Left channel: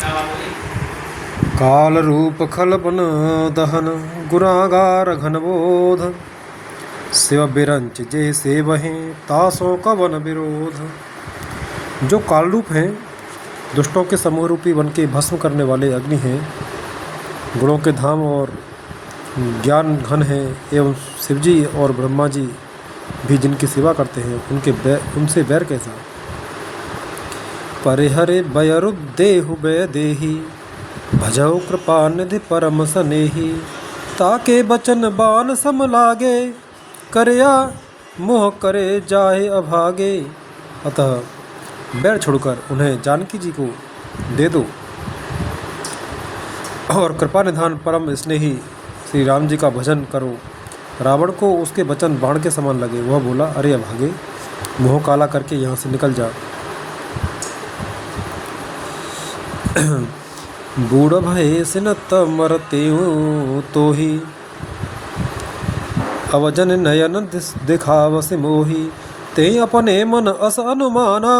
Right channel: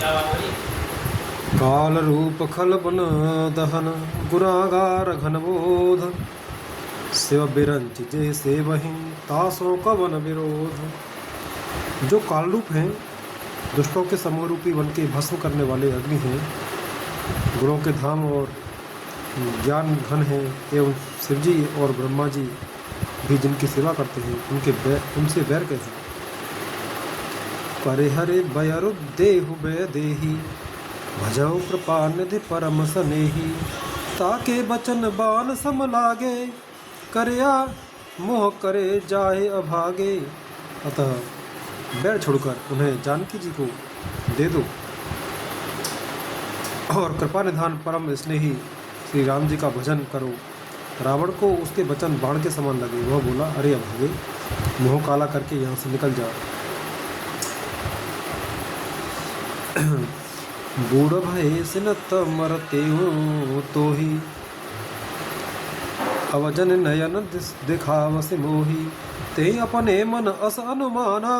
काल रूप खलपन दहन गुनागार घनबोध शिव बिरंच जे से वहीं तासों कवन विरोध। जो काल रूप हैं, दुष्टों के समूह रूपी वन के भस्म करने वाले अग्नि हैं, गुणों के धाम और ज्ञान घन है, एवं शिवजी और ब्रह्मा जी भी जिनकी सेवा करते हैं, उनसे बैर कैसा। परिहरे बयरु देहु बय देही भजौ कृपा निधि परम सनेही। ताके बचन बान सम लागे करया मोह करे जाहे अभागे। अतः बैर छोड़कर उन्हें जानकी जी को दे दो और कृपा निधान परम स्नेही श्री राम जी का भजन करो। रावण को उसके वचन बाण के समान लगे। वह बोला, अरे अभागे, मुँह काला करके यहाँ से निकल जा। बूढ़ भय सिनत मरते तो ही अवजन नयन दिखावस मोही। ते अपने मन अस अनुमाना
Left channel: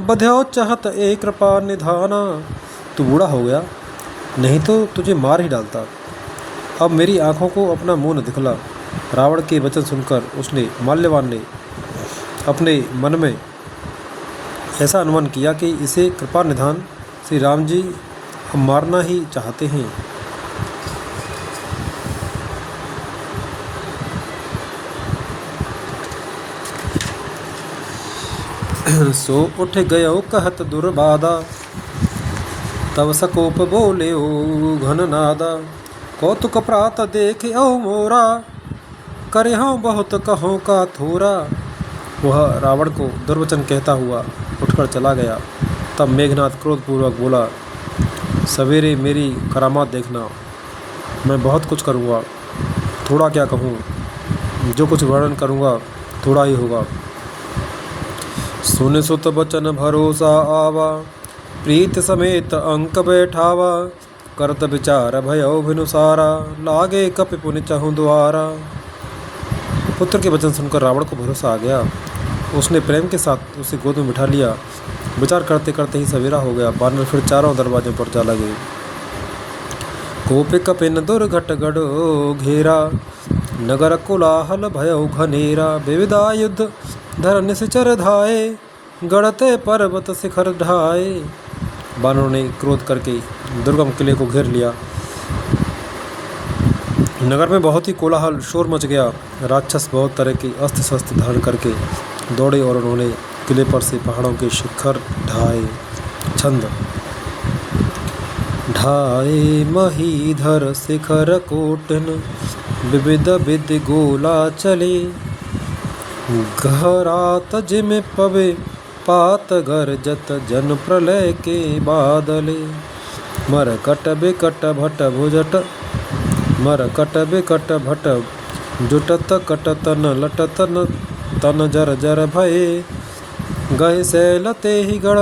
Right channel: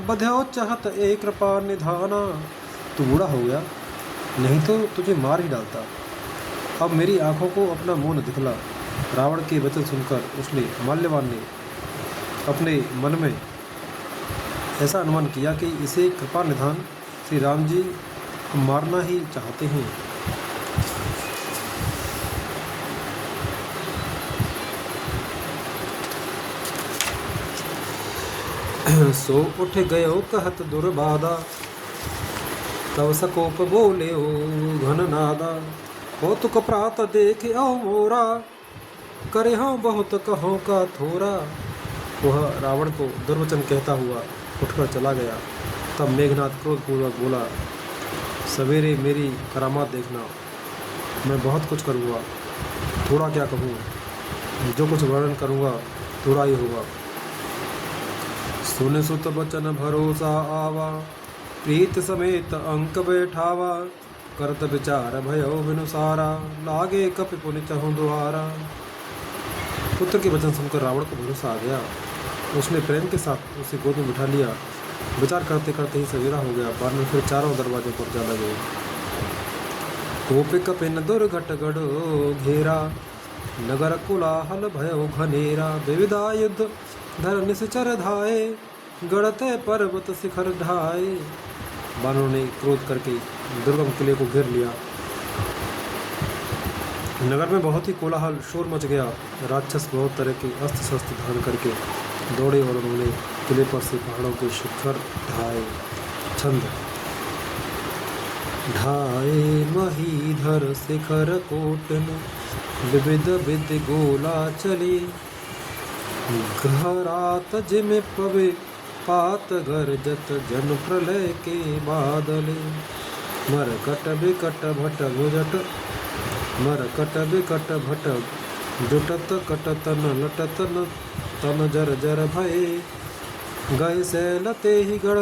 बध्यो चाहत एक कृपा निधाना। तू बूढ़ा हो गया, नहीं तो तुझे मार ही डालता। अब मेरी आंखों को अपना मुंह न दिखला। रावण के वचन सुनकर उसने माल्यवान ने अपने मन में ऐसा अनुमान किया कि इसे कृपा निधान श्री राम जी हम मारना ही चाहते हैं। सो उठ गयो कहत दुर्बादा तब सकोप बोले ओ घन नादा। कौतुक प्रात देखे ओ मोरा करे हूँ बहुत कहो का थोरा। वह रावण को दुर्वचन कहता हुआ उठकर चला गया। तब मेघनाथ क्रोधपूर्वक बोला, सवेरे मेरी करामात देखना, मैं बहुत कुछ करूँगा, थोड़ा क्या कहूँ, जो कुछ वर्णन करूँगा थोड़ा ही होगा। सुन सुत बचन भरोसा आवा प्रीत समेत अंक बैठावा। करत विचार भयो विनुसारा लागे कपि पुनि चहु द्वारा। पुत्र के वचन सुनकर रावण को भरोसा आ गया। उसने प्रेम के साथ उसे गोद में बिठा लिया। विचार करते करते ही सवेरा हो गया। बानर फिर चारों दरवाजे पर जा लगे। कोपि कपिन दुर्घट गढ़ो घेरा नगर कोलाहल भयो घनेरा। विविधा युद्ध धर निश्चर धाये गढ़ते पर्वत शिखर ढाए। बानरों ने क्रोध करके दुर्गम किले को घेर लिया। नगर में बहुत ही कोलाहल शोर मच गया। राक्षस बहुत तरह के अस्त्र शस्त्र धारण करके दौड़े और उन्होंने किले पर से पहाड़ों के शिखर ढाए। छंद ढाए महीधर शिखर कोटन विविध विधि गोला चले। घरात जिम पवे पात गरजत जन प्रलय के बादले। मरकट बिकट भट भुजट मरकट बिकट भट जुटत कट तन लटत तन जर जर भये। गए सैल ते ही गढ़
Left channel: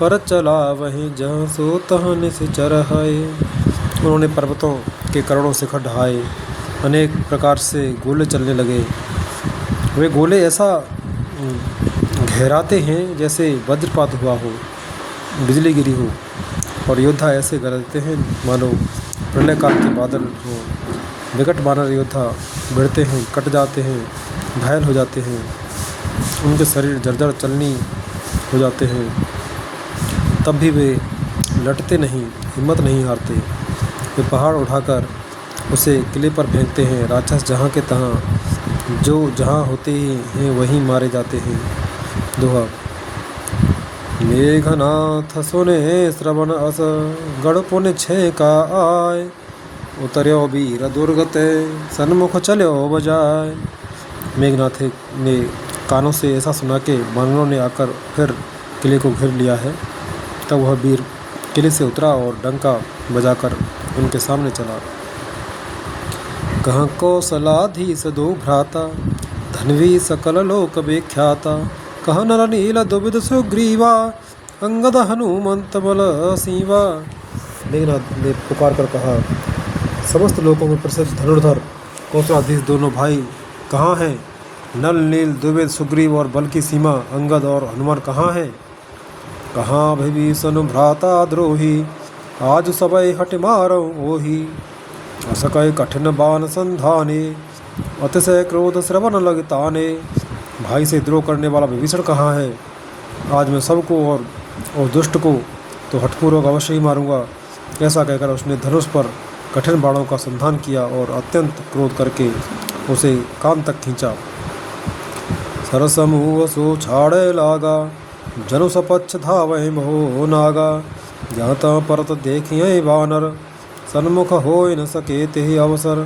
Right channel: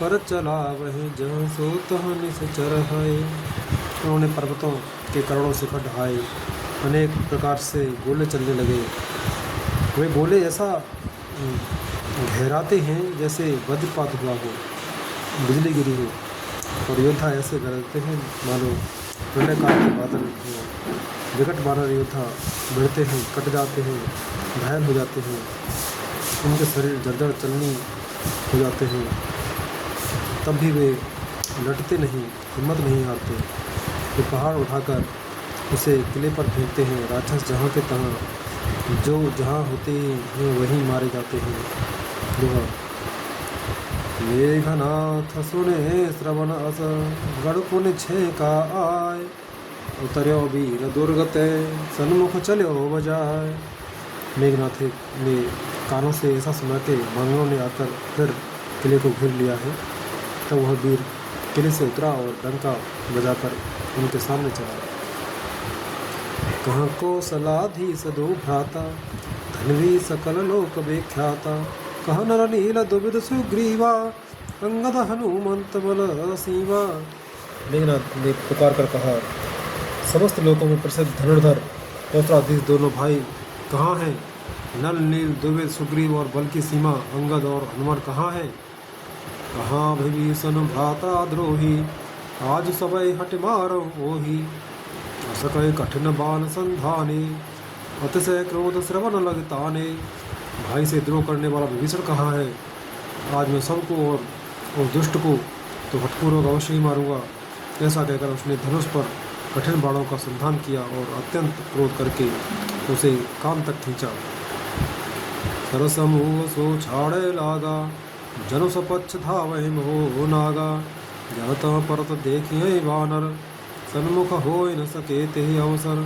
पर चला वहीं जहाँ सो तहाँ निश्चर है। उन्होंने पर्वतों के करोड़ों शिखर ढहाए। अनेक प्रकार से गोले चलने लगे। वे गोले ऐसा गहराते हैं जैसे वज्रपात हुआ हो, बिजली गिरी हो, और योद्धा ऐसे गरजते हैं मानो प्रलय काल के बादल हो। विकट वानर योद्धा भिड़ते हैं, कट जाते हैं, घायल हो जाते हैं, उनके शरीर जर्जर चलनी हो जाते हैं, तब भी वे लटते नहीं, हिम्मत नहीं हारते। वे पहाड़ उठाकर उसे किले पर फेंकते हैं। राक्षस जहाँ के तहाँ जो जहाँ होते हैं वहीं मारे जाते हैं। दोहा मेघनाथ सुने श्रवण अस गढ़ पुन छे का आय। उतर्यो वीर दुर्गत सन्मुख चलो बजाय। मेघनाथ ने कानों से ऐसा सुना के बानरों ने आकर फिर किले को घेर लिया है। तब वह वीर किले से उतरा और डंका बजाकर उनके सामने चला। कहाँ कौशलाधीश दो भ्राता धनवी सकल लोक विख्याता। कहाँ नर नील दुविध सुग्रीवा अंगद हनुमंत बल सीवा। मेघनाथ ने पुकार कर कहा, समस्त लोकों में प्रसिद्ध धनुर्धर कौशलाधीश दोनों भाई कहाँ हैं? नल नील दुविध सुग्रीव और बल की सीमा अंगद और हनुमान कहाँ हैं? कहाँ विभीषण भ्राता द्रोही आज सबई हट मारऊँ ओही, असकय कठिन बान संधाने, अतिशय क्रोध श्रवण लग ताने। भाई से द्रोह करने वाला विभीषण कहाँ है? आज मैं सबको और दुष्ट को तो हठपूर्वक अवश्य ही मारूंगा। ऐसा कहकर उसने धनुष पर कठिन बाणों का संधान किया और अत्यंत क्रोध करके उसे कान तक खींचा। सरसमूह सो छाड़े लागा, जनु सपक्ष धावै मोह नागा। जाता परत देखिए वानर, सन्मुख हो न सके ते अवसर।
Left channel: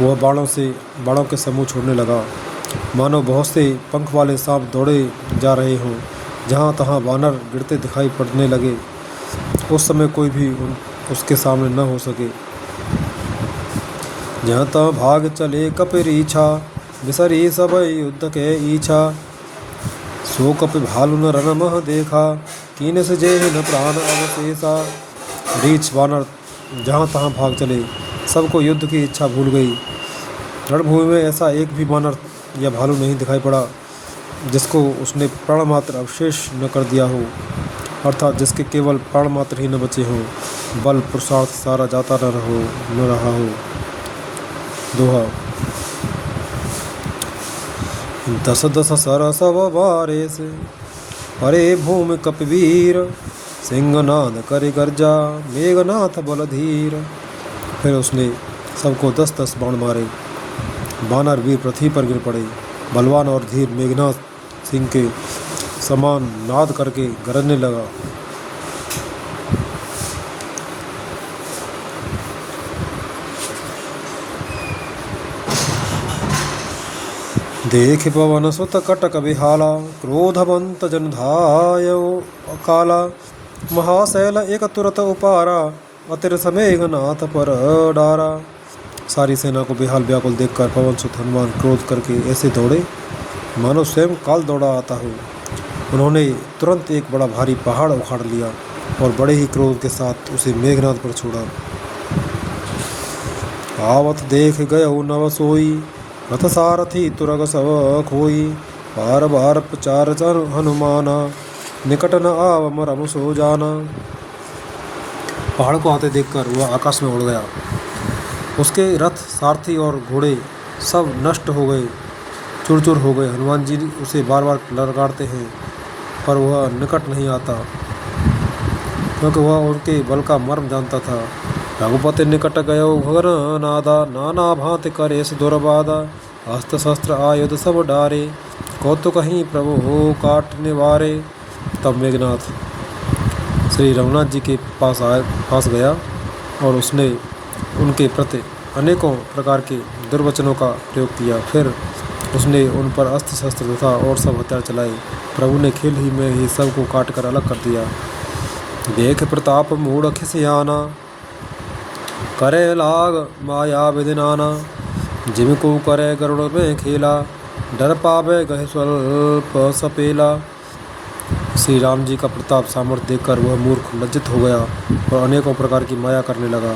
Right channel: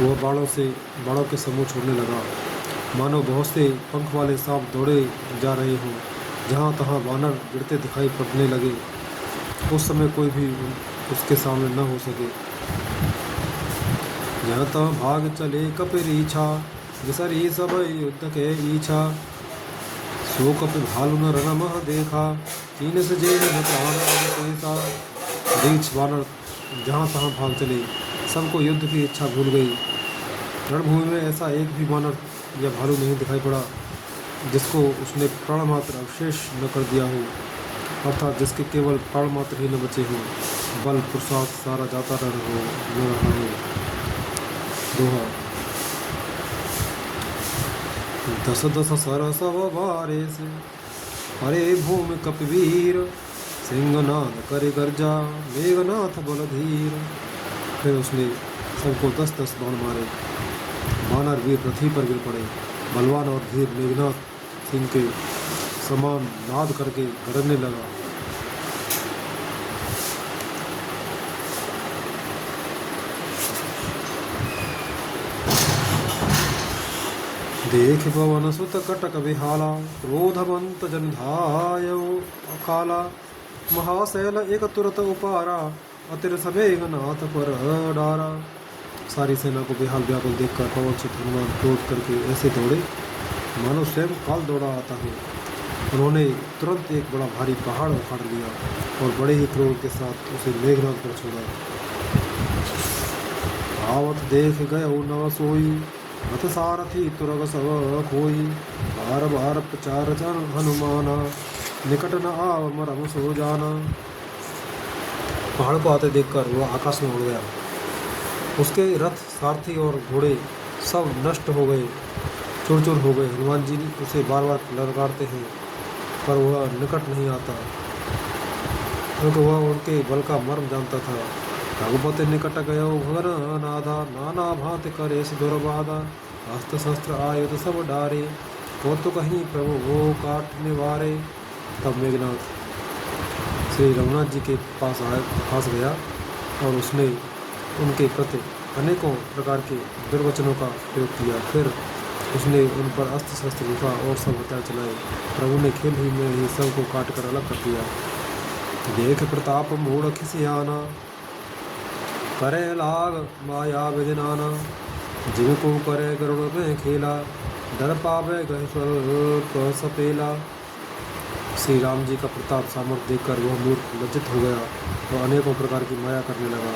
वह बाणों के समूह छोड़ने लगा, मानो बहुत से पंख वाले सांप दौड़े जा रहे हों। जहाँ तहाँ वानर गिरते दिखाई पड़ने लगे। उस समय कोई भी उसके सामने न हो सके। जहाँ तहाँ भाग चले कपिरीछा, बिसरी सब युद्ध के इच्छा। सो कपि भालु न रन मह देखा, कीन से जेह न प्राण अवशेषा। रीछ वानर जहाँ तहाँ भाग चले, सबको युद्ध की इच्छा भूल गई। रणभूमि में ऐसा एक भी वानर या भालू नहीं दिखाई पड़ा जिसको उसने प्राण मात्र अवशेष न कर दिया हो, अर्थात जिसके केवल प्राण मात्र ही न बचे हों, बल पुरुषार्थ सारा जाता न रहा हो। दोहा। दस दस सरस वारे से, परे भूमि कपिवीर। सिंहनाद करे गर्जा, मेघनाथ बलधीर। फिर उसने सबको 10-10 बाण मारे। वानर वीर पृथ्वी पर गिर पड़े। बलवान और धीर मेघनाथ सिंह के समान नाद करके गरजने लगा। देख पवन सुत कटक बिहाला, क्रोधवंत जन धायो अकाला। महाशैल एक तुरत उपारा, अतिर समेघनाथ पर डारा। सारी सेना को बेहाल व्याकुल देखकर पवन सुत हनुमान क्रोध करके ऐसे दौड़े मानो स्वयं काल दौड़ा आता हो। उन्होंने तुरंत एक बड़ा भारी पहाड़ उखाड़ लिया और बड़े ही क्रोध के साथ उसे मेघनाथ पर छोड़ा। आवत देख गयो नव सोई, रथ सारथी तुरग सब खोई। बार बार प्रचार हनुमाना, निकट न आव मरम सो जाना। पहाड़ को आते देखकर वह आकाश में उड़ गया। उसके रथ, सारथी और घोड़े सब नष्ट हो गए, चूर चूर हो गए। हनुमान जी उसे बार बार ललकारते हैं पर वह निकट नहीं आता, क्योंकि वह उनके बल का मर्म जानता था। रघुपति निकट गयो भगन नादा, नाना भांति करेस दुर्बाधा। अस्त्र शस्त्र आयुध सब डारे, कौतुक कहीं प्रभु हो काट निवारे। तब मेघनाथ श्री रघुनाथ जी के पास गया और उसने उनके प्रति अनेकों प्रकार के दुर्वचनों का प्रयोग किया। फिर उसने उन पर अस्त्र शस्त्र उठा और सब हथियार चलाए। प्रभु ने खेल ही में ही सबको काट कर अलग कर दिया। देख प्रताप मूढ़ खिसियाना, करे लाग माया विदिनाना। जिनको करे गरुड़ में खेला, डर पावे गहे स्वल्प सपेला। श्री राम जी का प्रताप सामर्थ्य देखकर वह मूर्ख लज्जित हो गया और अनेकों प्रकार की माया करने लगा।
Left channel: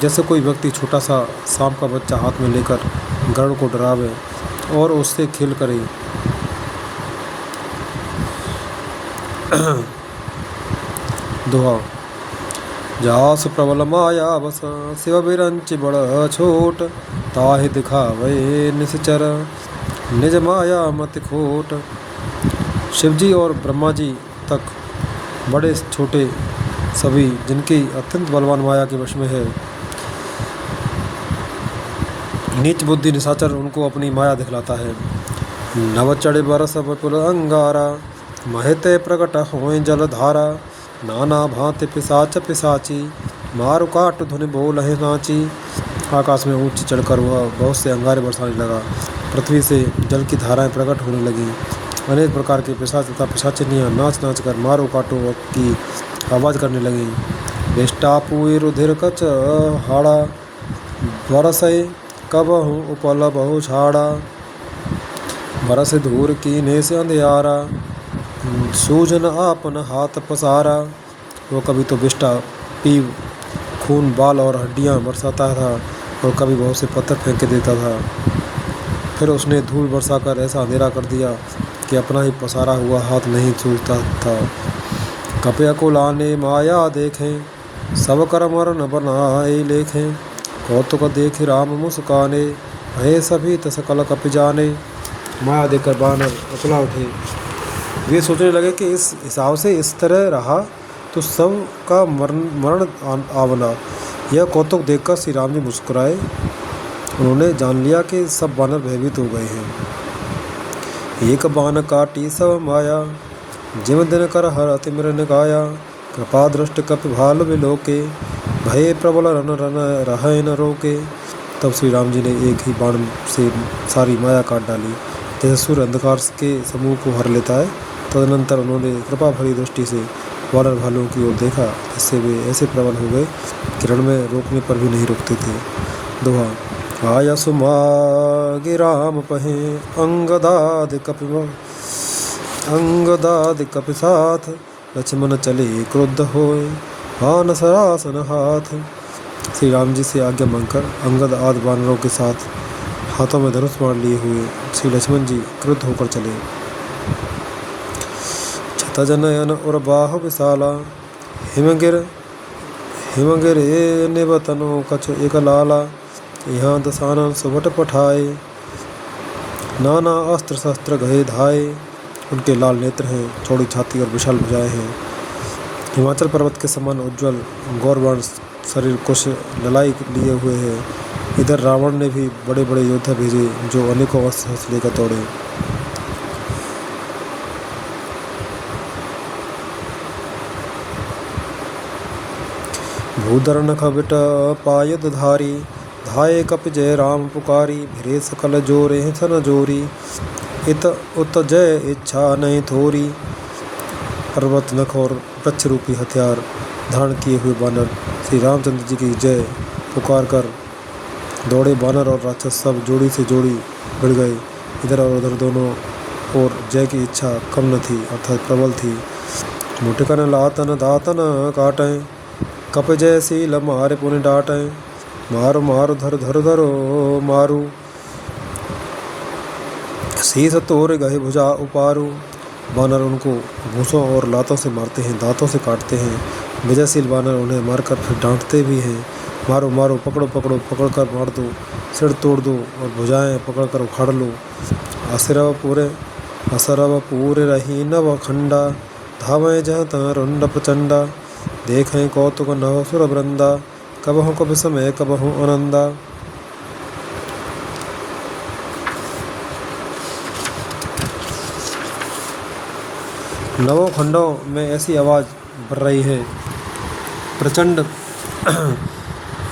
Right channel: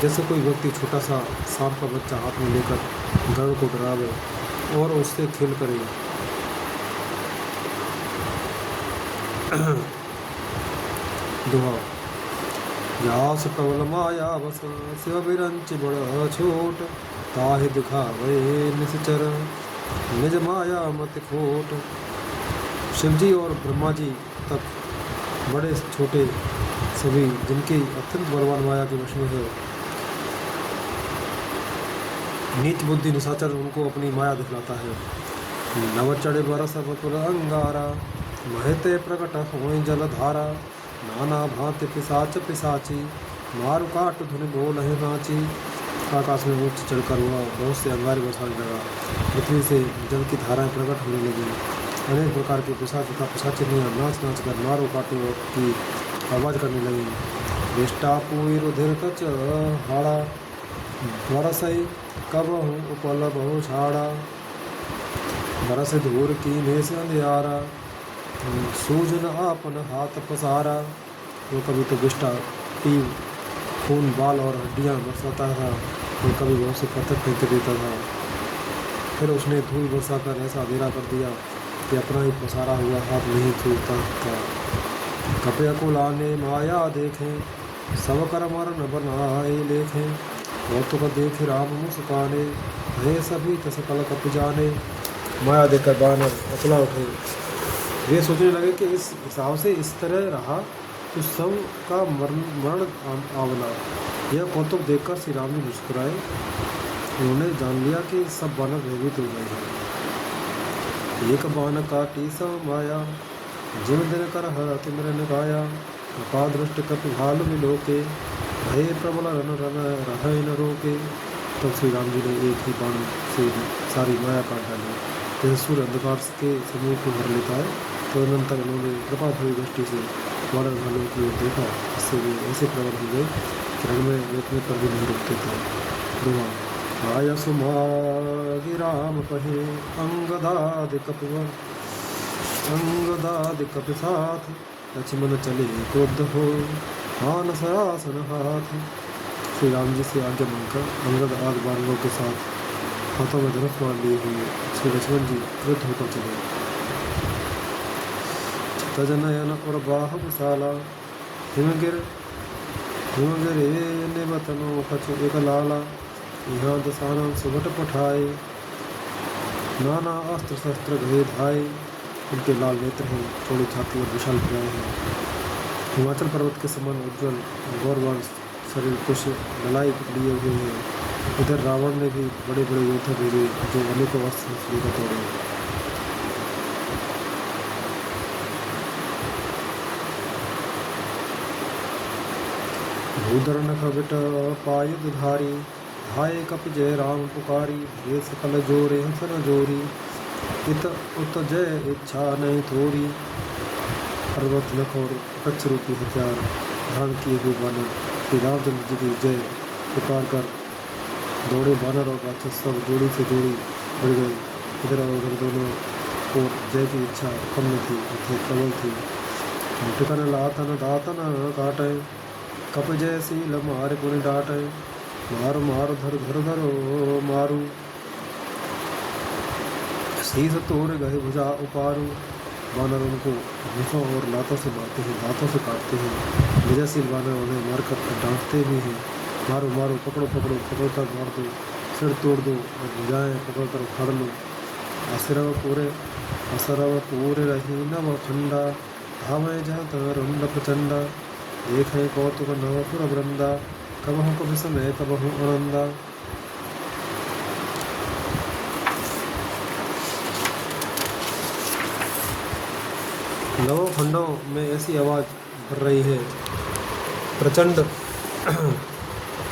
जैसे कोई व्यक्ति छोटा सा सांप का बच्चा हाथ में लेकर गरुड़ को डरावे और उससे खेल करे। दोहा। जास प्रबल माया बस, शिव बिरंच बड़ छोट। ताहि दिखावे निश्चर, निज माया मत खोट। शिवजी और ब्रह्मा जी तक बड़े छोटे सभी जिनकी अत्यंत बलवान माया के वश में है, नीच बुद्धि निशाचर उनको अपनी माया दिखलाता है। नव चढ़ बरस विपुल अंगारा, महते प्रकट होए जलधारा। नाना भांति पिशाच पिशाची, मारु काट धुनि बोलहि नाची। आकाश में ऊंच चढ़कर वह बहुत से अंगारे बरसाने लगा। पृथ्वी से जल की धाराएं प्रकट होने लगी। अनेक प्रकार के पिशाच तथा पिशाचिनियाँ नाच नाच कर मारो काटो की आवाज़ करने लगी। विष्टापुई रुधिर कच हाड़ा, बरसई कबहु उपल बहु छाड़ा। बरस धूर कीने से अंधियारा, सूजन आपन हाथ पसारा। वो कभी तो विष्टा पी खून बाल और हड्डियाँ बरसाता था और कभी बहुत से पत्थर फेंक के देता था। फिर उसने धूल बरसाकर ऐसा अंधेरा कर दिया कि अपना ही पसारा हुआ हाथ नहीं सूझता था। कपय को लाने माया देखें, सब कर मरण बनाए लेखें। कौतुक देख राम मुस्काने, भय सभी त सकल कप जाने। माया देखकर बानर अकुला उठे। वे सोचने लगे कि इस हिसाब से इस तरह रहा तो सब का मरण मरण आवला। यह कौतुक देखकर श्री राम जी मुस्कुराए। उन्होंने जान लिया कि सब बानर भयभीत हो गए हैं। एक बान काटी सब माया, जिम दिन कर हर अति मृन गाया। कृपा दृष्टि कपि भाल विलोके, भय प्रबल रन रन रहे न रोके। तब श्री राम जी ने एक ही बाण से सारी माया काट डाली, जैसे सूर्य अंधकार के समूह को भर लेता है। तदनंतर उन्होंने कृपा भरी दृष्टि से वानर भालुओं की ओर देखा, इससे वे ऐसे प्रबल हो गए कि रण में रोकने पर भी नहीं रुकते थे। दोहा। आया सुमागे राम पहे, अंगदाद कपि साथ। लक्ष्मण चले क्रुद्ध होए, बान सरासन हाथ। श्री राम जी से आज्ञा मांगकर अंगद आदि बानरों के साथ हाथों में धनुष बाण लिए हुए श्री लक्ष्मण जी क्रुद्ध होकर चले। छतजनयन और बाहु विशाला, हिमगिर निबतनो कछ एक लाला। यहाँ दसानन सुभट पठाए, नाना अस्त्र शस्त्र गहे धाए। उनके लाल नेत्र हैं, चौड़ी छाती और विशाल भुजाएं हैं। हिमाचल पर्वत के समान उज्ज्वल गौरवर्ण शरीर, कुछ ललाई लिए हुए हैं। इधर रावण ने भी बड़े बड़े योद्धा भेजे जो अनेकों अस्त्र लेकर दौड़े। भूधर नख बिट पायद धारी, धाये कप जय राम पुकारी। भिरे सकल जोरे सन जोरी, इत उत जय इच्छा नहीं थोरी। पर्वत नख और वृक्ष रूपी हथियार धारण किए हुए बानर श्री रामचंद्र जी की जय पुकार कर दौड़े। बानर और राक्षस सब जोड़ी से जोड़ी बढ़ गए। इधर और उधर दोनों और जय की इच्छा कम न थी, अर्थात प्रबल थी। मुठकन लातन दातन काटें, कप जय सील मारे पुण्य डाटें। मारो मारो धर धर धरो मारू, शीस तोड़ गए भुजा उपारू। बानर उनको घूंसों और लातों से मारते हैं, दांतों से काटते हैं। विजयशील बानर उन्हें मारकर फिर डांटते भी हैं। मारो मारो, पकड़ो पकड़ो, पकड़कर मार दो, सिर तोड़ दो और भुजाएं पकड़कर उखाड़ लो। असरव पूरे रही नव खंडा, धावें जह तह रुंड प्रचंडा। देखें कौतुक नव सुर वृंदा, कबहु कब समय कबहु आनंदा। नवों खंडों में ऐसी आवाज़ बढ़ रही है, प्रचंड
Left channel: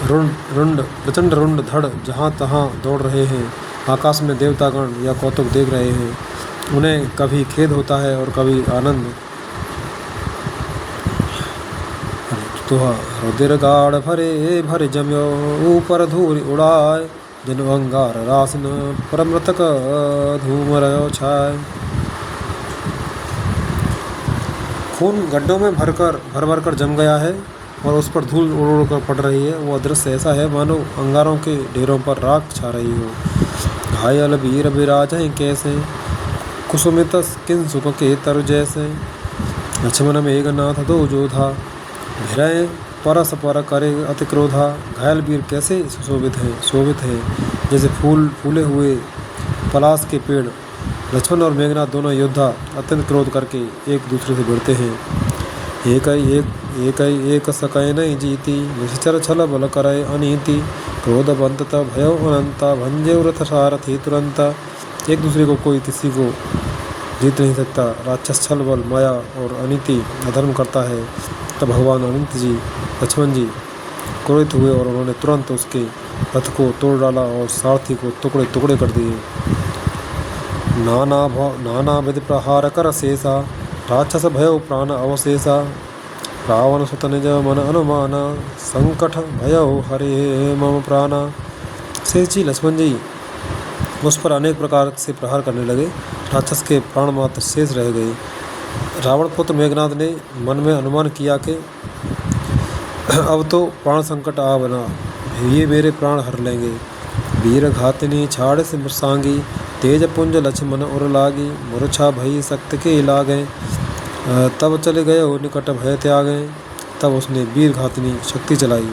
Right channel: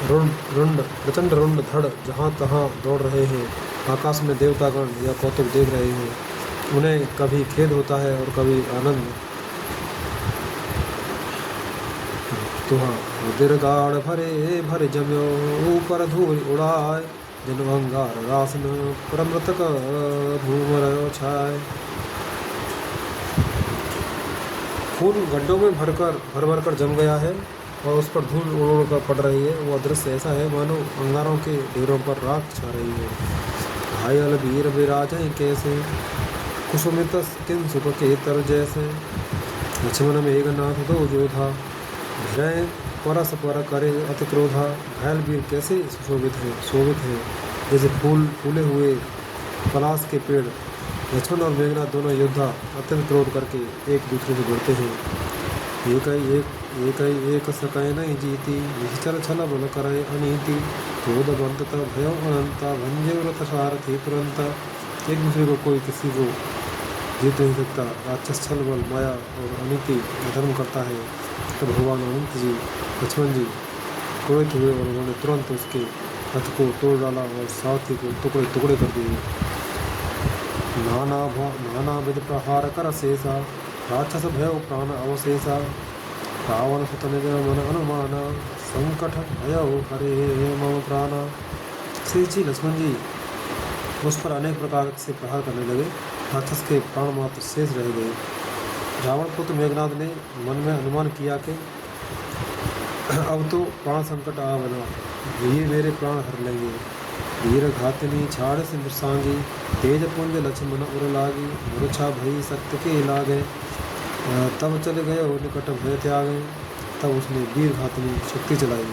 रुंड धड़ जहाँ तहाँ दौड़ रहे हैं। आकाश में देवतागण या कौतुक देख रहे हैं। उन्हें कभी खेद होता है और कभी आनंद। दोहा। रुधिर गाढ़ भरे भर जम्यो, ऊपर धूल उड़ाए। जिन अंगार रासन, परमृतक धूम रयो छाए। खून गड्ढों में भर भर जम गया है और उस पर धूल उड़ कर पड़ रही है। वो दृश्य ऐसा है मानो अंगारों के ढेरों पर राख छा रही हो। घायल वीर विराज हैं कैसे, कुसुमित किन सुख के तरु जैसे। लक्ष्मण मेघनाथ दो जोधा, भिरय परस पर करे अति क्रोधा। घायल वीर कैसे शोभित है जैसे फूले हुए पलाश के पेड़। लक्ष्मण और मेघनाथ दोनों योद्धा अत्यंत क्रोध करके एक दूसरे से भिड़ते हैं। एक सकय नहीं जीती, निश्चर छल बल करय अनीति। क्रोध बंतत भयो अनंता, भंजे रथ सारथी तुरंता। एक दूसरे को कोई किसी को जीत नहीं सकता। राक्षस छल बल माया और अनीति अधर्म करता है। तब भगवान अनंत जी लक्ष्मण जी क्रोधित हुए और उन्होंने तुरंत उसके रथ को तोड़ डाला और सारथी को टुकड़े टुकड़े कर दिए। नाना विध प्रहार कर शेषा, राक्षस भयो प्राण अवशेषा। रावण सुत निज मन अनुमाना, संकट भयो हरे मम प्राणा। शेष जी लक्ष्मण जी उस पर अनेक प्रकार से प्रहार करने लगे। राक्षस के प्राण मात्र शेष रह गए। रावण पुत्र मेघनाथ ने मन में अनुमान किया कि अब तो प्राण संकट आ बना, ये मेरे प्राण हर लेंगे। वीर घातिनी छाड़ से मृषांगी, तेज पुंज लक्ष्मण उर लागी। मूर्छा भई सक्त के लागे, तब चले गए वो निकट भय त्यागे। तब उसने वीर घातनी शक्ति चलाई।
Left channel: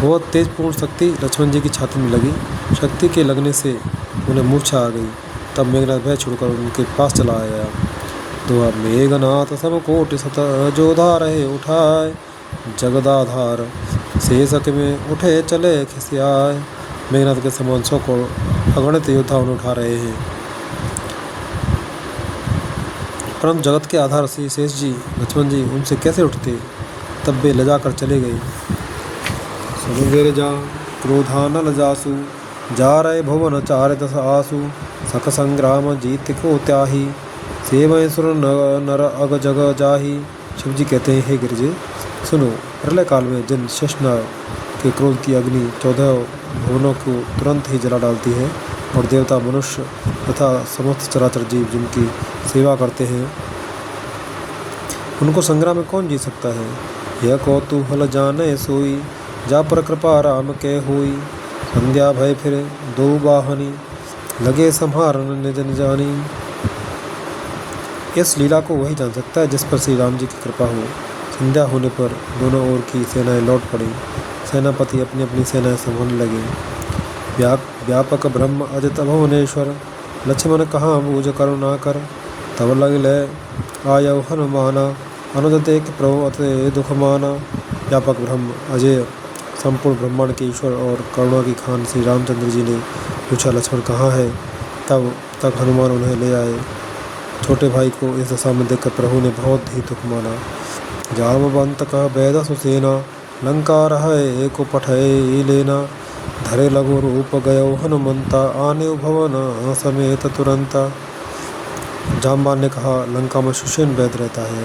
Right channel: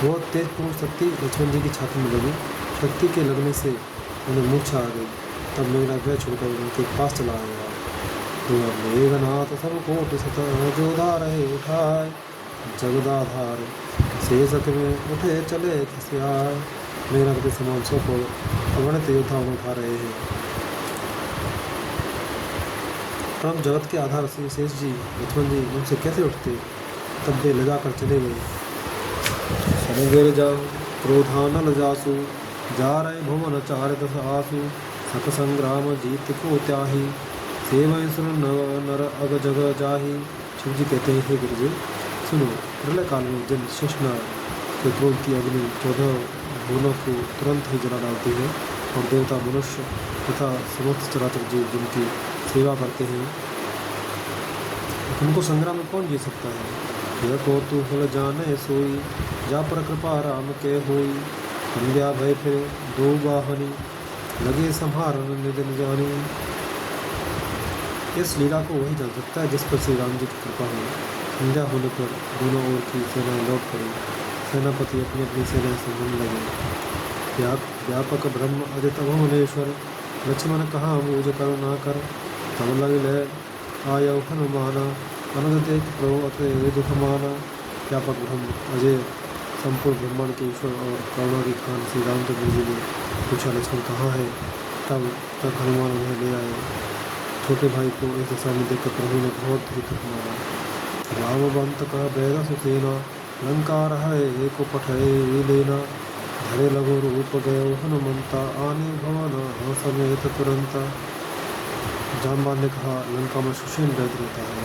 बहुत तेजपूर्ण शक्ति लक्ष्मण जी की छाती में लगी। शक्ति के लगने से उन्हें मूर्छा आ गई। तब मेघनाथ भय छोड़कर उनके पास चला आया। दुआ मेघनाथ सब कोटि सत जोधा रहे उठाए, जगदाधार शेषक में उठे चले खिसियाए। मेघनाथ के समान 100 को अगणित योद्धा उन्हें उठा रहे हैं, परंतु जगत के आधार से शेष जी लक्ष्मण जी उनसे कैसे उठते। तब वे लजा कर चले गए। समुद्र जा क्रोधानल जासु, जा रहे भुवन 4 दस आसु। सक संग्राम जीत को त्याही, सेवय सुर नर अग जग जाही। शिव जी कहते हैं, हे गिरजे सुनो, प्रलय काल में जिन शेषनाग के क्रोध की अग्नि 14 भुवनों को तुरंत ही जला डालती है, और देवता मनुष्य तथा समस्त चराचर जीव जिनकी सेवा करते हैं, उनको संग्राम में कौन जीत सकता है। यह कौतूहल जाने सोई, जा पर कृपा राम के होई। संध्या भय फिर दो बाहनी, लगे संहारन निज निजानी। इस लीला को वही जान सकता है जिस पर श्री राम जी की कृपा हो। संध्या होने पर दोनों ओर की सेनाएं लौट पड़ी। सेनापति अपनी अपनी सेनाएं संभालने लगे। व्यापक ब्रह्म अजित भुवनेश्वर, लक्ष्मण कहाँ बूझ करुणा कर। तब लगले आयव हनुमाना, अनुज देख प्रभु अति दुख माना। व्यापक ब्रह्म अजय संपूर्ण ब्रह्मांड के ईश्वर और करुणा की खान श्री रामचंद्र जी ने पूछा, लक्ष्मण कहाँ है। तब तक हनुमान उन्हें ले आए। छोटे भाई को इस दशा में देखकर प्रभु ने बहुत ही दुख माना। जामवंत कह बैद सुसेना, लंका रहे को पठय लेना। धरे लघु रूप गयो हनुमंता, आने भवन समेत तुरंता। जामवान ने कहा, लंका में सुसेन बैद रहता है,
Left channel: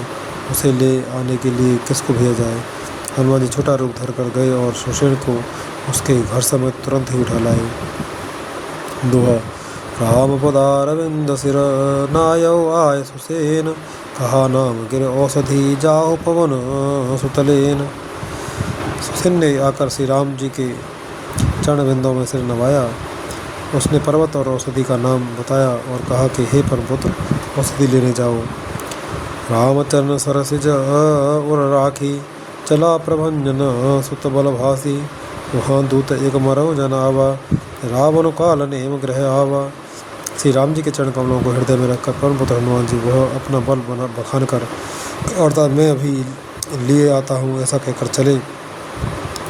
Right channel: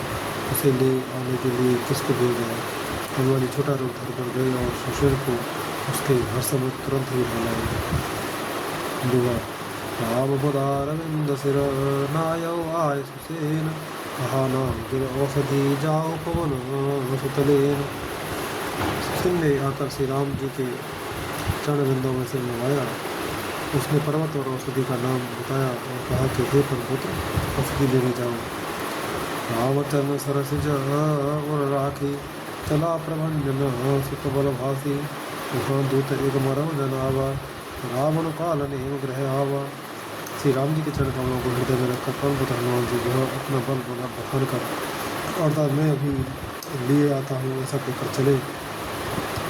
उसे ले आने के लिए किसको भेजा जाए। हनुमान जी छोटा रूप धर कर गए और सुसेन को उसके घर समेत तुरंत ही उठा लाए। दोहा राम पदारविंद सिर, नायौ आय सुसेन। कहा नाम गिर औषधि, जाओ पवन सुतलेन। सुसेन ने आकर श्री राम जी के चरण बिंदों में सिर नवाया। उसने पर्वत और औषधि का नाम बताया और कहा कि हे परमपुत्र, औषधि लेने जाओ। रामचरण सरसिज उर राखी, चला प्रभंजन सुत बल भासी। वहाँ दूत एक मरव जन आवा, रावण काल नेम ग्रह आवा। श्री राम जी के चरण कमलों को हृदय में रखकर परमपुत्र हनुमान जी वह अपना बल बखान कर और मैं अभी लिए आता हूँ ऐसा कहकर चले।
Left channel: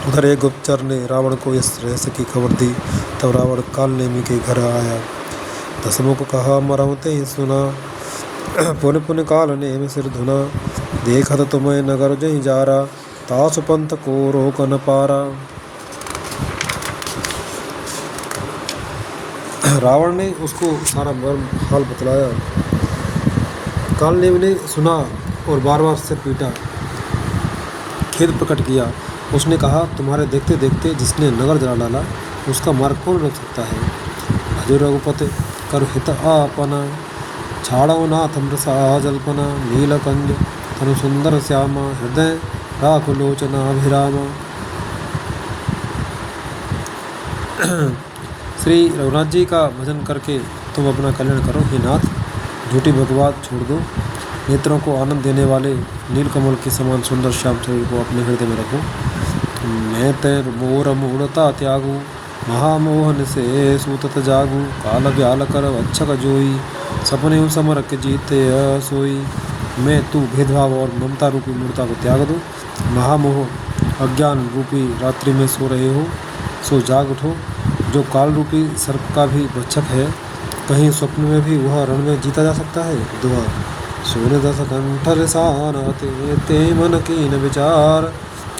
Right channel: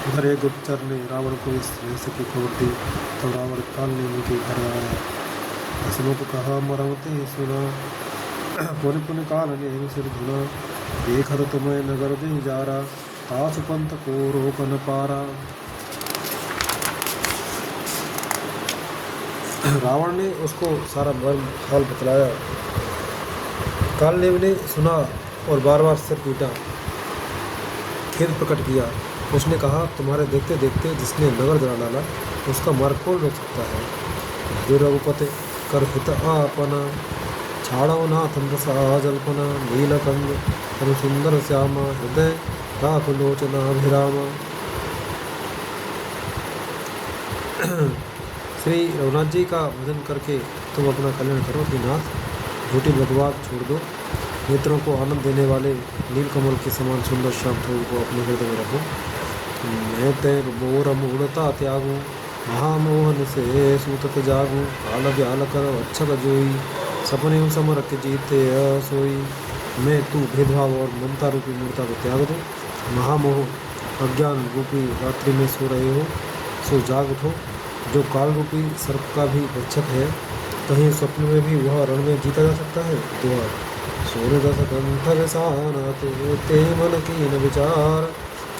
उधर एक गुप्तचर ने रावण को इस रहस्य की खबर दी। तब रावण काल नेमी के घर आया। दसमों को कहा, मरवते ही सुना। पुन पुन काल नेम सिर धुना, देखत तुम्हें नगर जही जारा। तासु पंथ को रोक न पारा। रावण ने उसको सारा मर्म हाल बतलाया। कालनेमी ने सुना और बार बार सिर पीटा, खेद प्रकट किया। उसने कहा, तुम्हारे देखते देखते जिसने नगर जला डाला उसका मार्ग कौन रोक सकता है। भजो रघुपति कर हित आपना, छाड़ो नाथ मृषा जल्पना। नीलकंज तनु सुंदर श्यामा, हृदय राख लोचना अभिरामा। श्री रघुनाथ जी का भजन करके तुम अपना कल्याण करो। हे नाथ, झूठी बकवाद छोड़ दो। नेत्रों को आनंद देने वाले नीलकमल के समान सुंदर श्याम स्वरूप को अपने हृदय में रखो। मैं तैर मोर मूढ़ता त्यागू, महामोहन से सूतत जागू। काल व्याल कर अच्छक जोई, सपने समर के जीते सोई। मैं तू भेदभाव और ममता रूपी मूर्ता को त्याग दो। महामोह अज्ञान रूपी रात्रि में सो रहे हो, सो जाग उठो। जो काल रूपी सर्प का भी रक्षक है, कहीं स्वप्न में भी वह रण में जीता जा सकता है। दुआ सोने दस कंठ रिसान, ते मन कीन विचार।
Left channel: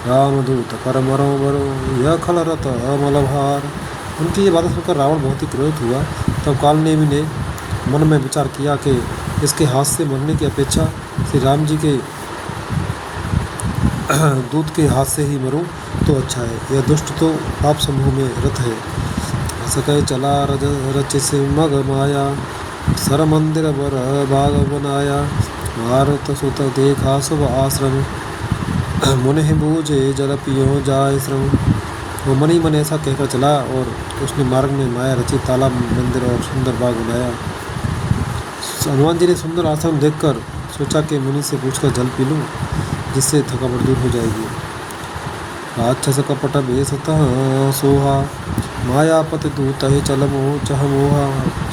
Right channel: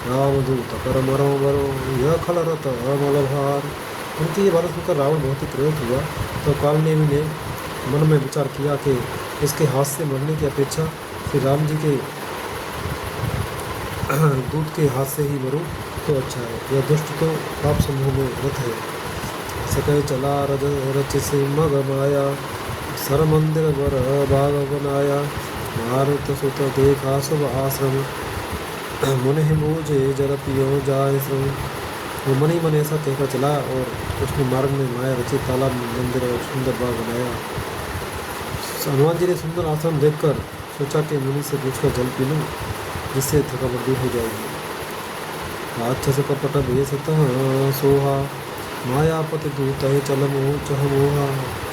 रामदूत कर मरो मरो, यह खल रत अमल भार। उनकी ये बातें सुनकर रावण बहुत ही क्रोधित हुआ। तब कालनेमी ने मन में विचार किया कि इसके हाथ से मरने की अपेक्षा श्री राम जी के दूत के हाथ से ही मरूं तो अच्छा है। यह दुष्ट तो पाप समूह में रत है। सकै चला रच से मग माया, सर मंदिर बर बाग बनाया। मारुत सुत देखा सब आश्रम, मुनि बूझे जल पियो जाय श्रम। वो मन ही मन ऐसा कहकर चला और उसने मार्ग में माया रची तालाब, मंदिर और सुंदर बाग बनाया। हनुमान जी ने सुंदर आश्रम देखकर सोचा कि मुनि से पूछकर जल पी लूँ, जिससे थकावट दूर हो जाएगी। राक्षस कपट बेसतः सोहा, मायापति दूत ही चल मोह चह मोहा।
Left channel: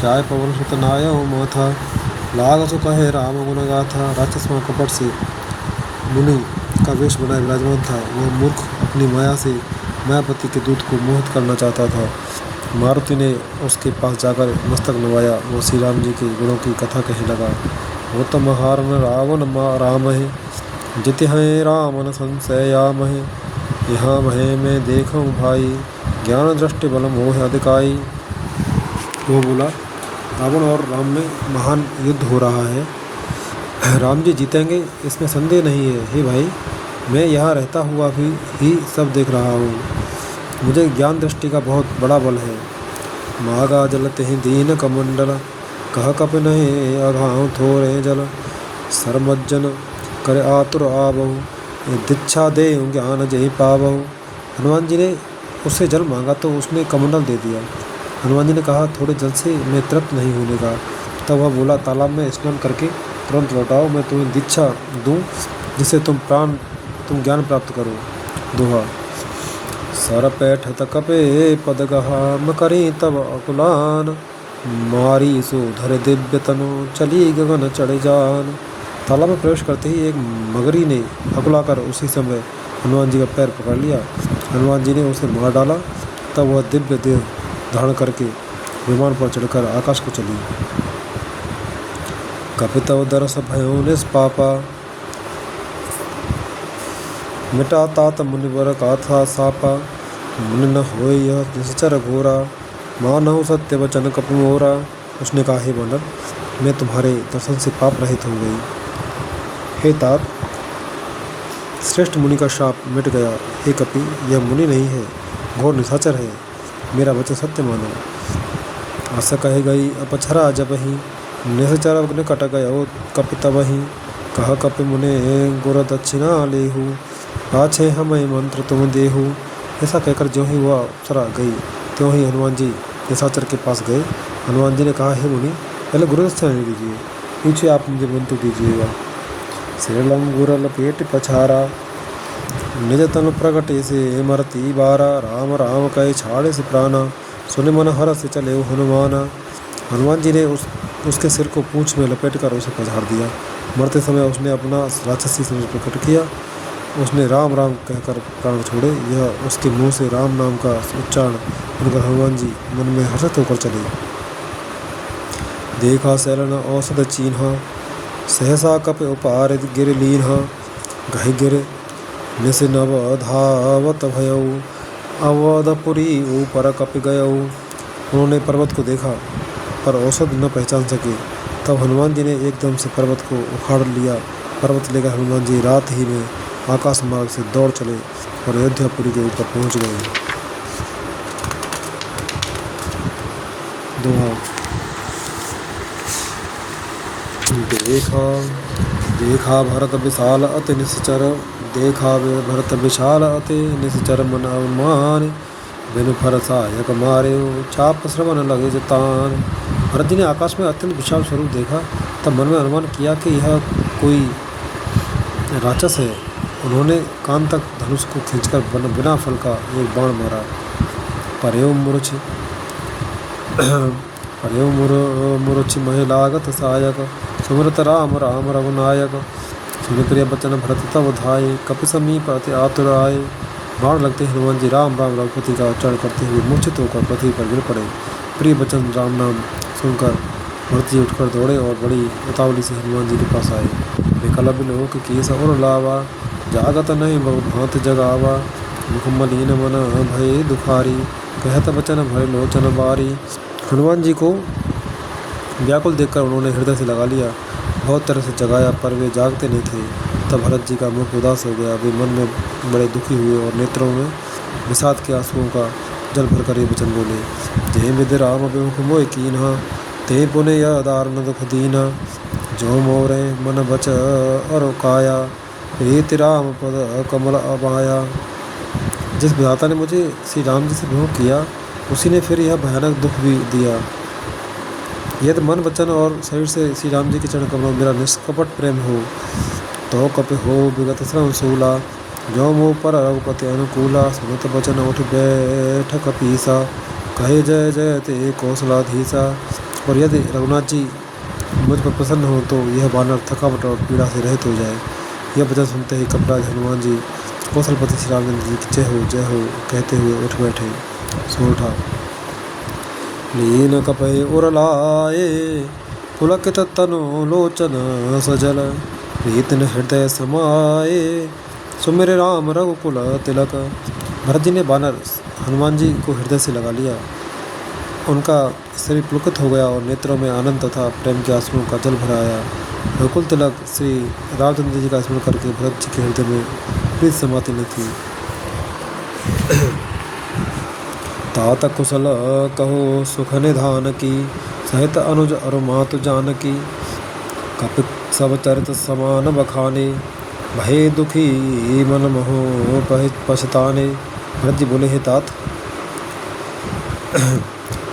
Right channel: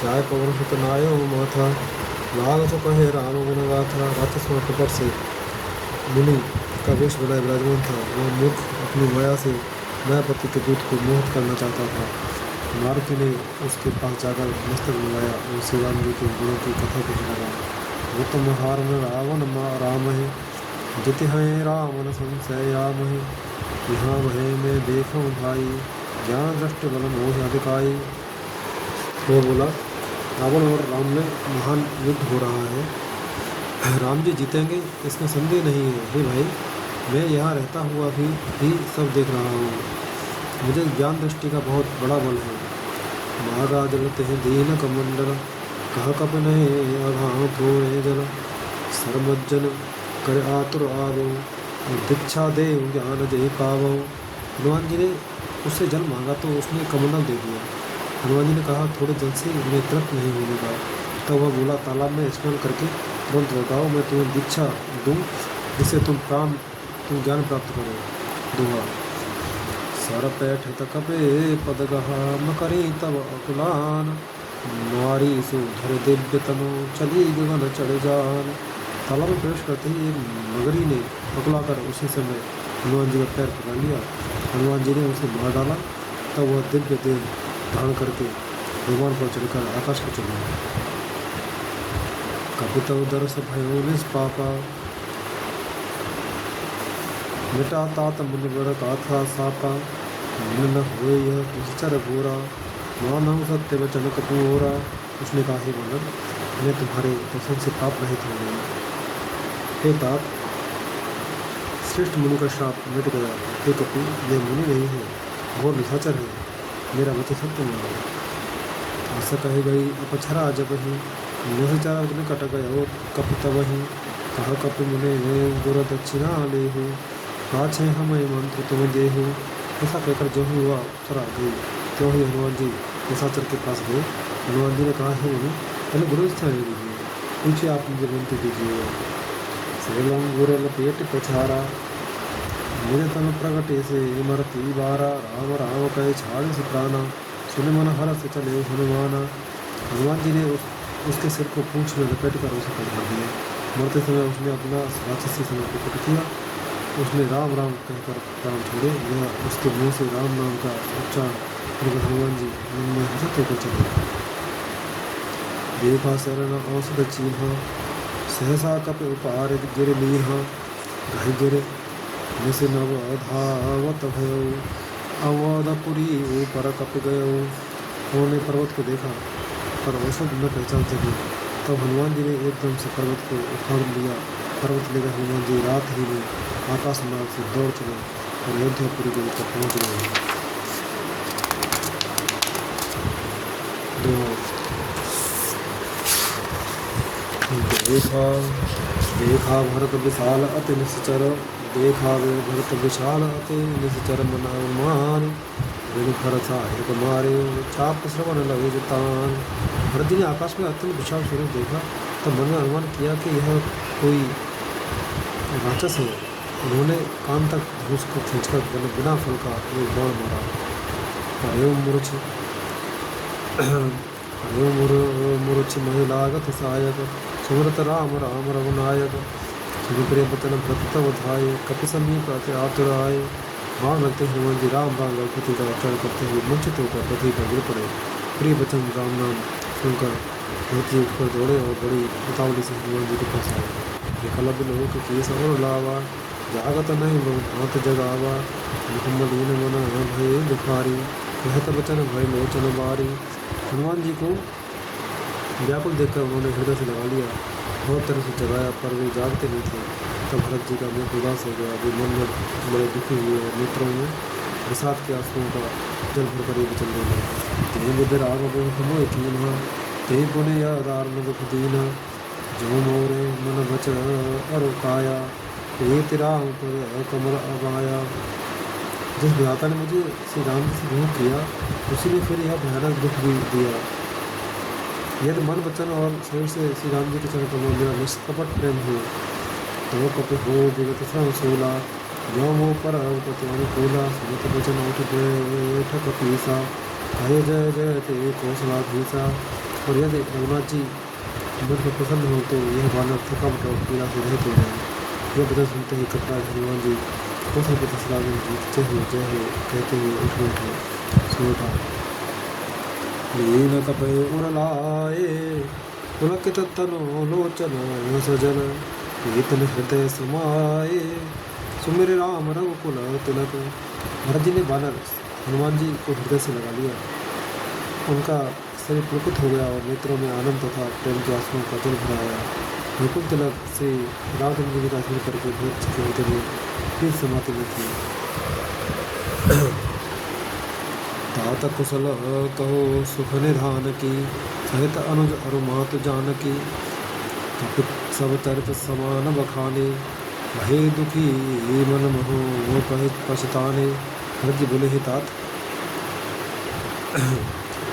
चाय पवन सुत नाय माथा, लाग सो कहे राम गुण गाथा। राक्षस वहाँ कपट से मुनि का वेश बनाए विराजमान था। वह मूर्ख अपनी माया से मायापति के दूत को मोहित करना चाहता था। मारुति ने उसके पास जाकर मस्तक नवाया। वो श्री राम जी के गुणों की कथा कहने लगा। वो तो महारन रावण राम है, जिति हैं रामन संशयाम है। यहाँ महे मैं देखूँ भाई, ज्ञान दृष्टि बल मोह अधिकाई। वो बोला, रावण और राम में महान युद्ध हो रहा है, राम जी जीतेंगे इसमें संदेह नहीं है। हे भाई, मैं यहाँ रहता हुआ भी ही सब देख रहा हूँ। मुझे ज्ञान दृष्टि का बहुत बड़ा बल है। मागा जलते हैं दीन कमंडल, कह कप नहीं अघाव थोरे जल। सरमज्जन कर आतुर आवहु, दीक्षा दे ज्ञान जय पावहु। हनुमान जी ने उससे जल मांगा तो उसने कमंडल दे दिया। हनुमान जी ने कहा, थोड़े जल से मैं तृप्त नहीं होने का। तब वह बोला, तालाब में स्नान करके तुरंत लौटाओ, मैं तुम्हें दीक्षा दूँ, जिससे तुम ज्ञान प्राप्त करो। दोहा। सर पैठ तकपे पद गहाम करी तब अकुलान, मारी सो धर दिव्य तनु चली गगन चढ़ जान। तालाब में प्रवेश करते ही एक मगरी ने अकुलाकर उसी समय हनुमान जी का पैर पकड़ लिया। हनुमान जी ने उसे मार डाला। तब वह दिव्य देह धारण करके विमान पर चढ़कर आकाश को चली। कपितव दरस भयो निष्पापा, मिटा तात मुनिवर गाथा सापा। मुनि न होय यह निश्चर घोरा, मानव सत्य वचन कपि मोरा। उसने कहा, हे वानर, मैं तुम्हारे दर्शन से पाप रहित हो गई। हे तात, श्रेष्ठ मुनि का शाप मिट गया। हे कपि, यह मुनि नहीं है, घोर निशाचर है। मेरा वचन सत्य मानो। आशा कहे गई अपछरा जबहि, निशाचर निकट गयो कपि तबहि। कह कपि मुने गुर दक्षिणा लेहु, पाछे हमें मंत्र तुम देहु। ऐसा कहकर जो ही वह अप्सरा गई, त्यों ही हनुमान जी निशाचर के पास गए। हनुमान जी ने कहा, हे मुनि, पहले गुरु दक्षिणा दीजिए, पीछे आप मुझे मंत्र दीजिएगा। श्रीलम गुरल पेट पछारा, निज तन प्रगटे से मरती बारा। राम राम कहे छाड़े से प्राणा, सुन मन हर से चले हनुमाना। हनुमान जी ने उसके सिर को पूंछ में लपेट कर उसे पछाड़ दिया। मरते समय उसने अपना राक्षसी सिर प्रकट किया। उसने राम राम कहकर प्राण छोड़े। यह उसके मुंह से राम नाम का उच्चारण सुनकर हनुमान जी मन में हर्षित होकर चले। देखा शरण औषध चीन्हा, सहसा कप उपार गिर लीन्हा। गह गिर निस नव धावत भयऊ, अवधपुरी ऊपर कप गयऊ। उन्होंने पर्वत को देखा पर औषध न पहचान सके। तब हनुमान जी ने एकदम से पर्वत को उखाड़ लिया। पर्वत लेकर हनुमान जी रात ही में आकाश मार्ग से दौड़ चले और अयोध्यापुरी के ऊपर पहुंच गए। दोहा। देखा देखा भरत विशाल अति निश्चर, देखा भरत विशाल अति निश्चर मन अवमान। बिनु फर सहायक मारे, चाप श्रवण लगे जतान। भरत जी ने आकाश में अत्यंत विशाल स्वरूप देखा। तब मन में अनुमान किया कि यह कोई राक्षस है। उन्होंने कान तक धनुष को खींचकर बिना फल का एक बाण मारा। पर्यो मूर्छ महे लागत सहायक, सुमरत राम राम रघुनायक। सुन प्रिय बचन भरत तब धाये, कपि समीप अति आतुर आए। बाण लगते हनुमान जी राम राम रघुपति का उच्चारण करते हुए मूर्छित होकर पृथ्वी पर गिर पड़े। प्रिय बचन राम नाम सुनकर भरत जी उठकर दौड़े और बड़ी उतावली से हनुमान जी के पास आए। विकल बिलोक केस और लावा, जागत नहीं बहुत भांत जगावा। मुखमलीन मन भय दुखारी, कहत बचन भय लोचन बारी। हनुमान जी को व्याकुल देखकर उन्होंने हृदय से लगा लिया। बहुत तरह से जगाया पर वे जागते नहीं थे। तब भरत जी का मुख उदास हो गया। वे मन में बड़े दुखी हुए और नेत्रों में विषाद के आंसुओं का जल भरकर ये वचन बोले। जय विद राम विमुख मोह कीन्हा, ते पुने यह दारुण दुख दीना। जो मोरे मन बच अर काया, प्रीति राम पद कमल अबाया। जिस विधाता ने मुझे श्री राम जी से विमुख किया, उसी ने फिर यह भयानक दुख भी दिया। यदि मन वचन और शरीर से श्री राम जी के चरण कमलों मेरा निष्कपट प्रेम हो तो कपि हो विगत श्रम शूला जो मोह पर रघुपति अनुकूला सुनत वचन उठ बैठ कपीसा कहे जय जय ते कौशलाधीसा। और यदि रघुनाथ जी मुझ पर प्रसन्न हो तो यह वानर थकावट और पीड़ा से रहित हो जाए। यह वचन सुनते ही कपराज हनुमान जी कौशलपति श्री रामचंद्र जी की जय हो कहते हुए उठ बैठे। सो उठा लीन कपहि उरलाए पुलकित तनु लोचन सजल प्रीतन हृदय समाए सुमिर राम रघुकुल तिलक। भरत जी ने वानर हनुमान जी को हृदय से लगा लिया। उनका शरीर पुलकित हो गया और नेत्रों में आनंद तथा प्रेम के आंसुओं का जल भर आया। रघुकुल तिलक श्री रामचंद्र जी का स्मरण करके भरत जी के हृदय में प्रीत समाती न थी। तात कुशल कहो सुख निधान की सहित अनुज अरु मातु जानकी कपित सब चरित समान बखाने भय दुखी मन मोह पछताने। भरत जी बोले हे तात,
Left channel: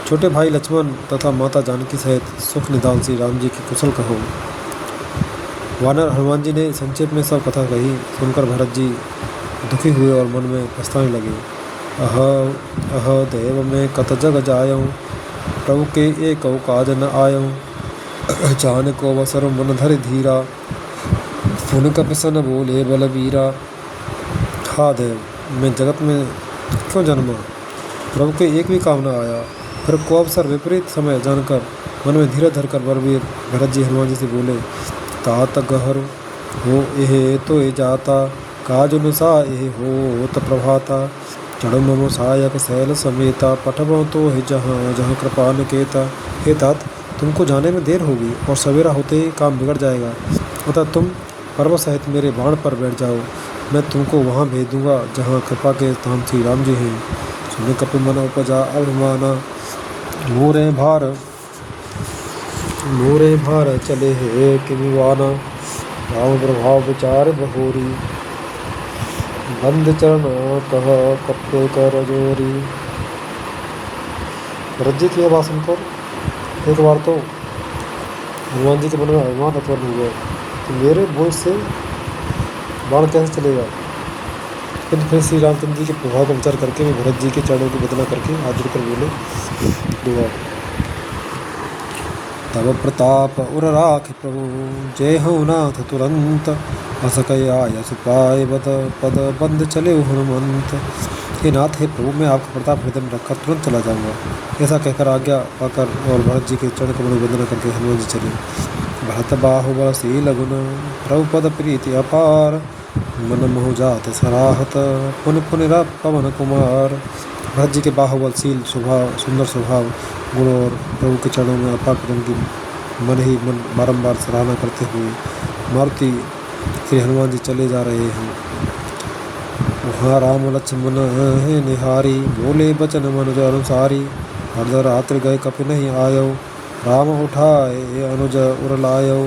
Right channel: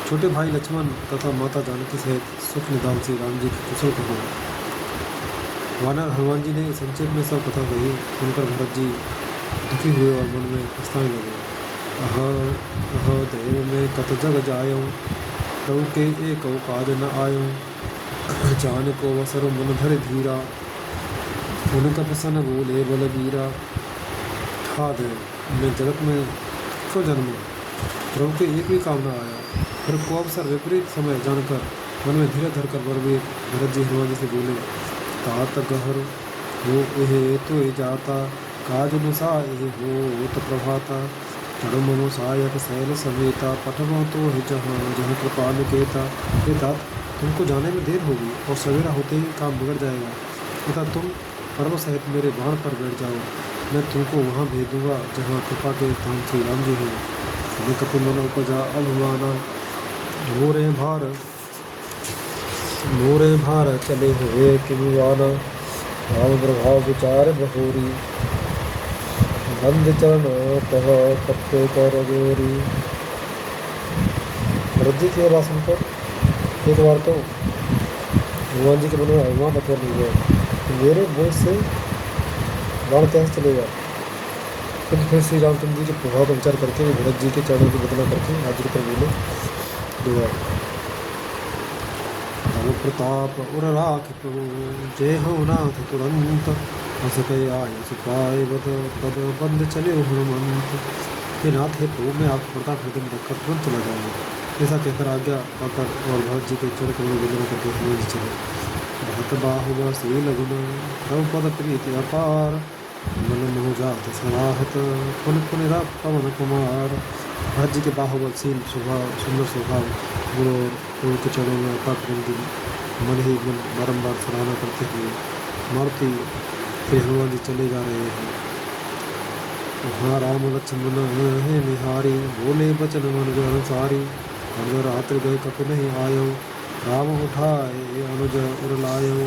छोटे भाई लक्ष्मण तथा माता जानकी सहित सुख निदान श्री राम जी की कुशल कहो। वानर हनुमान जी ने संक्षेप में सब कथा कही। सुनकर भरत जी दुखी हुए और मन में पछताने लगे। अह देव में कत जग जायऊँ प्रभु के एक काज न आयऊँ चाहन को अवसर मन धर धीरा सुन कपसन बोले बलबीरा। हा देव, मैं जगत में क्यों जन्मा, प्रभु के एक भी काम न आया। फिर को अवसर विपरीत समय जानकर मन में धीरे धरकर बलबीर भरत जी हनुमान जी से बोले, तात गहर हो एहे तो ए जाता काज अनुसा एहे हो त प्रभाता चढ़ो ममो सहायक शैल समेता पठबो तो हे जहाँ जहाँ कृपा निकेता। हे तात, तुमको जाने में देर होगी और सवेरा होते ही काम बिगड़ जाएगा, अतः तुम पर्वत सहित मेरे बाण पर बैठ जाओ। मैं तुमको वहाँ भेज दूंगा जहाँ कृपा के स्थान श्री राम जी हैं। सुने कपि मन उपजा अभिमाना मोरे भार चले हे किमिवाना राम प्रभाव विचार बहोरी बंद चरण कह कपे कर जोरी। भरत जी की बात सुनकर एक बार तो हनुमान जी के मन में अभिमान उत्पन्न हुआ कि मेरे बोझ से बाण कैसे चलेगा। फिर श्री रामचंद्र जी के प्रभाव का विचार करके भी भरत जी के चरणों की वंदना करके हाथ जोड़कर बोले, तब प्रताप उर राख प्रभु जय हो नाथ तुरंत हस कय आय सुपाय बद पद बंद चले हनुमंत। हे नाथ, हे प्रभु, मैं आपका प्रताप हृदय में रखकर तुरंत चला जाऊंगा। ऐसा कहकर आज्ञा पाकर और भरत जी के चरण कमल में वंदना करके हनुमान जी चले। भरत बाहुबल शील गुण प्रभु पद प्रीति अपार मन मोह जात सराहत पुन पुन पवन कुमार। भरत जी के बाहुबल शील स्वभाव सुंदर स्वभाव गुण और प्रभु के चरणों में अपार प्रेम की मन ही मन बारंबार सराहना करते हुए मारुति श्री हनुमान जी चले जा रहे हैं। वहाँ राम लक्ष्मण है निहारी बोले बचन मनुज अनुसारी हरद रात्र गए कपि नहीं आयो राम उठाए अनुज उरलायो।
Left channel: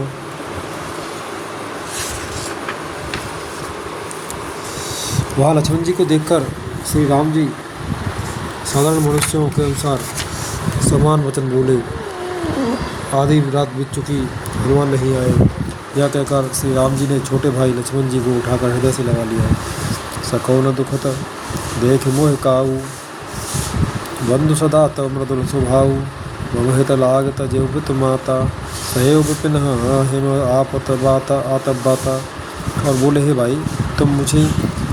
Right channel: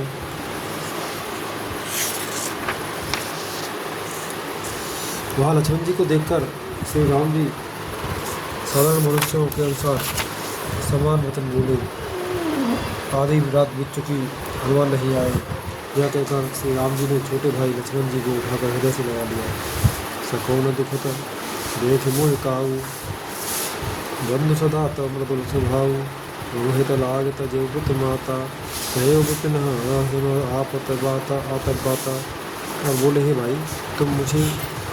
वहाँ लक्ष्मण जी को देखकर श्री राम जी साधारण मनुष्यों के अनुसार समान वचन बोले। आधी रात बीत चुकी, हनुमान नहीं आए। यह कहकर श्री राम जी ने छोटे भाई लक्ष्मण जी को उठाकर हृदय से लगा लिया। सको न दुखत देख मोह काऊ बंधु सदा तव मृदुल स्वभाव ममहित लागत जेवृत माता सहयोग विपिन हिम आपत बाता आतप बाता। और बोले, हे भाई, तुम मुझे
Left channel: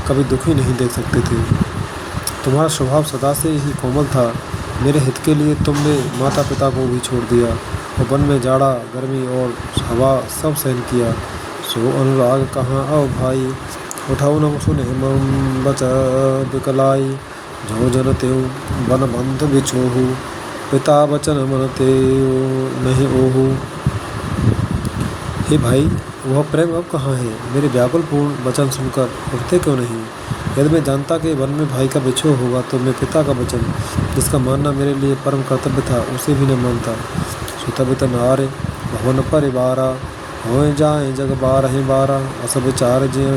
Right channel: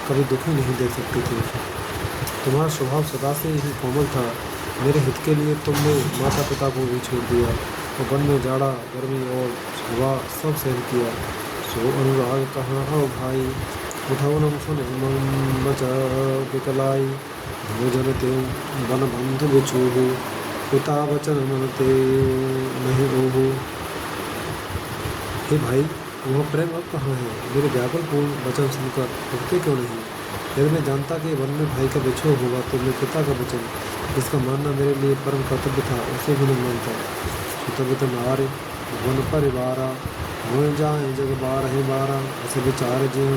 कभी दुखी नहीं देख सकते थे। तुम्हारा स्वभाव सदा से ही कोमल था। मेरे हित के लिए तुमने माता पिता को भी छोड़ दिया और वन में जाड़ा गर्मी और हवा सब सहन किया। सो अनुराग कहाँ आओ भाई उठाओ न सुने मम बच बिकलाई जो जन तेऊ वन बंधु बिछोहू पिता वचन मन तेऊ नहीं ओहू। हे भाई, वह प्रेम अब कहाँ है? मेरे व्याकुलपूर्ण वचन सुनकर उठते क्यों नहीं? यदि मैं जानता कि वन में भाई का बिछोह होगा तो मैं पिता का वचन, जिसका मानना मेरे लिए परम कर्तव्य था, उसे भी न मानता। सुतबित नारे भवन परिवारा हो जाए जग बारह बारा अस विचार ज्यों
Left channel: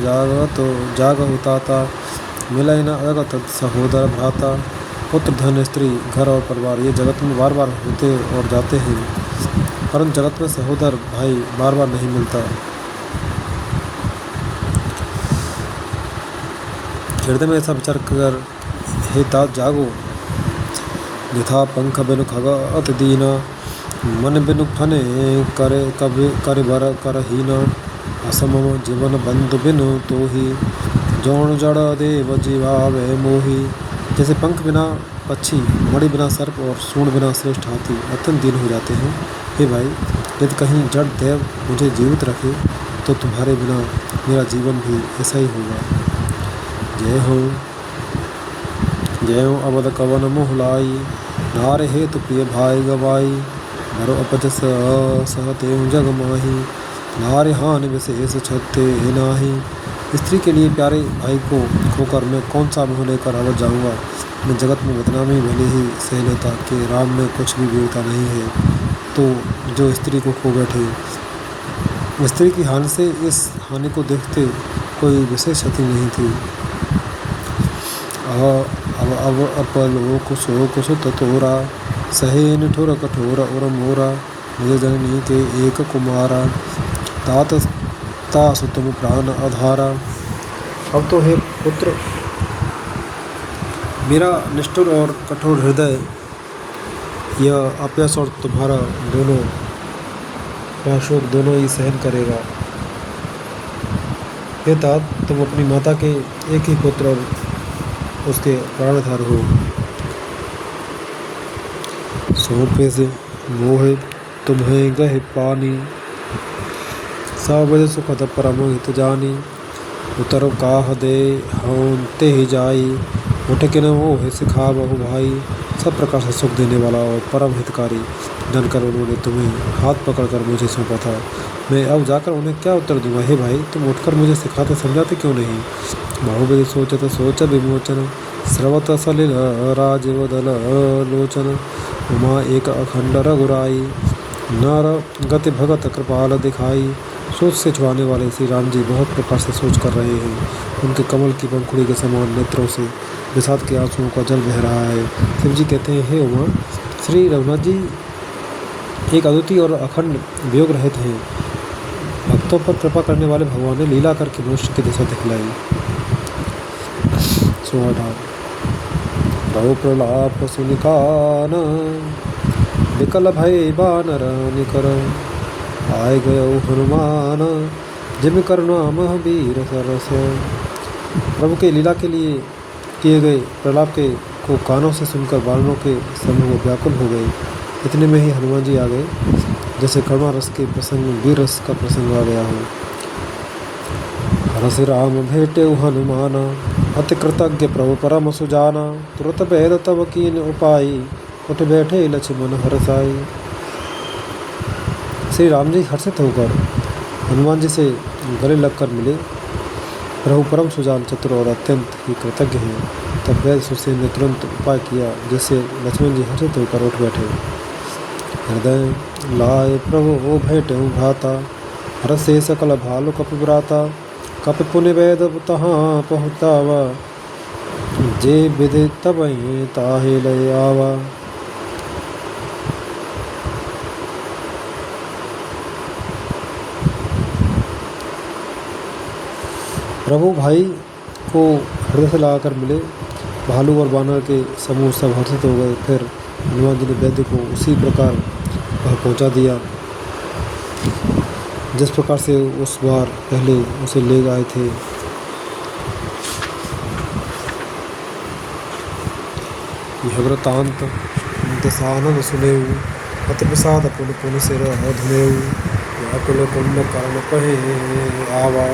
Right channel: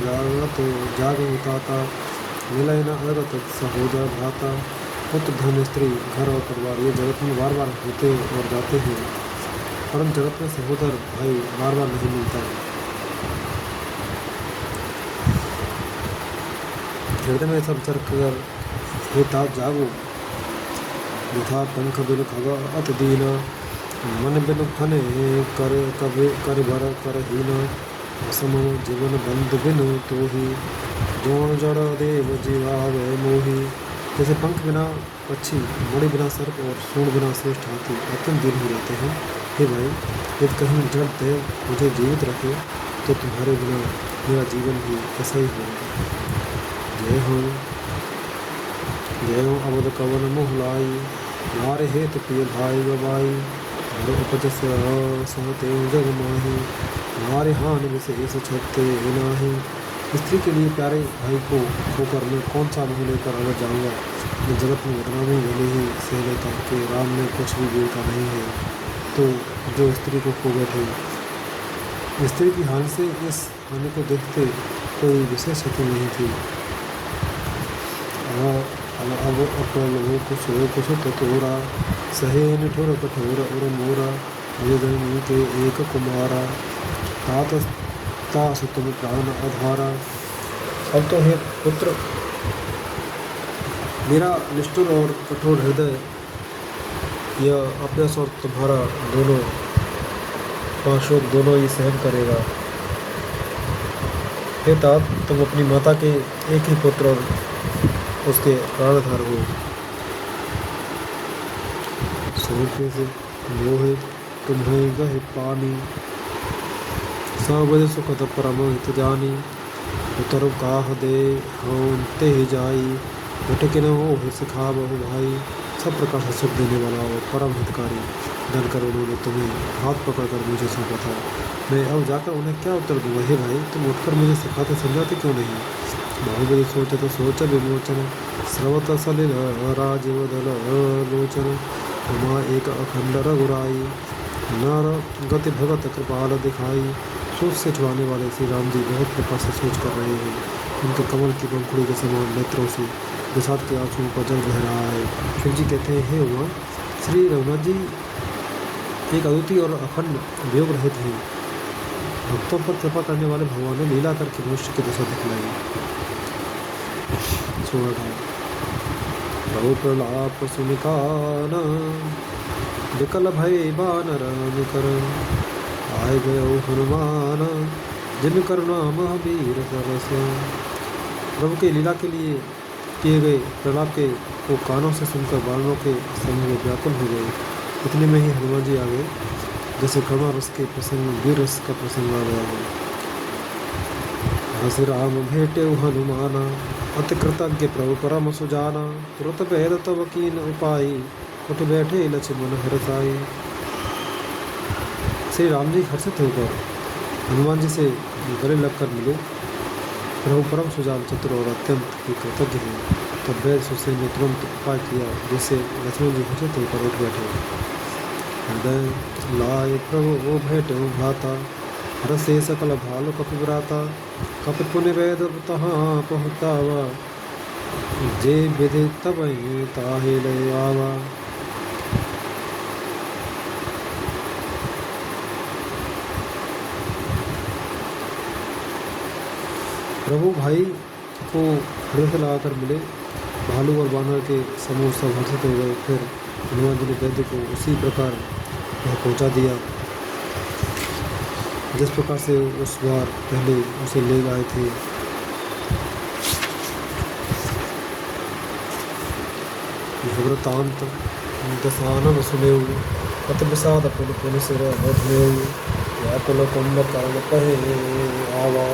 जाग होता मिलय न अगत सहोदर भ्राता। पुत्र धन स्त्री घर और परिवार ये जगत में बार बार होते और जाते हैं, परंतु जगत में सहोदर भाई बार बार नहीं मिलता। हृदय में ऐसा विचार कर, हे तात जागो, यथा पंख बिनु खग अत दीना, मन बिनु फने करे कभी कर भर कर हीना, असम जीवन बंधु बिनु तो ही, जौन जड़ देव जीवावे मोही। जैसे पंख बिना पक्षी, मणि बिना सर्प और सूंड बिना श्रेष्ठ हाथी अत्यंत दीन हो जाते हैं। हे भाई, यदि कहीं जड़ देव मुझे जीवित रखे तो तुम्हारे बिना मेरा जीवन भी ऐसा ही होगा। जय हो अवध कवन मोहलाई, नारे हेतु प्रिय भाई गवाई, भरो अपज सहते जग माही, नारे हानि विशेष छते नाही। स्त्री के लिए प्यारे भाई को खोकर मैं कौन सा मुँह लेकर अवध जाऊँगा। मैं जगत में बदनामी भले ही सह लेता कि राम में कुछ भी वीरता नहीं है, तो जो स्त्री को खो बैठे। स्त्री की हानि से इस हानि को देखते कोई विशेष क्षति नहीं थी। अब अपलो कुसो ततोरा, सहे निठुर कठोर और मोरा, मेरे जननी के एक कुमारा, तात तासु तुम प्राण आधारा। अब तो हे पुत्र, मेरा निष्ठुर और कठोर हृदय यह अपयस और तुम्हारा दोनों पाशों दोनों ही सहन करेगा। हे तात, तुम अपनी माता के एक ही पुत्र और उसके प्राणधार हो। सौंपे से मोहे तुम्हें गहे पानी, सब सुखद परम हित जानी, उतर काह दे होते ही जाई, उठ के न हो सिखा बहु भाई। सब प्रकार से सुख देने वाला और परम हितकारी जानकर उन्होंने तुम्हें हाथ पकड़कर मुझे सौंपा था। मैं अब जाकर उन्हें क्या उत्तर दूंगा। हे भाई, तुम उठकर मुझे सिखाते समझाते क्यों नहीं। बहुविध सोचत सोच विमोचन, स्रवत सलिल राजीव दल लोचन, उमा एक अखंड रघुराई, नर गति भगत कृपाल दिखाई। सोच से छुड़ाने वाले श्री राम जी बहुत प्रकार से सोच कर रहे हैं। उनके कमल की पंखुड़ी के समान नेत्रों से विषाद के आंसुओं का जल बह रहा है। शिव जी कहते हैं, हे उमा, श्री रघुनाथ जी एक अद्वितीय और अखंड वियोग रहित हैं। भक्तों पर कृपा करने वाले भगवान ने लीला करके मनुष्य की दिशा दिखलाई। बहु प्रलाप सुनिकाना, विकल भय बानर निकर, आए गयो हनुमान, जिम करुणा महावीर सरस। प्रभु के लीला के लिए किए गए प्रलाप के को कानों से सुनकर बानरों के समूह व्याकुल हो गए। इतने में ही हनुमान जी आ गए, जैसे करुणा रस के प्रसंग वीर रस का प्रसंग आ गया हो। हरसि राम भेटे हनुमाना, अति कृतज्ञ प्रभु परम सुजाना, तुरत भेद तब कीन उपाई, उठ बैठे लक्ष्मण हरसाई। श्री राम जी हर्षित होकर हनुमान जी से गले लगकर मिले। प्रभु परम सुजान, चतुर और अत्यंत ही कृतज्ञ हैं। तब वैद सुसेन ने तुरंत उपाय किया, जिससे लक्ष्मण जी हर्षित होकर उठ बैठे। हृदय लाए प्रभु ओ भेटे भ्राता, हरसे सकल भालु कपिव्राता, कपि पुनि वैद तहाँ पहुँचावा, जे विधि तबहि ताहि लय आवा। प्रभु भाई को हृदय से लगाकर मिले। भालू और बानर के समूह सब हर्षित हो गए। फिर हनुमान जी ने वैद्य को उसी प्रकार वह पहुंचा दिया जिस प्रकार से उस बार पहले उसे ले गए थे। यह वृतांत दसानन सुनेऊ, अति प्रसाद पुन पुन सिर धुनेऊ, व्याकुल कुंभ कर्ण कहे आवा,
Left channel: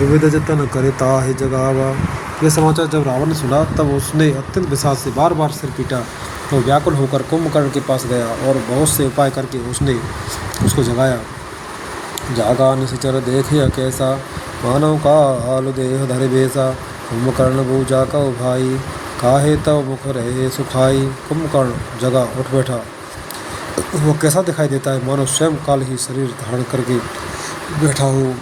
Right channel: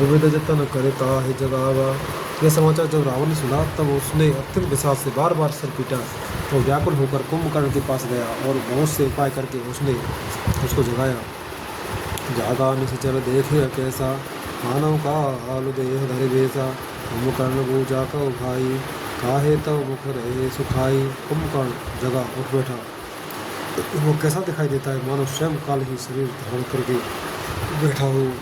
विविध जतन करे ताहि जगावा। यह समाचार जब रावण ने सुना, तब उसने अत्यंत विषाद से बार बार सिर पीटा। तो व्याकुल होकर कुंभकर्ण के पास गया और बहुत से उपाय करके उसने उसको जगाया। जागा निश्चर देखे कैसा, मानव का आलु देह धरे बेसा, कुंभकर्ण बूझा कौ भाई, काहे तव मुख रहे सुखाई। कुंभकर्ण जगा, उठ बैठा। वो कैसा दिखाई देता है, मानो स्वयं काल ही शरीर धारण करके बैठा हो।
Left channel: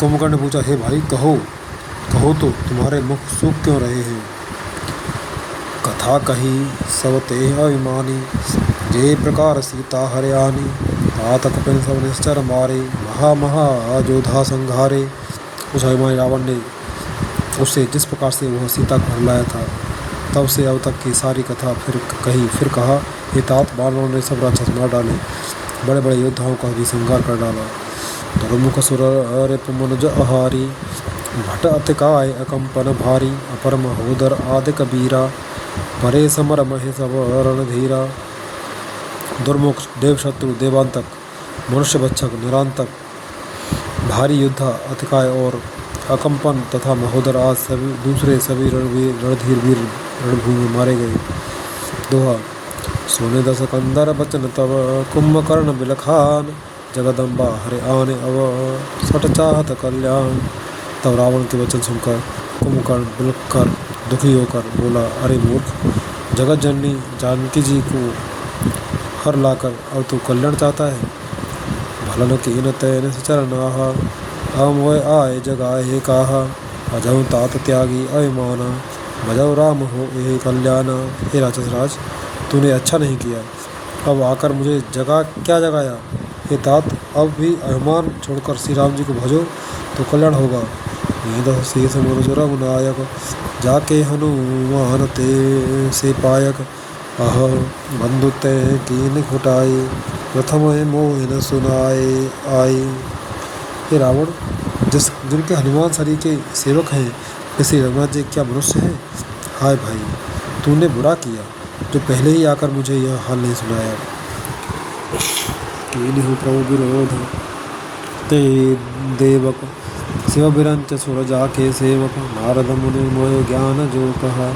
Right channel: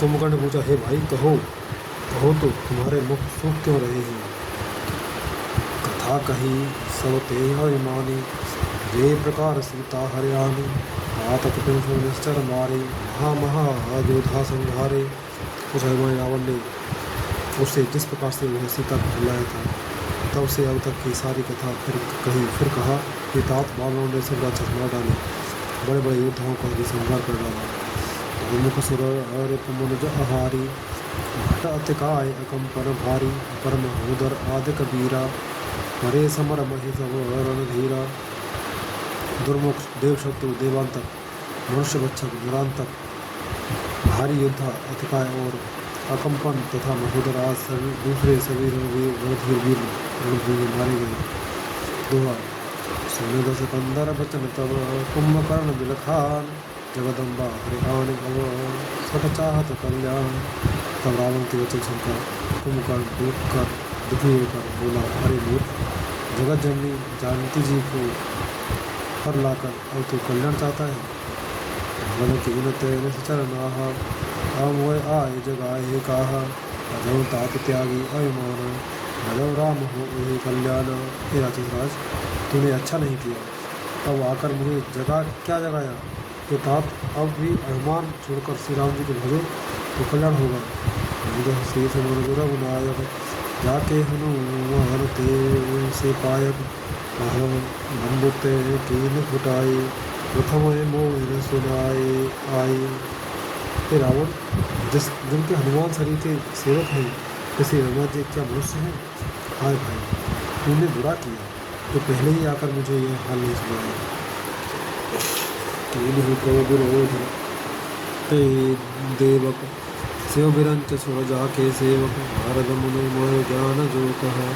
कुंभकर्ण ने पूछा, हे भाई, कहो तो तुम्हारे मुख सूख क्यों रहे हैं। कथा कही सब ते अभिमानी, जे प्रकार सीता हरियाणी, तात कपिन सब निश्चर मारे, महा महा जोधा संघारे। उस अभिमानी रावण ने उससे जिस प्रकार से वह सीता को हर लाया था, तब से अब तक की सारी कथा फिर कही। फिर कहा, हे तात, बानरों ने सब राक्षस मार डाले, बड़े बड़े योद्धाओं का भी संहार कर डाला। दुर्मुख सुर रिप मनुज आहारी, भट अतिकाय अकंपन भारी, अपर महोदर आदि कबीरा, परे समर महे सब रणधीरा। दुर्मुख, देव शत्रु, देवांतक, मनुष्य भक्षक, निरांतक, भारी योद्धा, अतिकाय और अकंपन तथा महोदर आज सभी दूसरे सभी रणधीर वीर रणभूमि में मारे गए। दोहा। सोने दस कंदर बचन तब, कुंभकर्ण बिलखान, जगदम्बा हरे आने अव, सट चाहत कल्याण। तब रावण के वचन सुनकर कुंभकर्ण बिलख कर दुखी होकर बोला, अरे मूर्ख, जगत जननी जानकी जी को हर लाकर अब तू कल्याण चाहता है। भलन कीन तैन चरण आहा, हम वह आए जगाए काहा, अजहु तात त्यागी अभिमाना, भजौ राम हो यही कल्याणा। हे राक्षस राज, तूने अच्छा नहीं किया, अब आकर मुझे क्या जगाया। हे तात, अब भी अभिमान छोड़कर श्री राम जी को भजो तो कल्याण होगा। नीदस शेष मुरजु रघुनायक, जाके हनुमान ते से पायक, अह बंधु ते कीन खुटाई, प्रथम मोह न सुनाए आई। हे रावण, जिनके हनुमान शरीर के सेवक हैं, श्री रघुनाथ जी क्या मनुष्य हैं। हाय भाई, तूने बुरा किया जो पहले ही आकर मुझे यह हाल नहीं सुनाया। कीन्हु प्रभु विरोध ते देवक, शिव बिरंच सुर जाके सेवक, नारद मुनि मोय ज्ञान जो कहा,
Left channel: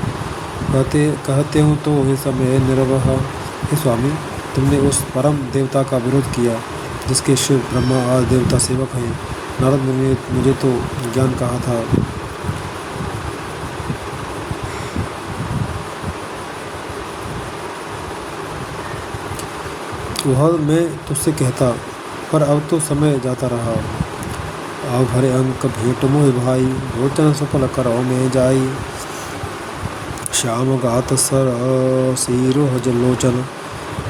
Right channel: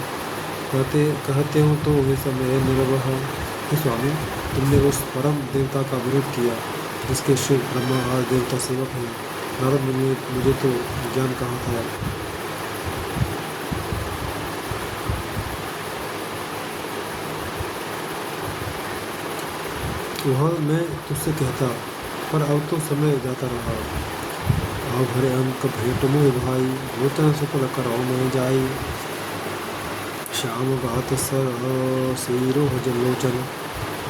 कहते हूँ तो हे समय निर्वह। हे स्वामी, तुमने उस परम देवता का विरोध किया जिसके शिव ब्रह्मा आदि देवता सेवक हैं। नारद मुनि ने मुझे तो ज्ञान कहा था। वह मैं तुझसे कहता, पर अब तो समय जाता रहा। अब भरे अंक भेंट मोहि भाई, भोचन सफल करो में जाई। श्याम गात सर सिरोह जलोचन,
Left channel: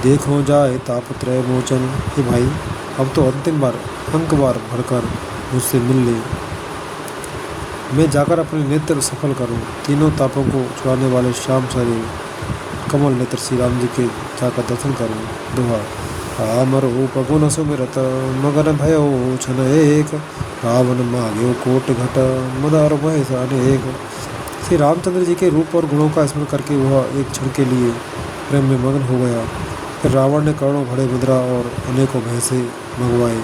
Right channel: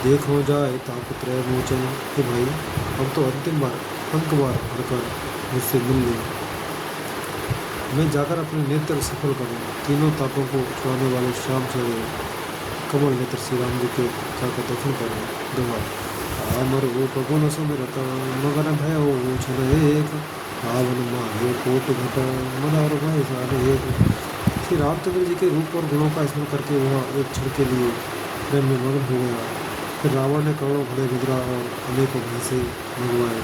देखो जाए तापत्रय मोचन। हे भाई, अब तो अंतिम बार अंक बार भरकर मुझसे मिल ले, मैं जाकर अपने नेत्र सफल करूं। तीनों तापों को छुड़ाने वाले श्याम शरीर कमल नेत्र श्री राम जी के जाकर दर्शन करूं। दोहा। राम रूप गुण सुमिरत, मगन भयो छन एक, रावण मांग्यो कोटि घट, मदार भय अनेक। श्री रामचंद्र जी के रूप और गुणों का स्मरण करके वह एक क्षण के लिए प्रेम में मगन हो गया। फिर रावण ने करोड़ों घड़े मुद्रा और अनेकों भैंसे मंगवाए।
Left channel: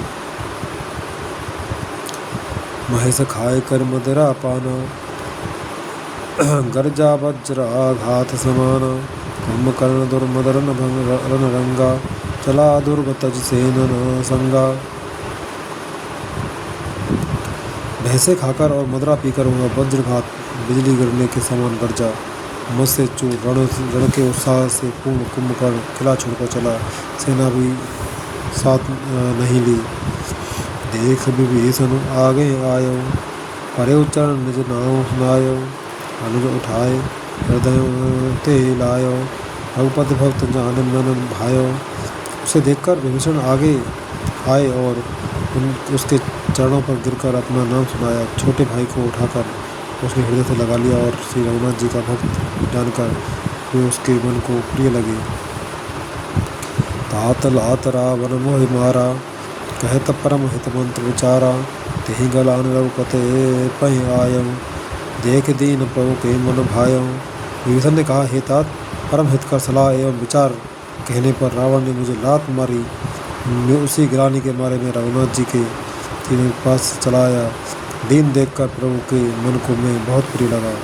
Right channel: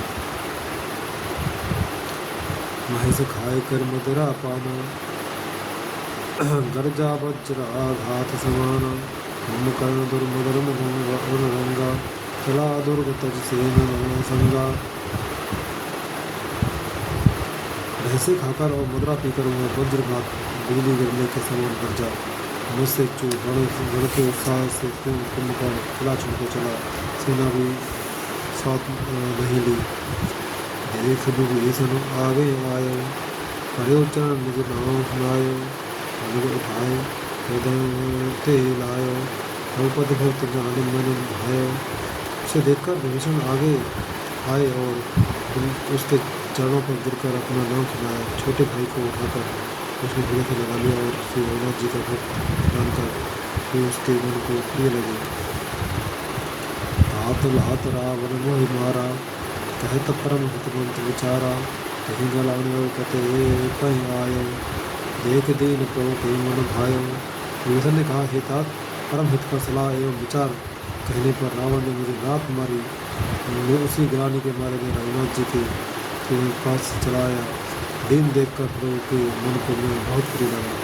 महेश खाए कर मदरा पाना, गर्जा वज्र आघात समाना, कुंभकर्ण दुर्मदरन रण रंगा, चला दुर्ग तज सेन संगा। भैंसे खाकर और मदरा पीकर वह वज्रघात बिजली गिरने के समान गर्जा, मत से चूर रण के उत्साह से पूर्ण कुंभकर्ण किला छोड़कर चला, सेना भी साथ नहीं ली। देख विभीषण आगे आयो, परे चरण निज नाव सुनायो, अनुज उठाए हृदय ते लायो, रघुपति भक्त जान मन भायो। उसे देखकर विभीषण आगे आए और उसके चरणों पर गिरकर अपना नाम सुनाया। छोटे भाई को उठाकर उसने हृदय से लगा लिया और श्री रघुनाथ जी का भक्त जानकर वे उसके मन को प्रिय लगे। तात लात रावण मोहि मारा, कहत परम हित मंत्र विचारा, तेहि गलान रघुपते पहि आयो, देख दीन प्रभु के मन भायो। विभीषण ने कहा, हे तात, परम हित का सलाह एवं विचार कहने पर रावण ने मुझे लात मारी। मैं उसी गिलानी के मारे में रघुनाथ जी के पास चला आया। दीन देखकर प्रभु के मन को मैं बहुत प्रिय लगा।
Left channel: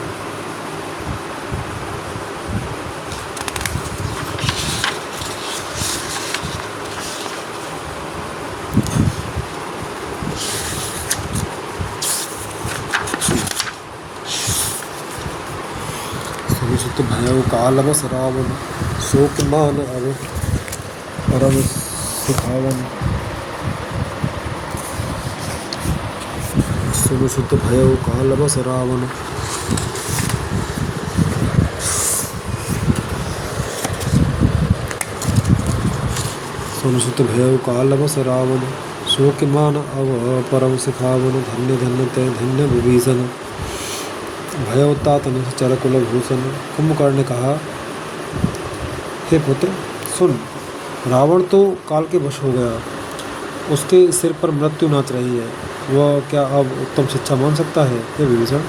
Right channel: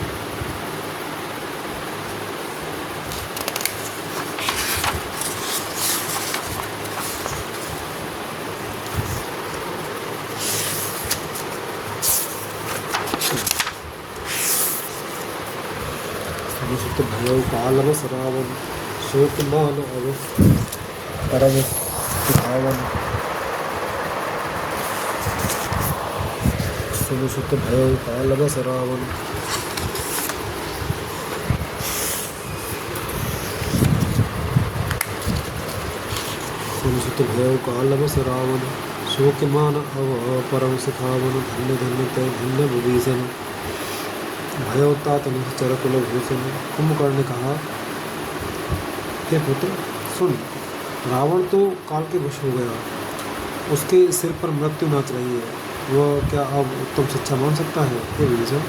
सुत भयो काल बस रावण, शोक मान अब परम सुन सुत भयो काल बस रावण, सुन सुत भय काल बस रावण, सो कि मान अव परम सिखावन, धन्य धन्य तय धन्य विभीषण, भय तात निश्चर कुल भूषण। कुंभकर्ण ने कहा, हे पुत्र सुन, रावण तो काल के वश हो गया, उसके सिर पर मृत्यु नाच रही है, वह क्या अब उत्तम शिक्षा मान सकता है। हे विभीषण,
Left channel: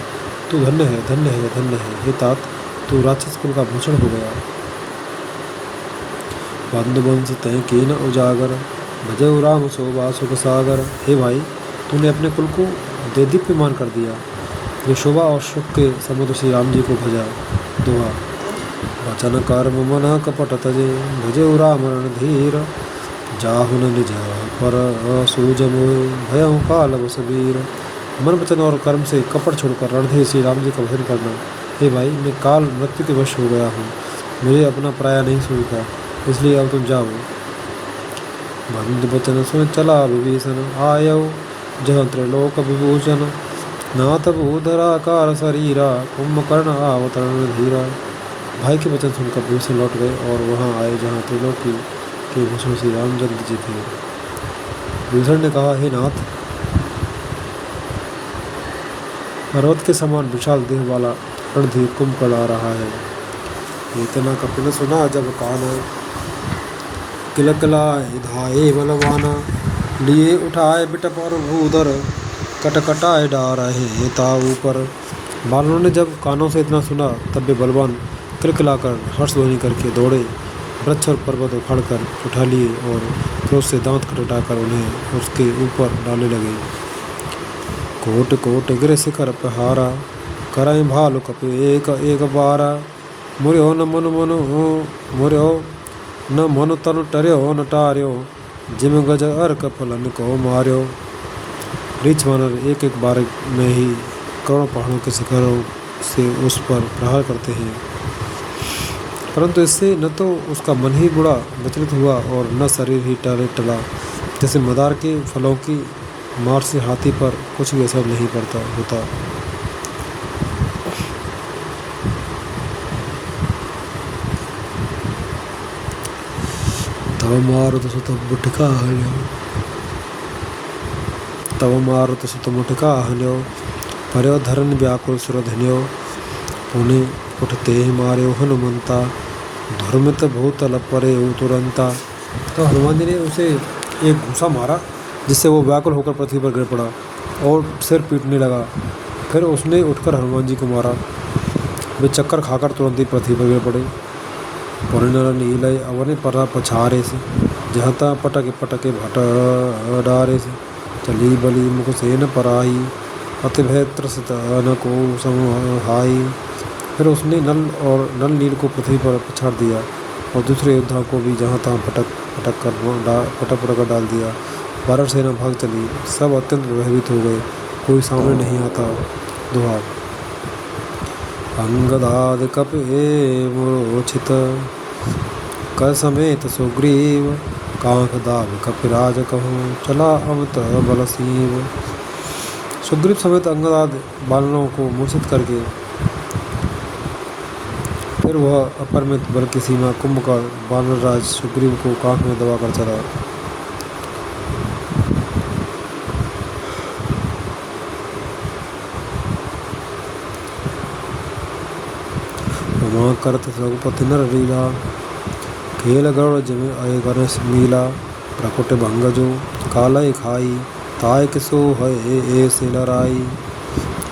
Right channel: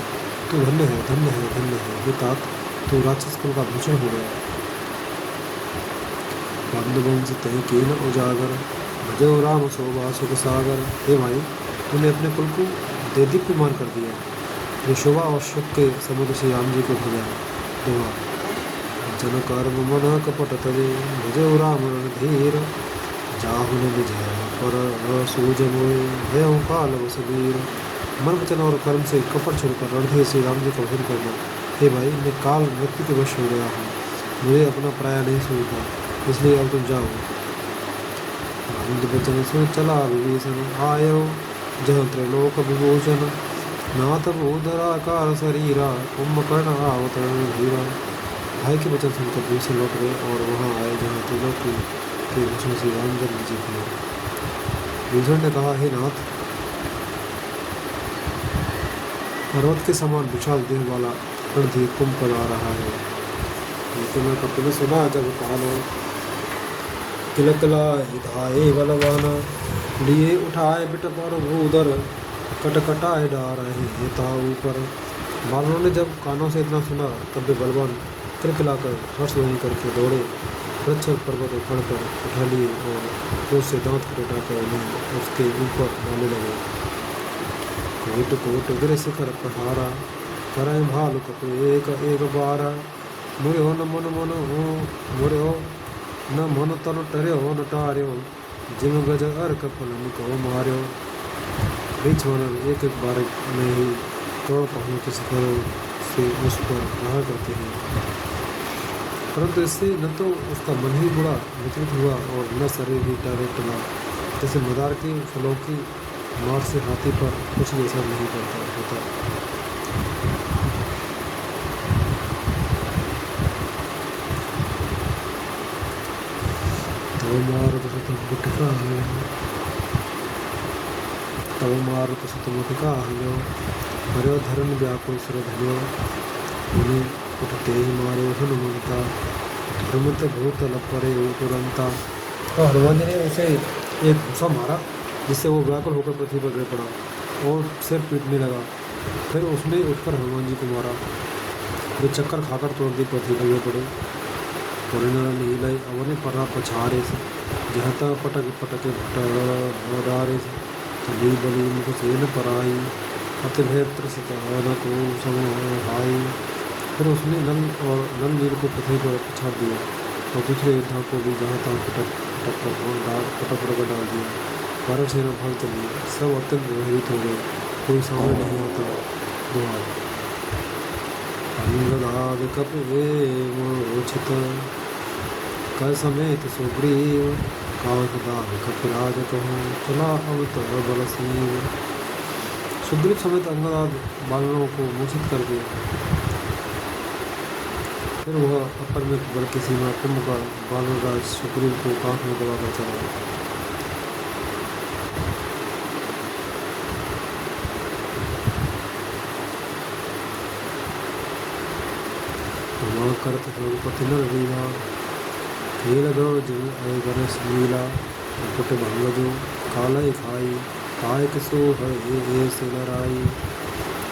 तू धन्य है, धन्य है, धन्य है। हे तात, तू राक्षस कुल का भूषण हो गया। बंधुवंश तय कीन उजागर, भजऊ राम शोभा सुख सागर। हे भाई, तूने अपने कुल को देदीप्यमान कर दिया, वो शोभा और सुख के समुद्र श्री राम जी को भजा। दोहा, वचन कर्म मन कपट तजे, भजऊ राम रणधीर, जाहुन निज पर सूज मोह, भयउ काल बस वीर। मन वचन और कर्म से कपट छोड़कर रणधीर श्री राम जी का भजन करना। हे भाई, मैं काल मृत्यु के वश हो गया हूँ, मुझे अपना पराया नहीं सूझता, इसलिए अब तुम जाओ। बंधु वचन सुन चला विभीषण, आयो जह त्रिलोक विभूषण, नाथ भूधराकार शरीरा, कुंभकर्ण आवतरण धीरा। भाई के वचन सुनकर विभीषण लौट गए और वहाँ आए जहाँ त्रिलोकी के भूषण श्री रामचंद्र जी थे। विभीषण ने कहा, हे नाथ, पर्वत के समान विशाल देह वाला रणधीर कुंभकर्ण आ रहा है। ये तना कपिल सुना जब काना, किलकला धाये बलवाना, लिए उठाए बिटप और भूधर, कटकटाए डारहे ता ऊपर। बानरों ने जब कानों से इतना सुना तब वे बलवान किलकिलाकर हर्षध्वनि करके दौड़े, वृक्ष और पर्वत उखाड़कर उठा लिए और क्रोध से दांत खटखटाकर उन्हें उसके ऊपर डालने लगे। कोट कोट गिर शिखर पहारा, करय भालु कपि एक एक बारा, मुर्यो न मन मन हो मुर्यो न मन तन टर्यो न टार्यो, जिम गज अर्क फलन को मार्यो। रीछ वानर एक एक बार में ही करोड़ों पहाड़ों के शिखरों से उस पर प्रहार करते हैं, परंतु इससे न तो उसका मन ही बुरा विचलित हुआ और न शरीर ही टला। जैसे मदार के फलों की मार से हाथी पर कुछ भी असर नहीं पड़ता होता। तव मारुत सुत मुठिका हल्यो, तव मारुत सुत मुठिका हल्यो, पर्यो धरन व्याकुल सुर धन्यो, पुण्य उठते ही मार्यो हनुमंता, धुर्मित भूतल परे तुरंता। तो हनुमान जी ने उसे एक घूसा मारा जिससे वो व्याकुल होकर पृथ्वी पर गिर पड़ा और सिर पीटने लगा। फिर उसने उठकर हनुमान जी को मारा, वे चक्कर खाकर तुरंत ही पृथ्वी पर गिर पड़े। परिणर नीलय अवनि परा पछारे से, जहता पटके पटके भट डारे से, चली बली मुख से न पराई, अति भय त्रसित न को समहाई। फिर उसने नल नील को पृथ्वी पर पछाड़ दिया और दूसरे योद्धा को भी जहाँ तहाँ पटक कर डाल दिया। वानर सेना भाग चली, सब अत्यंत भयभीत हो गए, कोई सामने नहीं आता। दोहा, अंगदाद कपि मूर्छित, कर समेत सुग्रीव, कांख दाव कपिराज कहूँ, चला अमित बल सीव। सुग्रीव समेत अंगदाद बानरों को मूर्छित करके फिर वह अपरिमित बल की सीमा कुंभकर्ण वानरराज सुग्रीव को कांख में दबाकर चला। उमा करत रघुपति नर लीला, खेल गरुड़ जिम अय गणेश मीला, प्रकुट भंगजो कालय खाई, ताय किसो है से लड़ाई।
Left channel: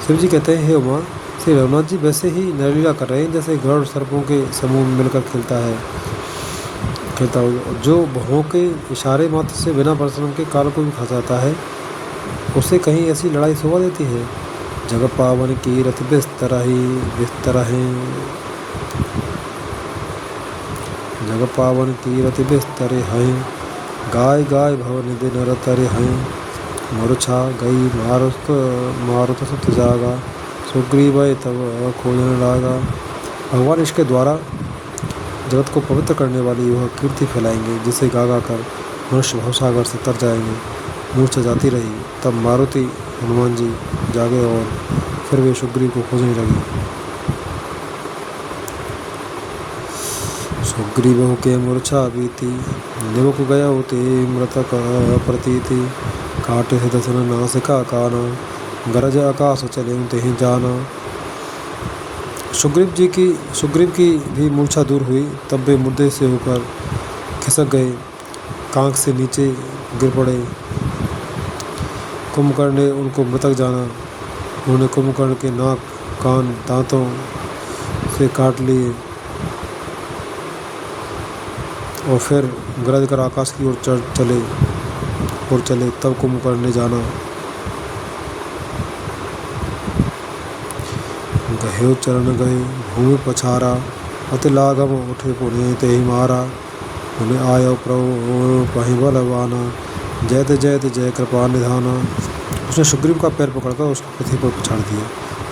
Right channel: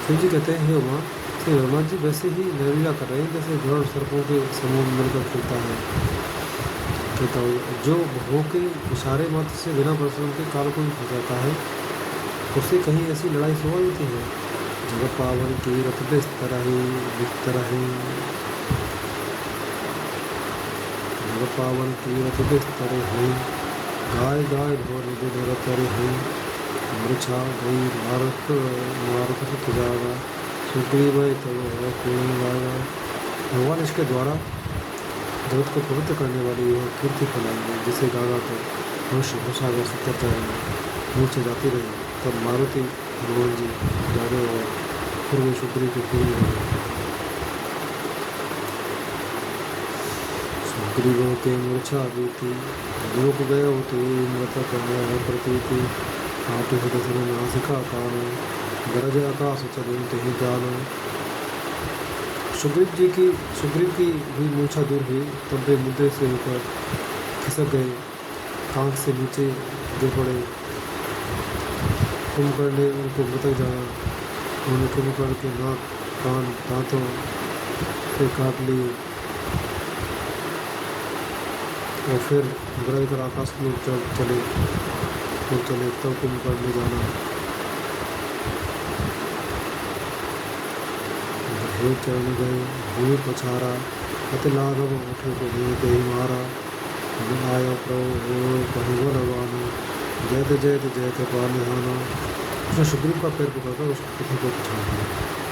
शिव जी कहते हैं, हे उमा, श्री रघुनाथ जी वैसे ही नरलीला कर रहे हैं जैसे गरुड़ सर्पों के समूह में मिलकर खेलता हो, जो भौं के इशारे मात्र से बिना परिश्रम के काल को भी फंसाता है, उसे कहीं ऐसी लड़ाई शोभा देती है। जग पावन की रथ बिस्तर है, जग पावन की रति बिस्तर हैं, गाय गाय भवन दिन रतर हैं, मरुछा गई मारुत सुत जागा, सुग्रीव तब खोलने लागा। भगवान इसके द्वारा जगत को पवित्र करने वाली वह कीर्ति फैलाएंगे, जिसे गा गा कर मनुष्य भवसागर से तर जाएंगे। मूर्छा जाती रही, तब मारुति हनुमान जी जागे और फिर वे सुग्रीव को खोजने लगे। सुग्रीवों के मूर्छा बीती, दुमुख गयो ते मृतक प्रतीति। काटे सुदर्शन नासिका काना, गरज आकाश चले तेहि जाना। सुग्रीव की भी मूर्छा दूर हुई, तब वे मुद्दे से होकर खिसक गए, कांख से नीचे गिर पड़े। कुंभकर्ण ने उनको मृतक जाना। उन्होंने कुंभकर्ण के नाक, कान, दांतों से काट लिए और फिर गरज कर आकाश की ओर चले। तब कुंभकर्ण ने जाना। गहे चरण गए भूमि पछारा, अति लागम उठे पुणे ते ही मारा। उन्हें आयो प्रभु पहि बलवाना, जयत जयत जय कृपा निधाना। उसने सुग्रीव का पैर पकड़कर उसको पृथ्वी पर छाड़ दिया।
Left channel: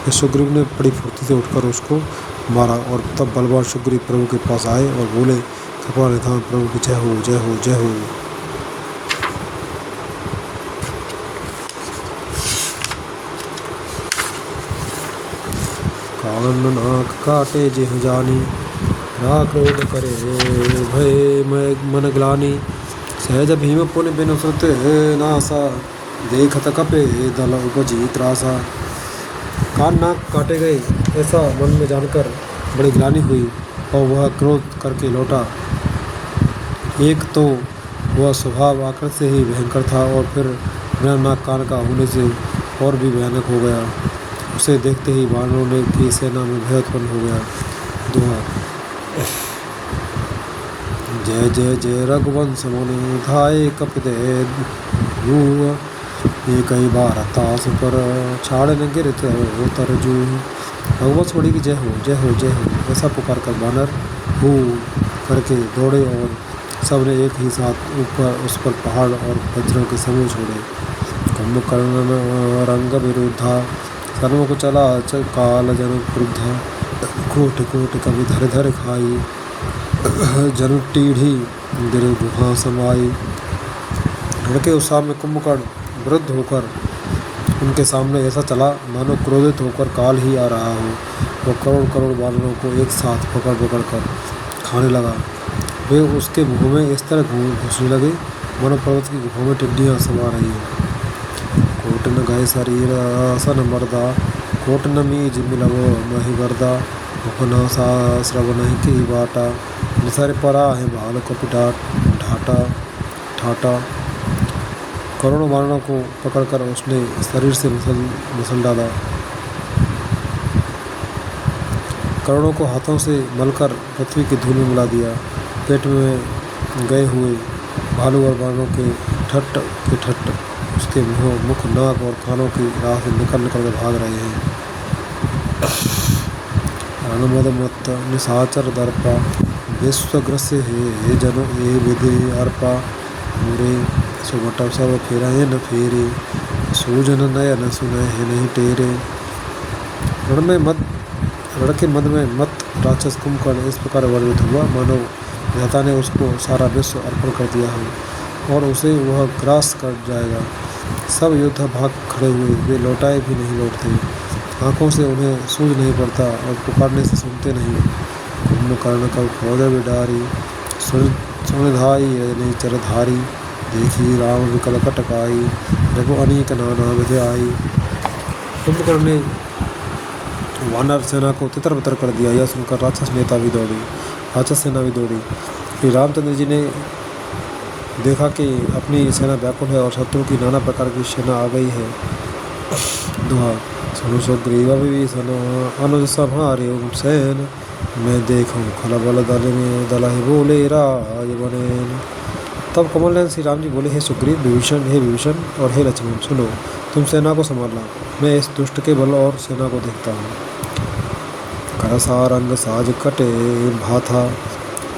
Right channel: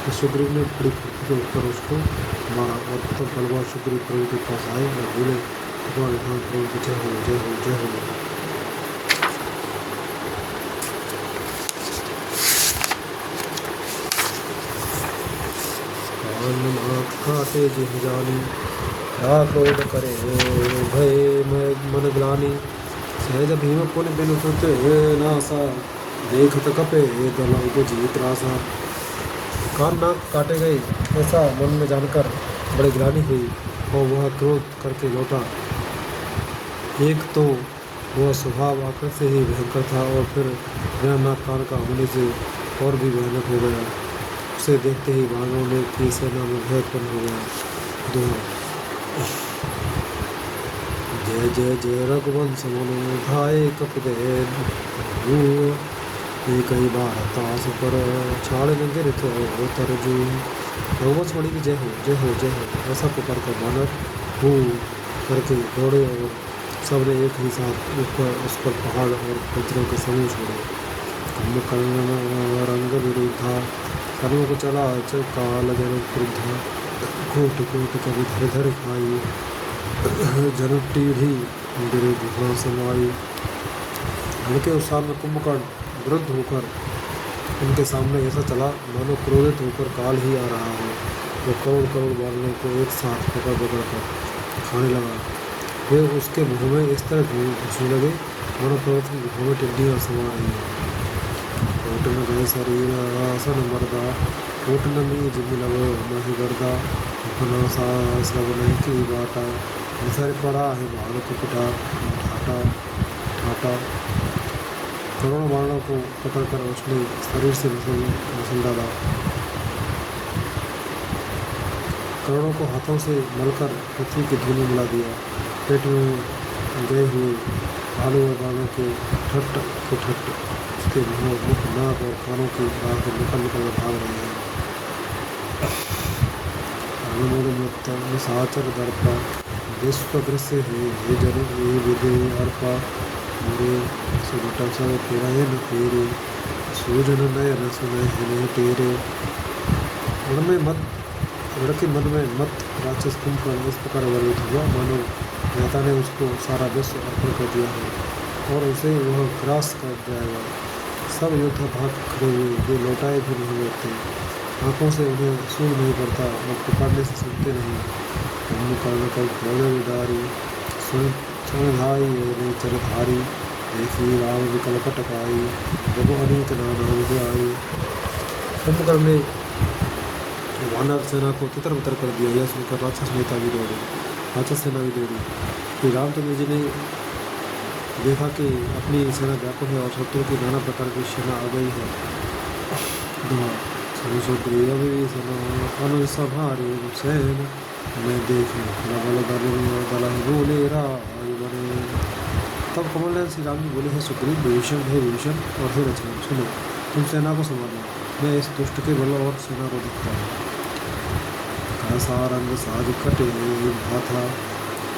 फिर सुग्रीव ने बड़ी फुर्ती से उठकर उसको मारा और तब बलवान सुग्रीव प्रभु के पास आए और बोले, कृपा निधान प्रभु की जय हो, जय हो, जय हो। कान नाक काटे जेह जानी, राख क्रोध करे भय मन ग्लानि। सहज भीम पुन बिनु श्रुत नासा, देखत कपे दल उपजी त्रासा। कान नाक काटे गए ऐसा मन में जानकर बड़ी ग्लानि हुई और वह क्रोध करके लौटा। एक तो वह स्वभाव आकर से ही भयंकर था और फिर बिना नाक कान का होने से और भी भयानक हो गया। उसे देखते ही वानरों की सेना में भय उत्पन्न हो गया। दोहा। जय जय जय रघुवंश मुनि धाये कपिते भूव, कई बार तास पर छाड़ न गिरत तरजू। रघुवंश मुनि की जय हो, जय हो, जय हो ऐसा पुकार कर बानर हू करके दौड़े और सबने एक ही साथ ऊपर उस पर पहाड़ और वज्रों के समूह छोड़े। कुंभकर्ण रंग विरुद्धा, सन्मुख चला काल जन क्रुद्धा। कोट कोट कवि धर धर खाई, जन टीढ़ी गिरे गुहा समाई। लड़के उस सामने कुंभकर्ण वृद्ध होकर उनके सामने ऐसा चला मानो क्रोधित होकर काल ही आ रहा हो। वो करोड़ करोड़ बानरों को एक साथ पकड़ पकड़ कर खाने लगा। वे उसके मुँह में इस तरह घुसने लगे मानो पर्वत की गुफा में टिड्डियाँ समा रही हैं। कोट न गाय शरीर सन मर्दा, कोट न मीज मिलव मही गर्दा। उपना श्रव नहीं की बाटा, निसारे परा है भाल कपिटा ठाटा। करोड़ों बानरों को पकड़कर उसने शरीर से मसल डाला। करोड़ों को हाथों से मलकर पृथ्वी की धूल में मिला दिया। पेट में गए हुए भालू और बानरों के ठट्ट उसके मुख, नाक और कानों की राह से निकल कर भाग रहे हैं। रणमद मत निशाचर दर्पा, विश्वग्रस्य हे जनो ए विधे अर्पा। मुरे सुमट सब फेरा न फेरे, सूजन नयन सुनह नहीं टेरे। रण के मद में मत राक्षस कुंभकर्ण इस प्रकार वर्णित हुआ मानो विधाता ने उसको सारा विश्व अर्पण कर दिया हो और उसे वह ग्रास कर जाएगा। सब योद्धा भाग खड़े हुए, वे लौटाए भी नहीं लौटते। आँखों से उन्हें सूझ नहीं पड़ता और पुकारने से सुनते नहीं। कुंभकर्ण का फौज बिडारी, सुनिधाई रजनी चरधारी। देखी राम विकल कटकाई, रघु अनेक नाना विधि आई। कुंभकर्ण ने वानर सेना को तितर बितर कर दिया। यह सुनकर राक्षस सेना भी दौड़ी। फिर रामचंद्र जी ने देखा कि अपनी सेना व्याकुल है और शत्रु की नाना प्रकार की सेना आ गई है। दोहा। सनु सुग्रीव विभीषण अनुज संहारे सैन, मैं देखूं खल बल दल में दलहि बोले राज बनेन। तब कमल नयन श्री राम जी बोले, हे सुग्रीव, हे विभीषण और हे लक्ष्मण, सुनो, तुम सेना को संभालना, मैं इस दुष्ट के बल और सेना को देखता हूँ। करसारंग साज कटे भाथा,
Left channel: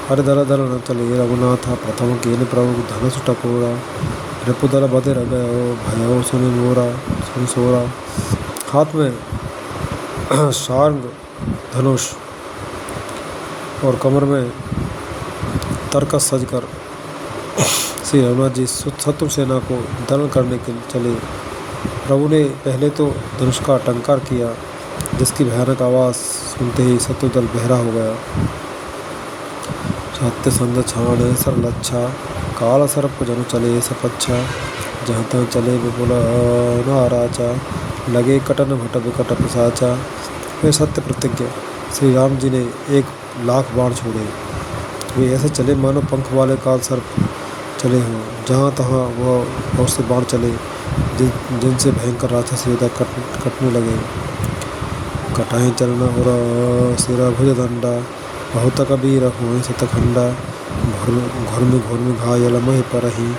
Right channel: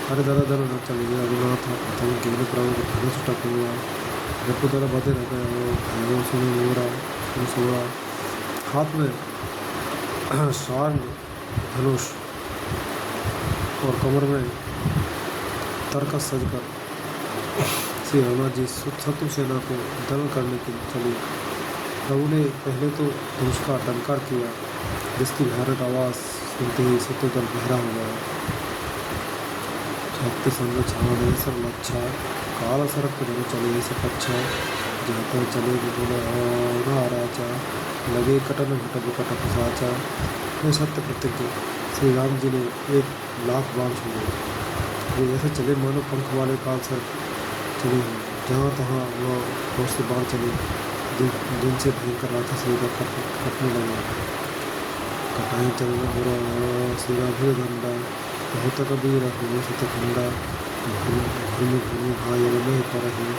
हर दल दल न चले रघुनाथा। प्रथम केन प्रभु धनुष टकोरा, रिपुदल बधे गयो भयो सुन सोरा। हाथ में सारंग धनुष और कमर में तरकस सजकर श्री रघुनाथ जी शत्रु सेना को दमन करने के लिए चले। प्रभु ने पहले तो धनुष का टंकार किया, जिसकी भयानक आवाज़ सुनते ही शत्रु दल बहरा हो गया। सत्य संग छाण सरलच्छा, काल सर्प जन चले सपच्छा, जहाँ तहाँ चले विपुल नाराचा, लगे कटन भट विकट पिशाचा। वे सत्य प्रतिज्ञ श्री राम जी ने 1,00,000 बाण छोड़े। वे ऐसे चले मानो पंख वाले काल सर्प चले हों। जहाँ तहाँ वह बहुत से बाण चले जिनसे भयंकर राक्षस योद्धा कटने लगे। कटाई चरण उर सिर भुज दंडा, बहुत कबीर हुए सतखंडा, घुर्म घायल मह परही,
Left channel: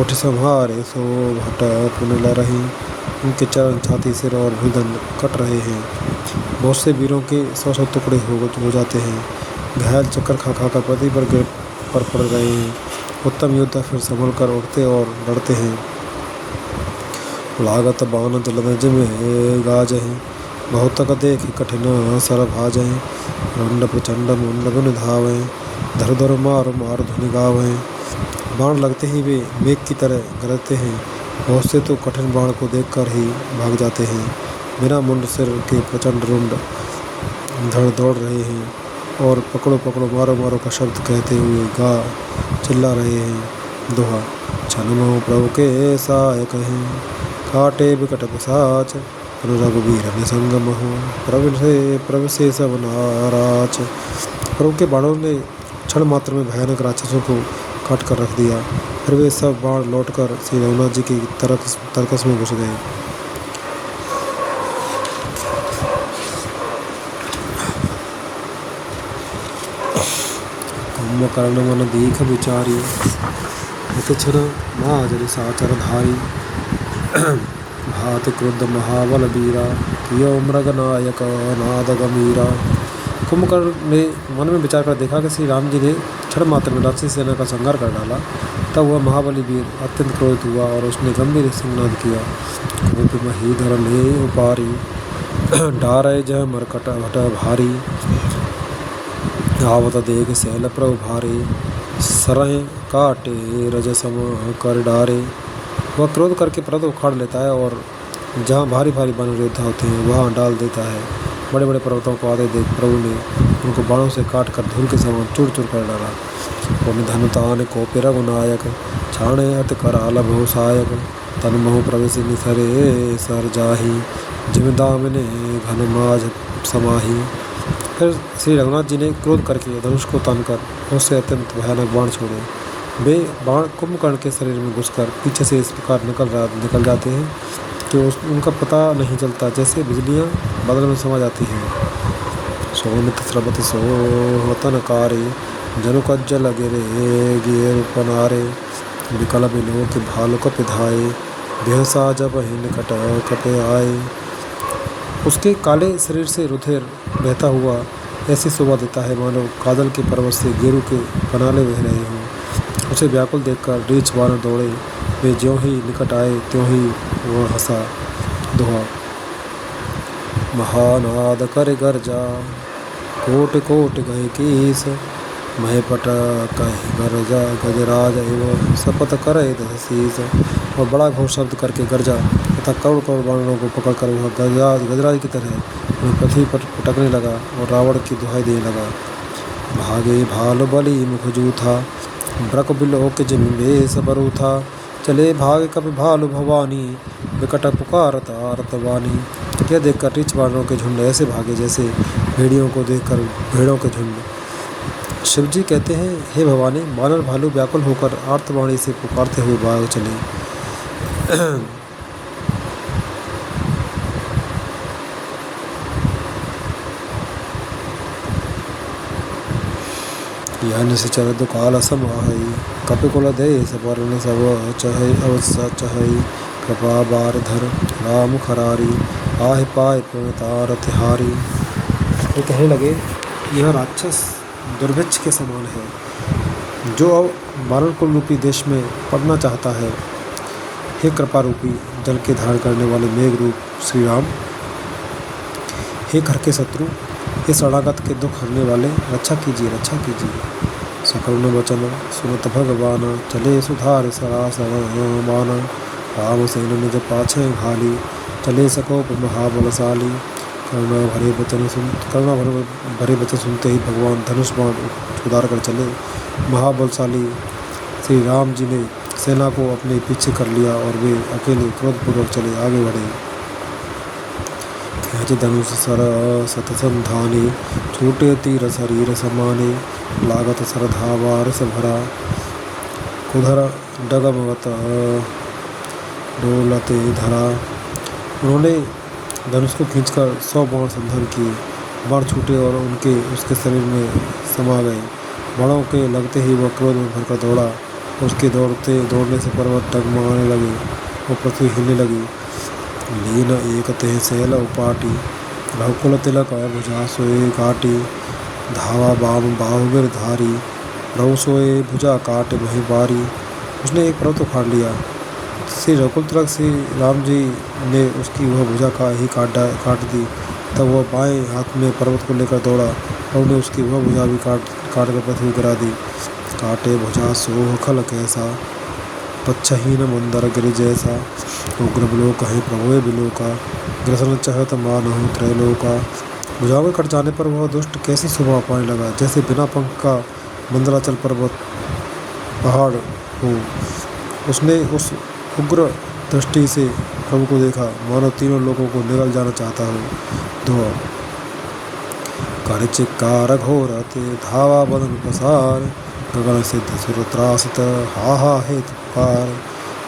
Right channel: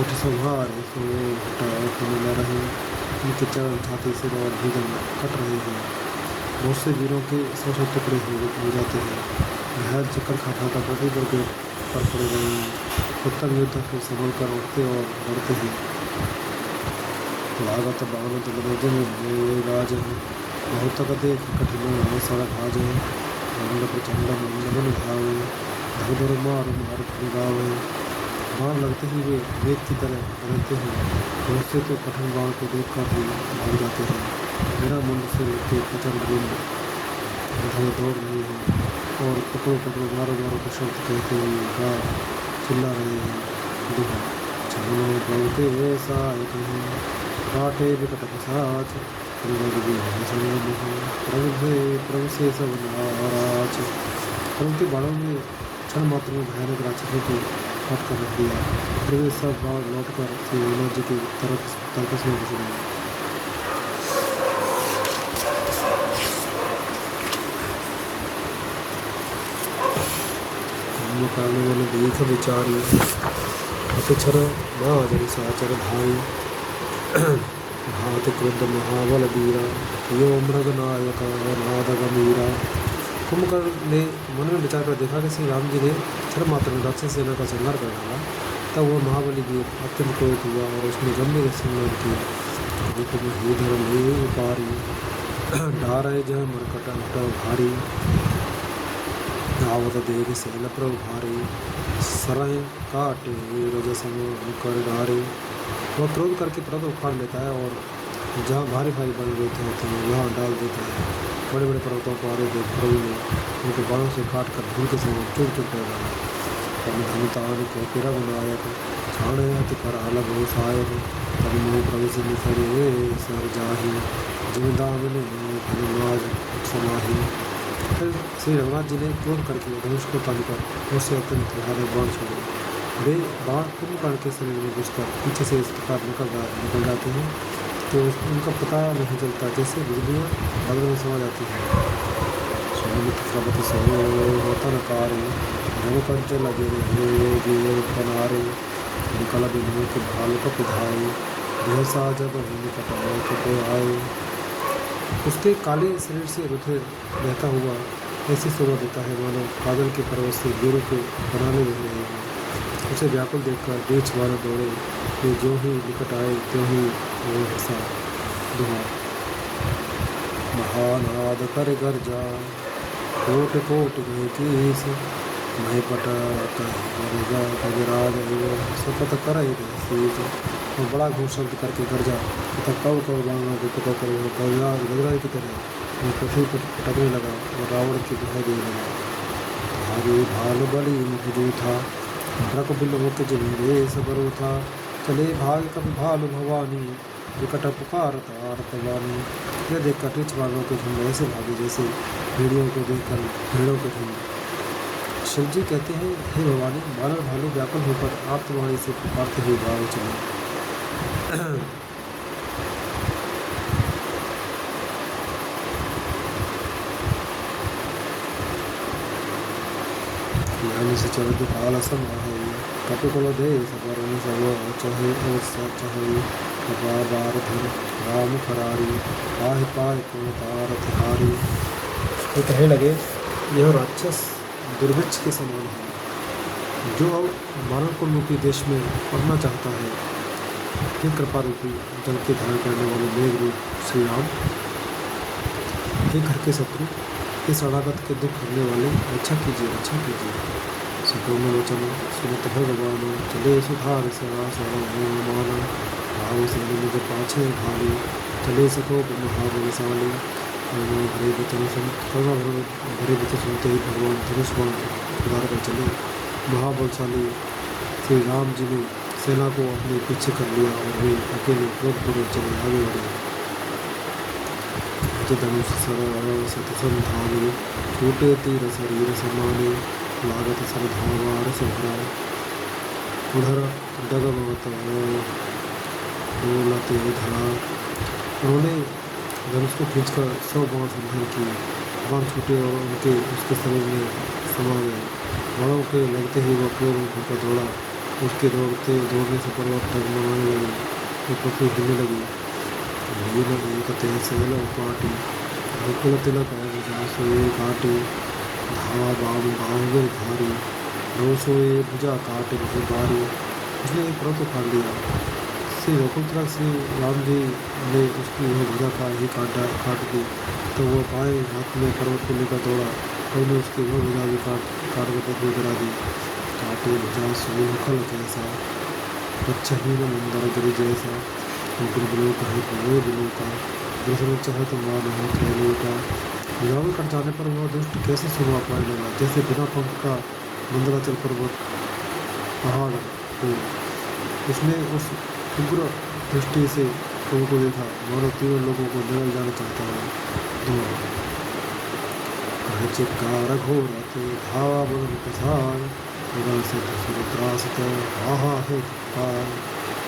उठ संहारे सो भट पुन लरही। उनके चरण छाती सिर और भुजदंड कट रहे हैं। बहुत से वीरों के 100 टुकड़े हो जाते हैं। घायल चक्कर खा खा कर पति पर पड़ रहे हैं। उत्तम योद्धा फिर संभल कर उठते और लड़ते हैं। लागत बान जलद में गाजहि, बहुत तक देख कठिन सर भाजहि। रंड प्रचंड मुंड बुन धावें, धर धर मार मार धुन गावें। बाण लगते ही वे मेघ की तरह गरजते हैं। बहुत से तो कठिन बाण को देखकर ही भाग जाते हैं। मेरा मुंड सिर के प्रचंड रुंड धड़ दौड़ रहे हैं और पकड़ो पकड़ो मारो मारो का शब्द कहते हुए गा चिल्ला रहे हैं। दोहा। छन प्रभु के साय कहीं, काटे विकट पिशाच, रघुवीर निसंगम हो, प्रभु से सब नाराज। प्रभु के बाणों ने क्षण मात्र में भयानक राक्षसों को काट कर रख दिया। फिर वे सब बाण लौटकर श्री रघुनाथ जी की तरकस में घुस गए। कुंभकर्ण मन दीख विचारी, क्षण महाजन साचर धारी। भाति क्रुद्ध महाबल वीरा, कियो मृग नायक नाद गंभीरा। कुंभकर्ण ने मन में विचार कर देखा कि श्री राम जी ने क्षण मात्र में राक्षसी सेना का संहार कर डाला। तब वह महाबली वीर अत्यंत क्रोधित हुआ और उसने गंभीर सिंहनाद किया। रूप महीधर ले उपारी, डारे जय मरकट भट भारी। आवत देख सैल प्रभु भारी, सरह काटे रज सम कर डारे। वह क्रोध करके पर्वत उखाड़ लेता है और जहाँ भारी भारी वन योद्धा होते हैं वहाँ डाल देता है। बड़े बड़े पर्वतों को आधे देख प्रभु ने उनको बाणों से काट कर धूल के समान चूर चूर कर डाला। धनुतान को रघुनायक, छाणे अत कराल भो सहायक। तन मोह प्रवेश निसरे सर जाही, जिम दामने घन माझ समाही। फिर श्री रघुनाथ जी ने क्रोध करके धनुष को तानकर उससे अत्यंत भयानक बाण छोड़े। वे बाण कुंभकर्ण के शरीर में घुसकर पीछे से इस प्रकार निकल जाते हैं कि उनका पता नहीं चलता, जैसे बिजलियां बादल में समा जाती हैं। सोमित स्रवत सोहतनकारी, जनु कज्जल गिरे गिर पनारे। विकल बिनो के भालु कप धाए, देहसा जब ही निकट कपे आए। उसके काले शरीर से रुधिर बहता हुआ ऐसी शोभा देता है मानो काजल के पर्वत से गेरू के पनाले बह रहे हों। उसे व्याकुल देखकर रीछ बानर दौड़े। वे ज्यों ही निकट आए त्यों ही वह हंसा। दोहा। महानाद कर गर्जा, कोट कोट गए कीस। महपट कहे गरजा, गजराज एवं शपथ करे दशीस। वह बड़ा घोर शब्द करके गरजा तथा करोड़ करोड़ बाणों को पकड़कर वह गजराज की तरह पृथ्वी पर पटकने लगा और रावण की दुहाई देने लगा। भागे भाल बलि मुख जूथा, ब्रक बिलो के जिन बेस बरू था। चले भाग कपि भालु भवानी, विकट पुकारत आरत वानी। यह देखकर रीछ बानरों के झुंड ऐसे भागे जैसे भेड़ियों को देखकर भेड़ों के झुंड। शिवजी कहते हैं, हे भवानी, बानर भालू व्याकुल होकर आर्तवाणी से पुकारते हुए भाग चले। यह निश्चर दुकाल समाहई, कपिकुल देश वर्ण सब चहई अवश्य चहई। कृपा बार धर राम खरारी, आह पाए पवतार तिहारी। ये कहने लगे, यह राक्षस दुर्भिक्ष के समान है जो अब वानरकुल रूपी देश में पड़ना चाहता है। हे कृपा रूपी जल के धारण करने वाले मेघ रूप श्री राम, हे घर के शत्रु, हे शरणागत के दुख हरने वाले, रक्षा कीजिए रक्षा कीजिए। सकरुण वचन सुनत भगवान, चले सुधार सरासर माना। राम सेन निज पाछे भाली, चले सकोप महाबलशाली। करुणा भरे वचन सुनते ही भगवान धनुष बाण उतार कर चले। महाबलशाली श्री राम जी ने सेना को अपने पीछे कर लिया और वे अकेले क्रोधपूर्वक चले आगे बढ़े। खेच धनुष सर सतसंधाने, छूटे तीर शरीर समाने, लागत सर धावा रस भरा, उधर डगमवत डोलते धरा। उन्होंने धनुष को खींचकर 100 बाण संधान किए। बाण छूटे और उसके शरीर में समा गए। बाणों के लगते ही वह क्रोध में भरकर दौड़ा। उसके दौड़ने से पर्वत डगमगाने लगे और पृथ्वी हिलने लगी। लीन एक तेह सैल उपाटी, रघुकुल तिलक भुजा सोए काटी, धावा बाम बाहुगिर धारी, रघु सोए भुजा काट भई बारी। उसने एक पर्वत उखाड़ लिया। श्री रघुकुल तिलक श्री राम जी ने उसकी वह भुजा ही काट दी। तब वह बाएं हाथ में पर्वत को लेकर दौड़ा और उन्हें उसकी वह भुजा भी काट कर पृथ्वी गिरा दी। काटे भुजा सोह खल कैसा, पच्छहीन मंदर गिर जैसा, उग्र बिलोक है प्रभुए बिलोका, ग्रसन चहत मानहु त्रैलोका। भुजा में कट जाने पर वह दुष्ट कैसी शोभा पाने लगा, जैसे बिना पंख का मंदराचल पर्वत पहाड़ हो। उसने उस उग्र दृष्टि से प्रभु को देखा, मानो तीनों लोगों को निगल जाना चाहता हो। धोआ कर चिक्कार घोरते, धावा बदन पसार, गगन सिद्ध सुर त्रासत, हा हेत पुकार।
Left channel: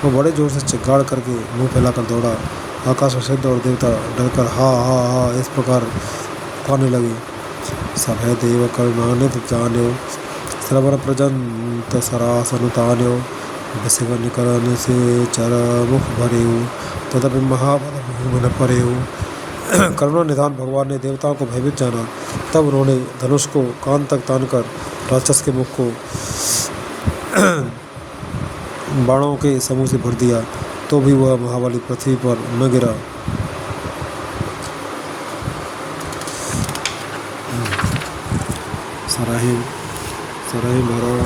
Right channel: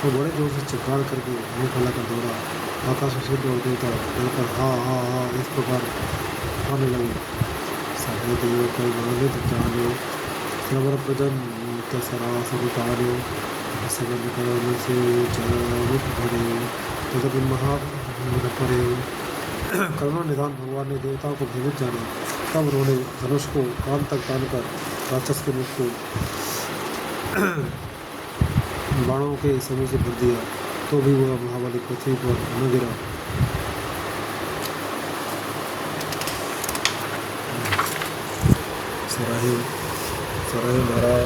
वो बड़े जोर से चिक्कार करके मुंह फैलाकर दौड़ा। आकाश में सिद्ध और देवता डरकर हा इस प्रकार पुकारने लगे। सभय देव करुणानिधि जान्यो, श्रवण प्रजंत सरासन तान्यो, विषवन करन से चर मुख भरेऊ, तदपि महाबल मन परेऊ। करुणा निधान भगवान ने देवताओं को भयभीत जाना। तब उन्होंने धनुष को कान तक तानकर राक्षस के मुख को बाणों के समूह से भर दिया, तो भी वह महाबली पृथ्वी पर न गिरा। सराही भरा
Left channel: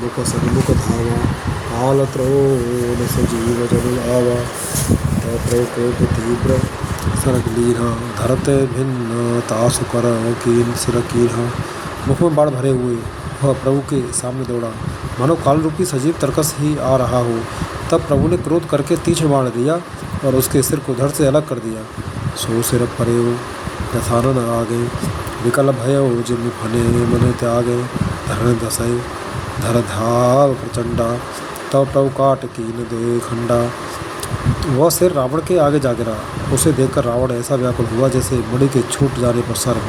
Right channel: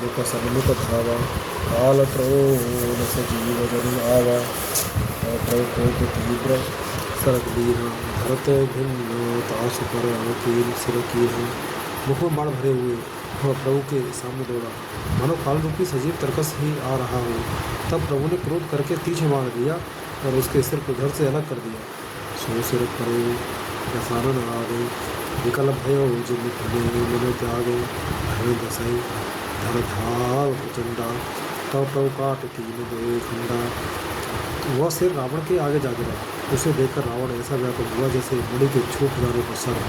मुख सन्मुख धावा, काल त्रोण सजीव जन आवा, कोप तीव्र सरक लीन, धरत भिन्न तासु पर कीन सिर कीन। मुख में बाढ़ भरे हुए वह प्रभु के सामने दौड़ा, मानो काल रूपी सजीव तरकस ही आ रहा हो। तब प्रभु ने क्रोध करके तीक्ष्ण बाण दिया और उसके सिर को धड़ से अलग कर दिया। सो सिर परेऊ दसानन आ गए, विकल भयो जिम फने मन त्यागे, धरण दसई धर धाव प्रचंडा, तब प्रभु काट कीन दे खंडा। वह सिर रावण के आगे जा गिरा। उसे देखकर रावण ऐसा व्याकुल हुआ जैसे मणि के छूट जाने पर सर्प।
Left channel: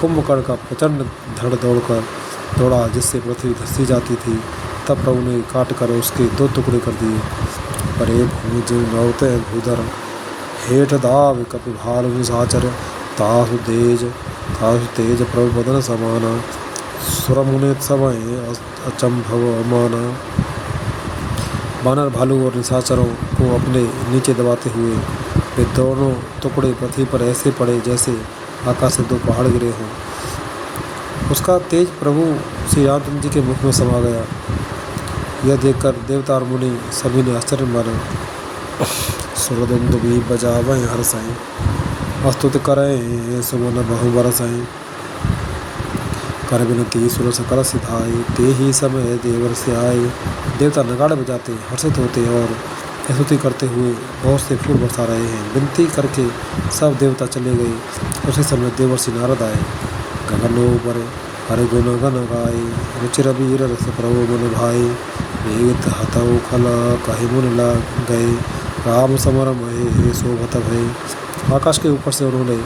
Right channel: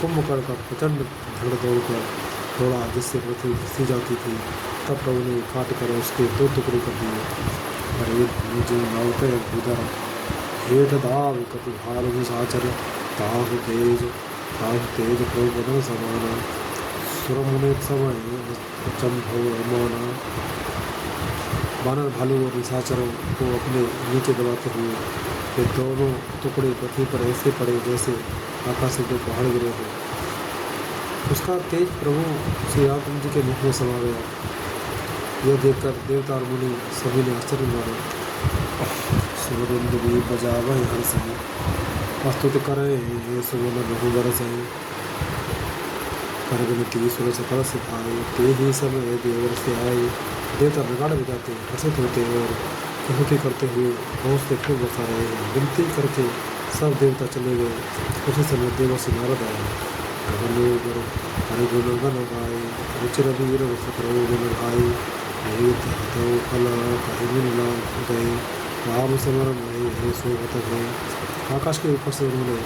कुंभकर्ण का प्रचंड धड़ दौड़ा जिससे पृथ्वी धंसी जाती थी। तब प्रभु ने काट कर उसके 2 टुकड़े कर दिए। परे भूज नौते भूधर, हेठ दाव कपि भालु साचर, ताहु तेज प्रभु बदन समाना, सुरमुनि समय अचंभव माना। बानर भालू और निशाचरों को अपने नीचे दबाते हुए वे दोनों टुकड़े पृथ्वी पर ऐसे पड़े जैसे आकाश से 2 पहाड़ गिरे हों। उसका तेज प्रभु श्री रामचंद्र जी के मुख में समा गया। यह देखकर देवता और मुनि सभी ने आश्चर्य मारे। सुरदुंद भी बजावें हर्षाएं, स्तुति करें सुमन बहु बरसाएं, कर बिनती सुर सकल सिधाए, ते ही समय देवर से आए। देवता नगाड़े बजाते हर्षित होते और स्तुति करते हुए बहुत से फूल बरसा रहे हैं। विनती करके सब देवता चले गए। उसी समय देवर्षि नारद आए। गगनों पर हरि गुण गण गाए, रुचिर वीर रस प्रभु मन भाई, वेद हतौ खल कहि मुनि लग गए, राम समर महे शोभत भय। आकाश के ऊपर से उन्होंने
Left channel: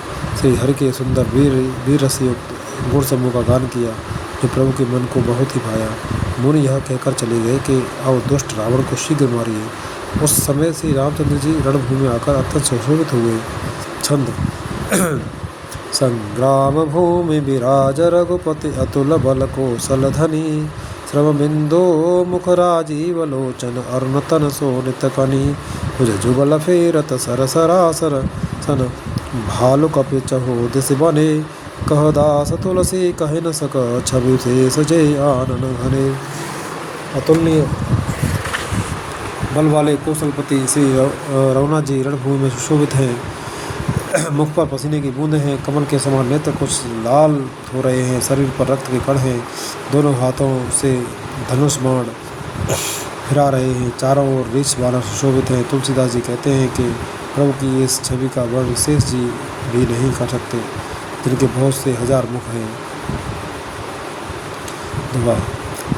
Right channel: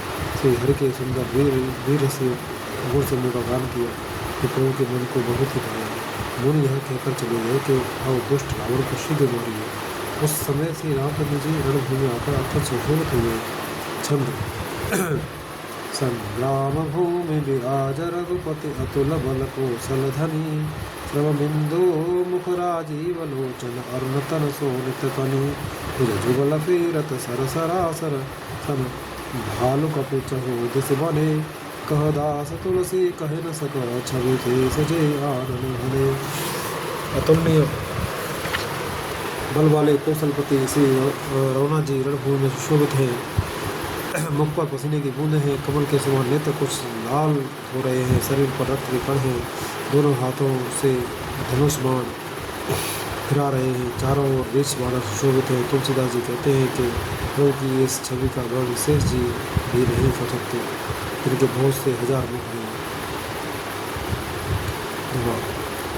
श्री हरि के सुंदर वीर रस युक्त गुण समूह का गान किया, जो प्रभु के मन को बहुत ही भाया। मुनि यह कहकर चले गए कि आओ दुष्ट रावण को शीघ्र मारिए। उस समय श्री रामचंद्र जी रणभूमि में आकर अत्यंत सुशोभित हुए। छंद संग्राम भूमि विराज रघुपति, अतुल बल कौशल धनी, श्रम बिंदो मुख राजीव लोचन, अरुण तन सोनित कनी, भुज जुगल फेरत सर सरासर सन, भालु कपि चहु दिस बने, कह दास तुलसी कहे न सक, छवि से सजे आनन घने। अतुलनीय बल वाले कौशलपति श्री रघुनाथ जी रणभूमि में सुशोभित हैं। मुख पर पसीने की बूंदें हैं, कमल के समान नेत्र कुछ लाल हो रहे हैं, शरीर पर रक्त के कण हैं, दोनों हाथों से धनुष बाण फिरा रहे हैं, चारों ओर रीछ बाण सुशोभित हैं। तुलसीदास जी कहते हैं कि प्रभु की इस छवि का वर्णन शेष जी भी नहीं कर सकते, जिनके बहुत से हजार मुख हैं। दुआ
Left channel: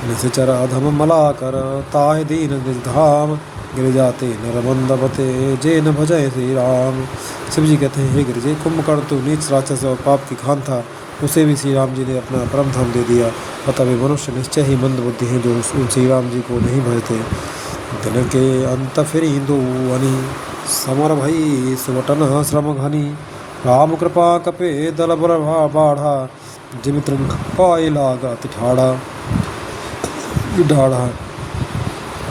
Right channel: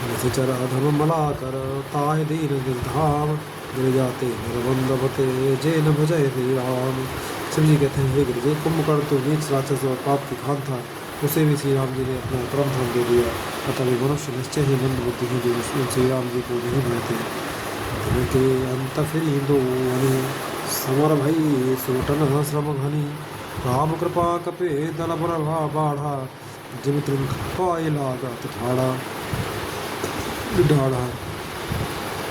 निश्चर अधम मला कर ताहि दीन धाम, गिर जाते नरबंदपते जे न भजय श्री राम। शिव जी कहते हैं, हे गिरजे, कुंभकर्ण तो नीच राक्षस और पाप की खान था, उसे भी श्री राम जी ने अपना परम धाम दे दिया। अतः वे मनुष्य निश्चय ही मंद बुद्धि हैं जो उन श्री राम जी को नहीं भजते। दिन के अंत फिर दो अनी, समर भई सुवटन श्रम घनी, राम कृपा कपे दल बरभा बाढ़ा, जिम त्रम पाए लागत ठाड़ा ढाढ़ा।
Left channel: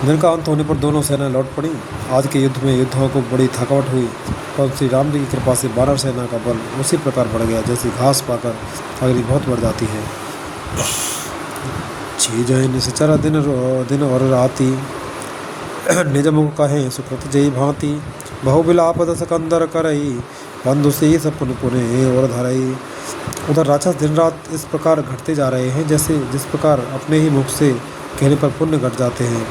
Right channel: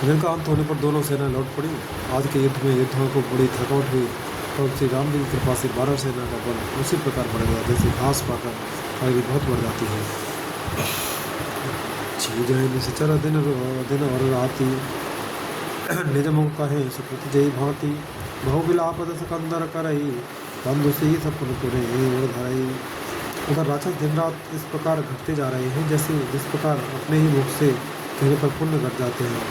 दिन का अंत होने पर दोनों सेना लौट पड़ी। आज के युद्ध में योद्धाओं को बड़ी थकावट हुई, पर श्री राम जी की कृपा से वानर सेना का बल उसी प्रकार बढ़ गया जैसे घास पाकर अग्नि बहुत बढ़ जाती है। चीज निश्चर दिन और राति, निज मुख कहे सुकृत जय भांति, बहु विलाप दस कंदर करई, बंधु से सपन पुने और धरई। उधर राक्षस दिन रात इस प्रकार घटते जा रहे हैं जैसे जिस प्रकार अपने ही मुख से कहने पर पुण्य घट जाते हैं।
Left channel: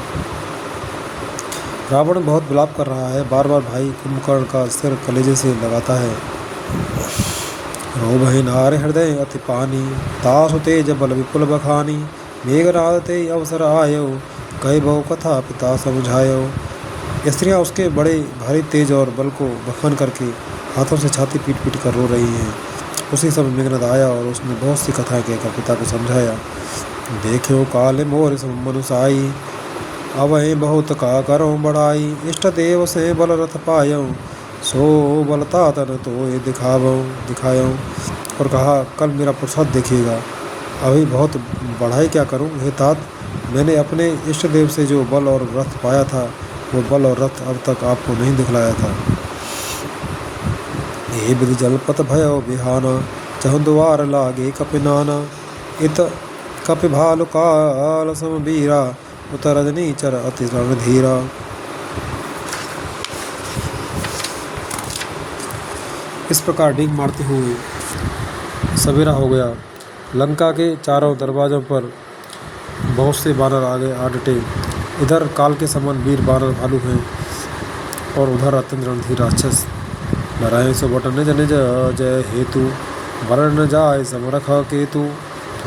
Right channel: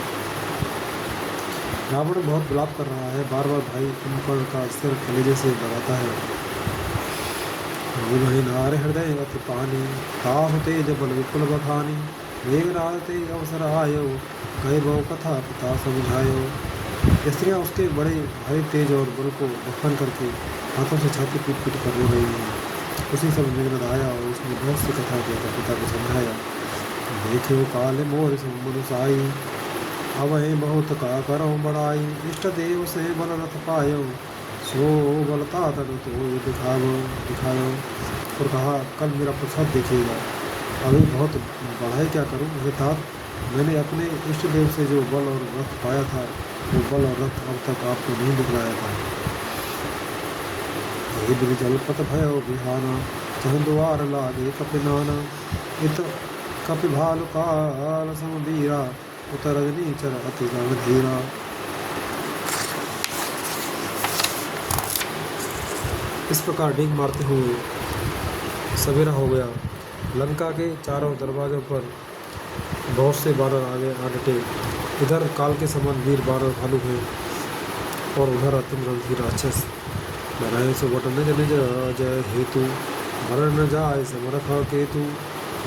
रावण बहुत विलाप कर रहा है, बार बार भाई कुंभकर्ण का सिर कलेजे से लगाता है। रो भय नार हृदय अति पानी, तासु तेज बल विपुल बखानी, मेघनाद ते अवसर आयो, कई बहु कथा पिता समझायो। स्त्रियाँ उसके बड़े भारी तेज और बल को बखान करके हाथों से छाती पीट पीट कर रो रही हैं। उसी समय मेघनाद आया और उसने बहुत सी कथाएं कहकर पिता को समझाया। देखो काले मोर मनुसाई, अवै बहुत का करो बढ़ाई, इष्ट देव से बल रथ पायो, सो बलता तन तो दिखायो। और कहा, कल मेरा प्रसाद देखिएगा, अभी बहुत बढ़ाई क्या करूं हे तात, मैंने अपने इष्ट देव से जो बल और रथ पाया था, वो बल और रथ अब तक आपको नहीं दिखलाया था। ये विधि जलपत भयो बिहाना, चहुद्वार लागे कपिनाना, इत कपि भालु काल समबीरा, उतर रजनी चर अति रणधीरा। इस प्रकार डींग मारते हुए सवेरा हो गया। लंका के चारों दरवाजों पर बहुत से बानर आगे आ डटे। इधर काल के समान वीर बानर भालू हैं और उधर अत्यंत रणधीर राक्षस। डराए सो बट निज निज जय हेतु, वरण न जाए समरख केतु।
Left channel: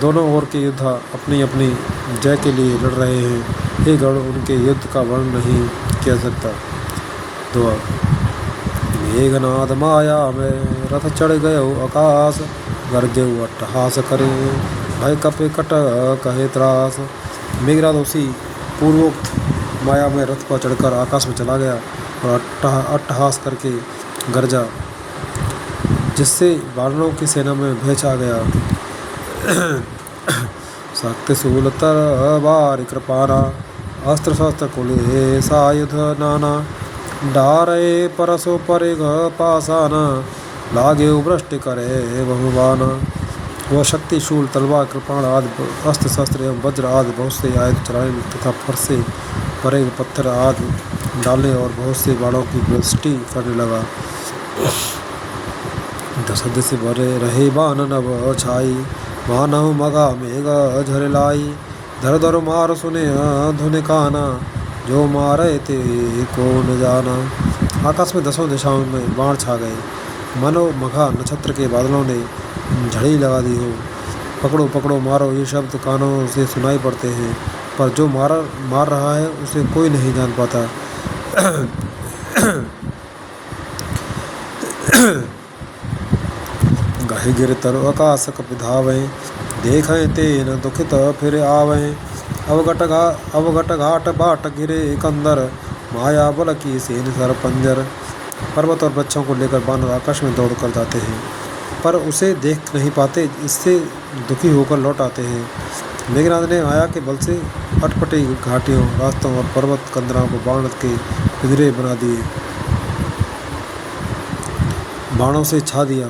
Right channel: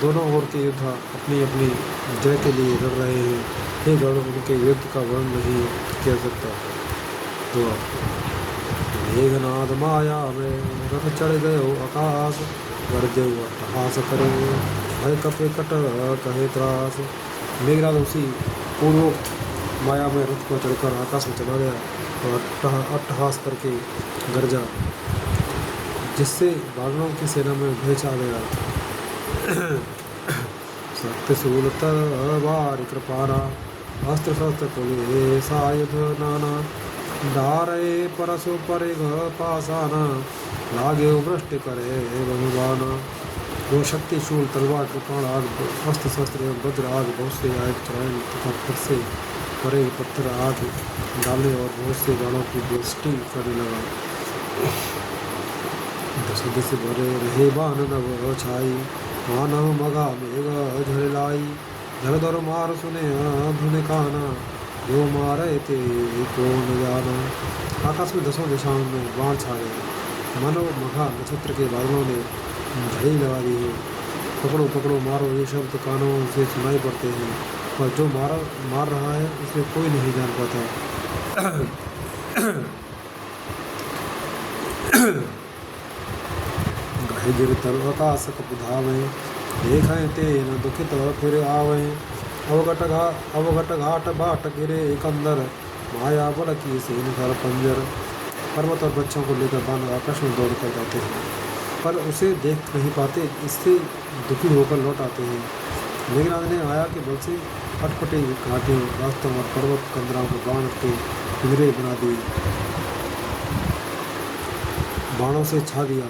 दोनों ओर के योद्धा अपनी अपनी जय के लिए लड़ रहे हैं। हे गण, उनके युद्ध का वर्णन नहीं किया सकता। दुआ मेघनाद माया में रथ चढ़ गयो आकाश, गरजेऊ अट्टहास करे, भय कपे कट कहे त्रास। मेघनाद उसी पूर्वोक्त माया में रथ पर चढ़कर आकाश में चला गया और अट्टहास करके गरजा, जिससे वानरों की सेना में भय छा गया। शक्ति शूल तरबारि कृपाना, अस्त्र शस्त्र कुले सायुध नाना, डारे परसो परे पासाना, लागे वृष्टि करे बहुबाना। वह शक्ति शूल तलवार कृपाण आदि अस्त्र शस्त्र एवं वज्र आदि बहुत से आयुध चलाने तथा फरसे परे पत्थर आदि डालने और बहुत से बाणों की वृष्टि करने लगा। दशद से भरे रहे बान नभ छाई, मानव मगा मेघ झरलाई, धर धर मार सुने धुन काना, जो मारे ते को न जाना। आकाश में दसों दिशाओं में बाण छा गए, मनो मघा नक्षत्र के बादलों ने झड़ी लगा दी हो। पकड़ो पकड़ो मारो ये शब्द कानों से सुनाई पड़ते हैं, पर जो मार रहा है उसे कोई नहीं जान पाता। गाहे गिर तरु आकाश कप धावे, देखें ते न दुखित फिर आवे। अवघट घाट बाट गिरे कंदर, माया बल की सेन सर पंजर। पर्वत और बच्चों को लेकर बानर आकाश में दौड़ कर जाते हैं, पर उसे देख नहीं पाते, इससे दुखी होकर लौट आते हैं। मेघनाद ने माया के बल से अटपटी घाटियों, रास्तों और पर्वत कंदराओं को बाण के पिंजरे बना दिए, बाणों से छा दिया।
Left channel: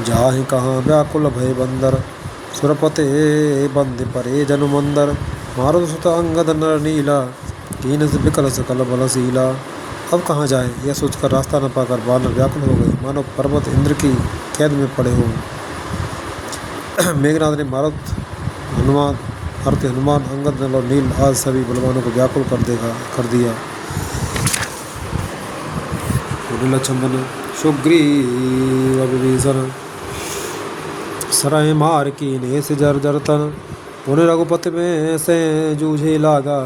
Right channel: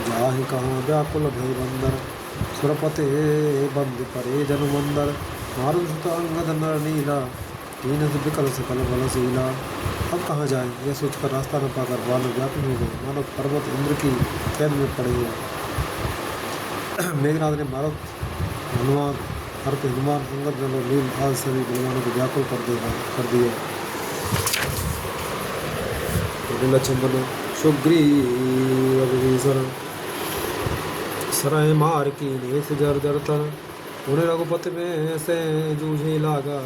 जाहि कहाँ व्याकुल भय बंदर, सुरपते बंद परे जनु मंदर। मारुत सुत अंगद नर नीला, कीन से विकल सकल बलशीला। अब कहाँ जाएं, यह सोचकर रास्ता न पाकर वानर व्याकुल हो गए, मानो पर्वत इंद्र की कैद में पड़े हों। मेघनाथ ने मारुत, हनुमान, हनुमान, अंगद, नल और नील आज सभी बलवानों को व्याकुल कर दिया। लक्ष्मण सुग्रीव विभीषण सराय मार की ने से जर जर तन, उन्हें रघुपति में से जूझे लागा,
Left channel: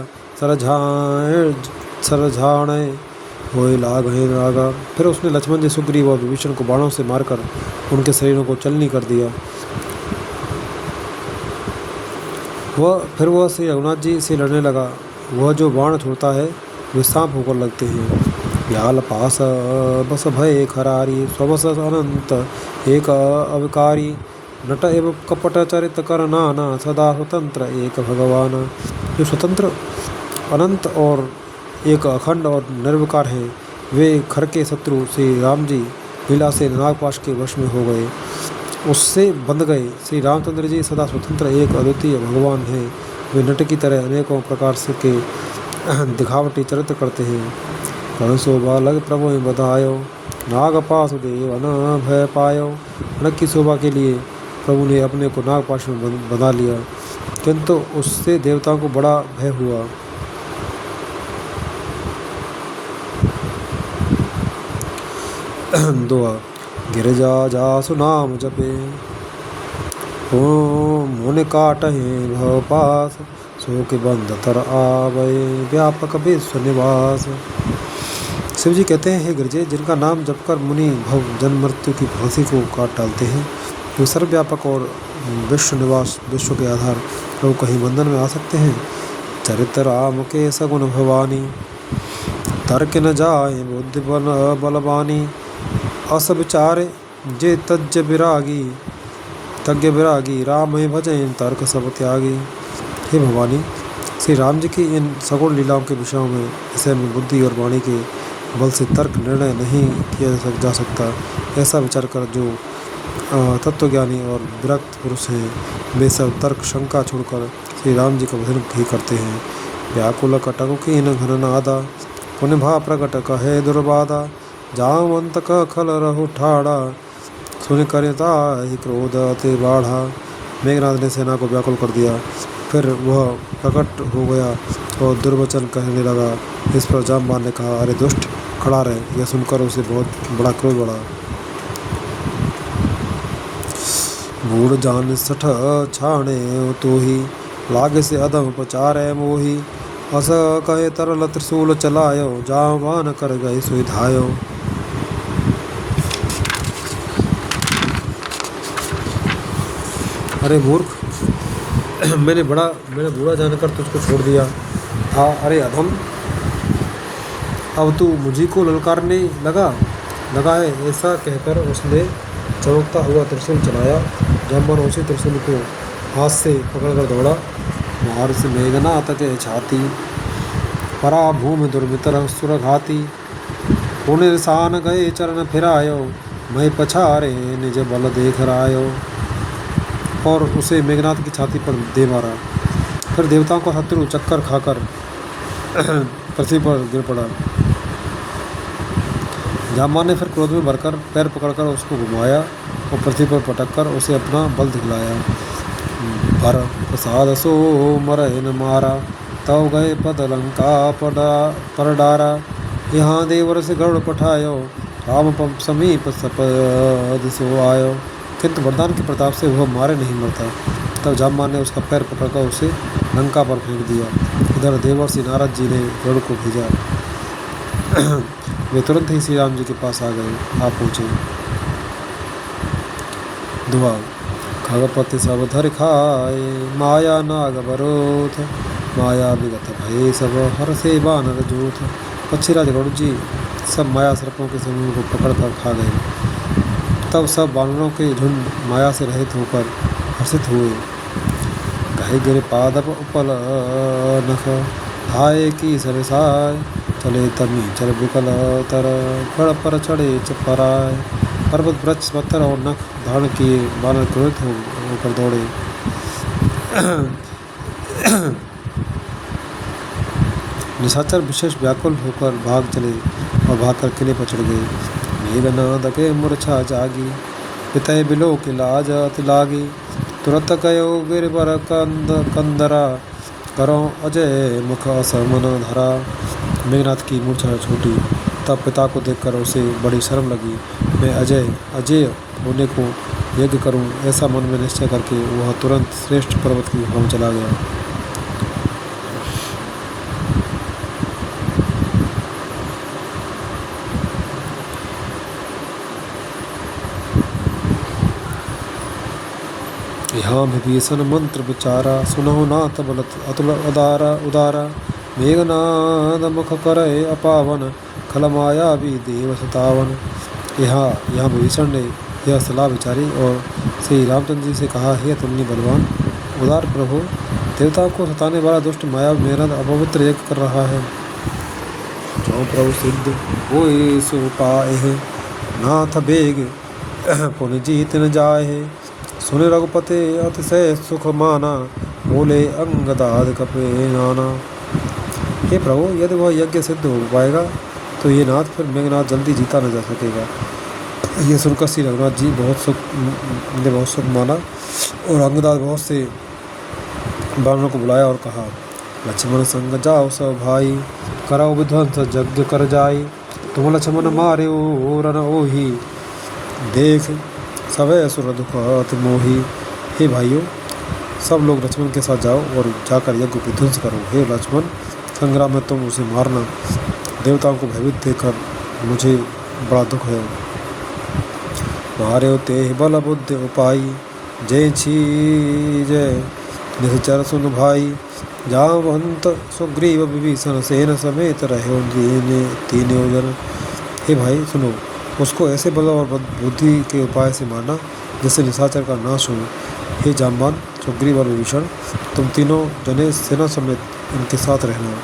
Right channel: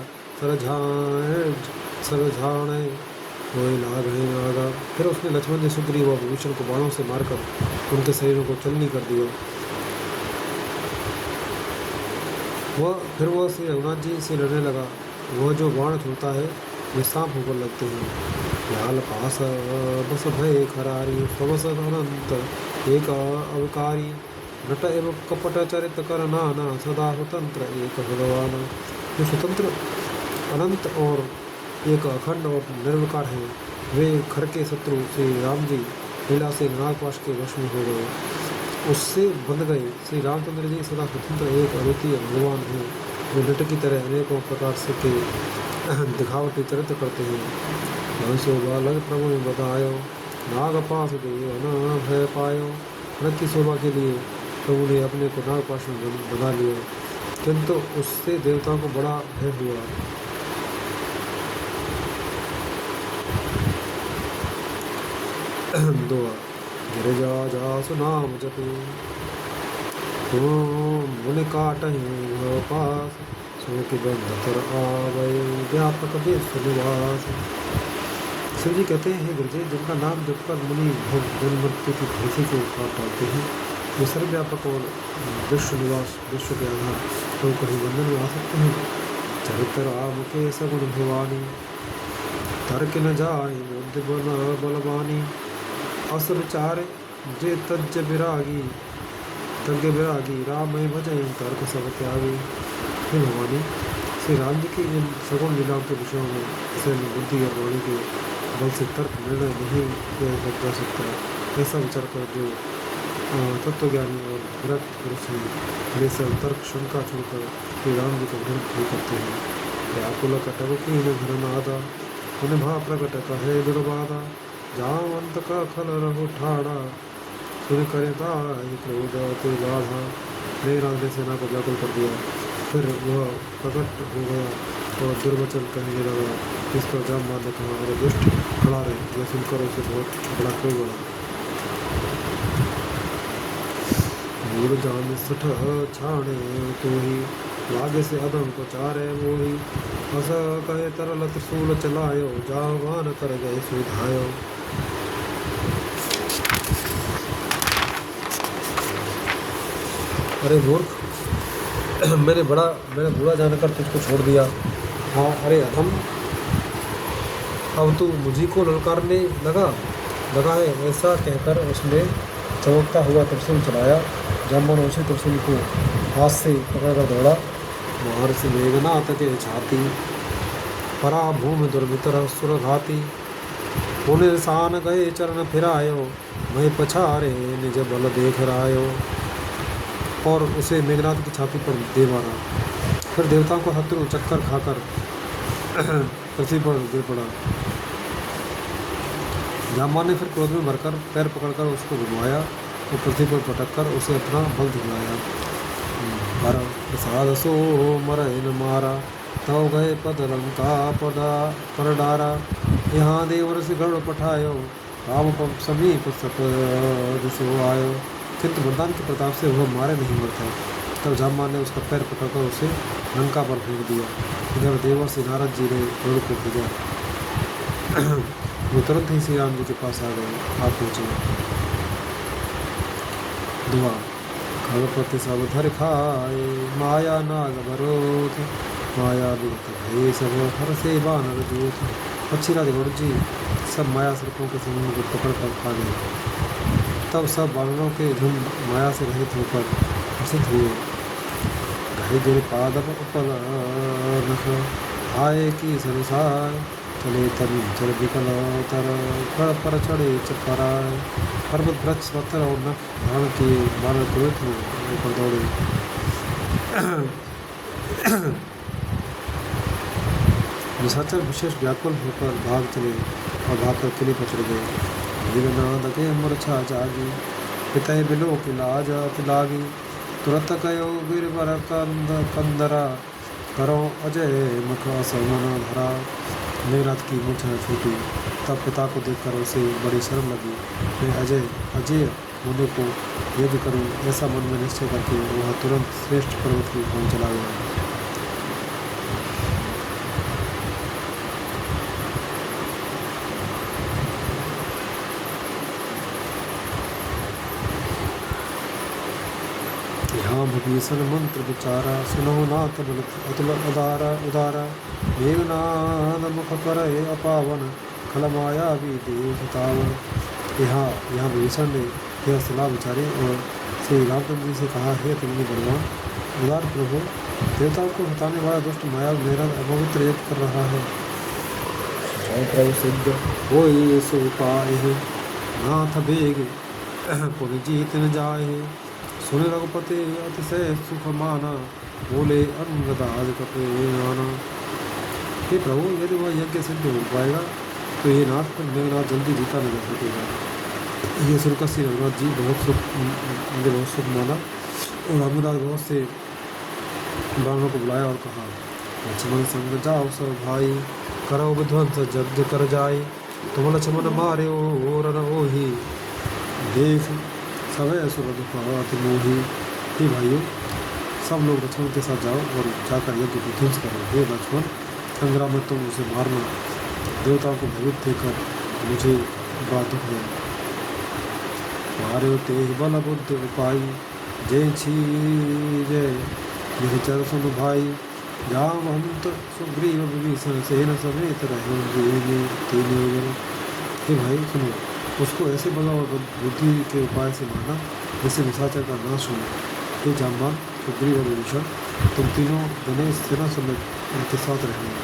सरझाणे होए लाग है लागा। फिर उसने लक्ष्मण जी, सुग्रीव और विभीषण को बाणों से मारकर उनके शरीरों को चलनी कर दिया। वह श्री रघुनाथ जी से लड़ने लगा। वह जो बाण छोड़ता है वे सांप होकर लगते हैं। व्याल पास बस भय खरारी, स्वबस अनंत एक अविकारी, नट एवं कपट चरित कर नाना, सदा स्वतंत्र एक भगवान। जो स्वतंत्र, अनंत और एक अखंड और निर्विकार हैं, वे खर के शत्रु श्री राम जी लीला से नागपाश के वश में हो गए, उससे बंध गए। श्री रामचंद्र जी सदा स्वतंत्र एक अद्वितीय भगवान हैं। वे नट की तरह अनेकों प्रकार से के दिखावटी चरित्र करते हैं। परसो बालक प्रभु में बधायो, नागपाश देव न भय पायो। नट की शोभा के लिए प्रभु ने अपने को नागपाश में बंधा लिया, किंतु उससे देवताओं को बड़ा भय हुआ। दुआ गिरजा जासु नाम जपे, ओम मुनि काटहि भव पास, सो के बंध तर आवे व्यापक विश्व निवास। शिव जी कहते हैं, हे गिरजे, जिनका नाम जपकर मुनि भव जन्म मृत्यु की फांसी को काट डालते हैं, वो सर्वव्यापक और विश्व निवास, विश्व के आधार, लोग कहीं बंधन में आ सकते हैं। चरित्र राम के सगुण भवानी, तर्क न जाए बुद्धि बलवानी। अस विचारे जे तज्ज विरागी, तज्ञ विरागी, राम भजन तर्क सब त्यागी। हे भवानी, श्री राम जी की इन सगुण लीलाओं के विषयों में इसे में बुद्धि और वाणी के बल से तर्क निर्णय नहीं किया जा सकता। ऐसा विचार कर जो तत्वज्ञानी और विरक्त पुरुष हैं, वे सब तर्क शंका छोड़कर श्री राम जी का भजन ही करते हैं। व्याकुल कटक कीन घन नादा, पुण्य भा प्रकट कहे दुर्बाधा। जामंत का खल रहो ठाड़ा, सुन करता ही क्रोध अति बाढ़ा। मेघनाथ ने सेना को व्याकुल कर दिया। फिर वह प्रकट हो गया और दुर्वचन कहने लगा। इस पर जामवान ने कहा, अरे दुष्ट, खड़ा रहे। यह सुनकर उसे बहुत बड़ा क्रोध बढ़ा। बूढ़ जान सठ छाणे तो ही, लागे से अधम पचारे मोही। अस कहे तरल त्रिशूल चलायो, जामवान कर गए सुधायो। अरे मूर्ख, मैंने बूढ़ा जानकर तुझको छोड़ दिया था। अरे अधम, अब तू मुझी को ललकारने लगा है। ऐसा कहकर उसने चमकता हुआ त्रिशूल चलाया। जामवान उसी त्रिशूल को हाथ से पकड़कर दौड़ा। मार से मेघनाथ के छाती, परा भूमि दुर्मितर सुरघाती। पुण्य निशान गए चरण फिरायो, मैं पछारे निज बल देख रायो। और उसे मेघनाथ की छाती पर दे मारा। फिर देवताओं का शत्रु चक्कर खाकर पृथ्वी पर गिर पड़ा। जामवान ने फिर क्रोध में भरकर पैर पकड़कर उसको घुमाया और पृथ्वी पर पटककर उसे अपना बल दिखलाया। भर प्रसाद सो मरहि न मारा, तव गए पद लंका पर डारा। यहाँ देवर से गरुड़ पठायो, राम समीप सपद सो आयो। किंतु वरदान के प्रताप से वह मारे नहीं मरता। तब जामवान ने उसका पैर पकड़कर उसे लंका पर फेंक दिया। इधर देवर्षि नारद जी ने गरुड़ को भेजा। वे तुरंत ही श्री राम जी के पास आ पहुँचे। दुआ खगपति सब धर खाए, माया नाग बरोथ। माया विगत भय सब हर से बानर जूथ। पक्षीराज गरुड़ जी सब माया सर्पों के समूह को पकड़ कर खा गए। तब सब बानरों के झुंड माया से रहित होकर हर्षित हुए। गहे गिर पादप उपल नख, आए की सरसाय। चले तमी चल विकल तर, गढ़ पर चढ़े चपराए। पर्वत वृक्ष पत्थर और नख धारण किए बानर क्रोधित होकर दौड़े। निशाचर विशेष व्याकुल होकर भाग चले। और भागकर किले पर चढ़ गए। मेघनाद के मूर्छा जागी, पितय बिलो के लाज अति लागी। तुरत कयो गिरबर कंदरा, करो अजय मुख असमन धरा। मेघनाथ की मूर्छा छूटी, तब पिता को देखकर उसे बड़ी शर्म लगी। मैं अजय होने को यज्ञ करूं, ऐसा मन में निश्चय करके वह तुरंत श्रेष्ठ पर्वत की गुफा में चला गया। यहाँ विभीषण मंत्र विचारा, सुनो नाथ बल अतुल उदारा। मेघनाद मुख करे अपावन, खल माया भी देव सतावन। यहाँ विभीषण ने यह सलाह विचारी और श्री रामचंद्र जी से कहा, हे तुमने बलवान उदार प्रभु, देवता को सताने वाला दुष्ट माया मेघनाद अपवित्र यज्ञ कर रहा है। जो प्रभु सिद्ध होए सो पाए, नाथ बेग पुन जीत न जाए। सुने रघुपति अतिशय सुख माना, बोले अंगदाद कपे नाना। हे प्रभु, यदि वह यज्ञ सिद्ध हो पाएगा तो ये नाथ फिर मेघनाथ जल्दी जीता न जा सकेगा। ये सुनकर श्री रघुनाथ जी बहुत सुख माना और अंगदाद बहुत से बानरों को बुलाया और कहा, लक्ष्मण संग जाओ सब भाई, कराओ विध्वंस यज्ञ कर जाई। तुम लक्ष्मण मारे ओ रन ओही, देख सवै असुर दुख अति मोही। हे भाइयों, सब लोग लक्ष्मण के साथ जाओ और जाकर यज्ञ को ध्वंस करो। हे लक्ष्मण, संग्राम में तुम उसे मारना, देवताओं को भयभीत देखकर मुझे बड़ा दुख है। मारे ते बल बुद्धि उपाई, जय छी जय निश्चर सुन भाई। जावंत सुग्रीव विभीषण सेन समेत रहे तीन योजन। हे भाई सुनो, उसको ऐसे बल और बुद्धि के उपाय से मारना जिससे निशाचर का नाश हो। हे जाम्बान, सुग्रीव और विभीषण, तुम तीनों जने सेना समेत इनके साथ रहना।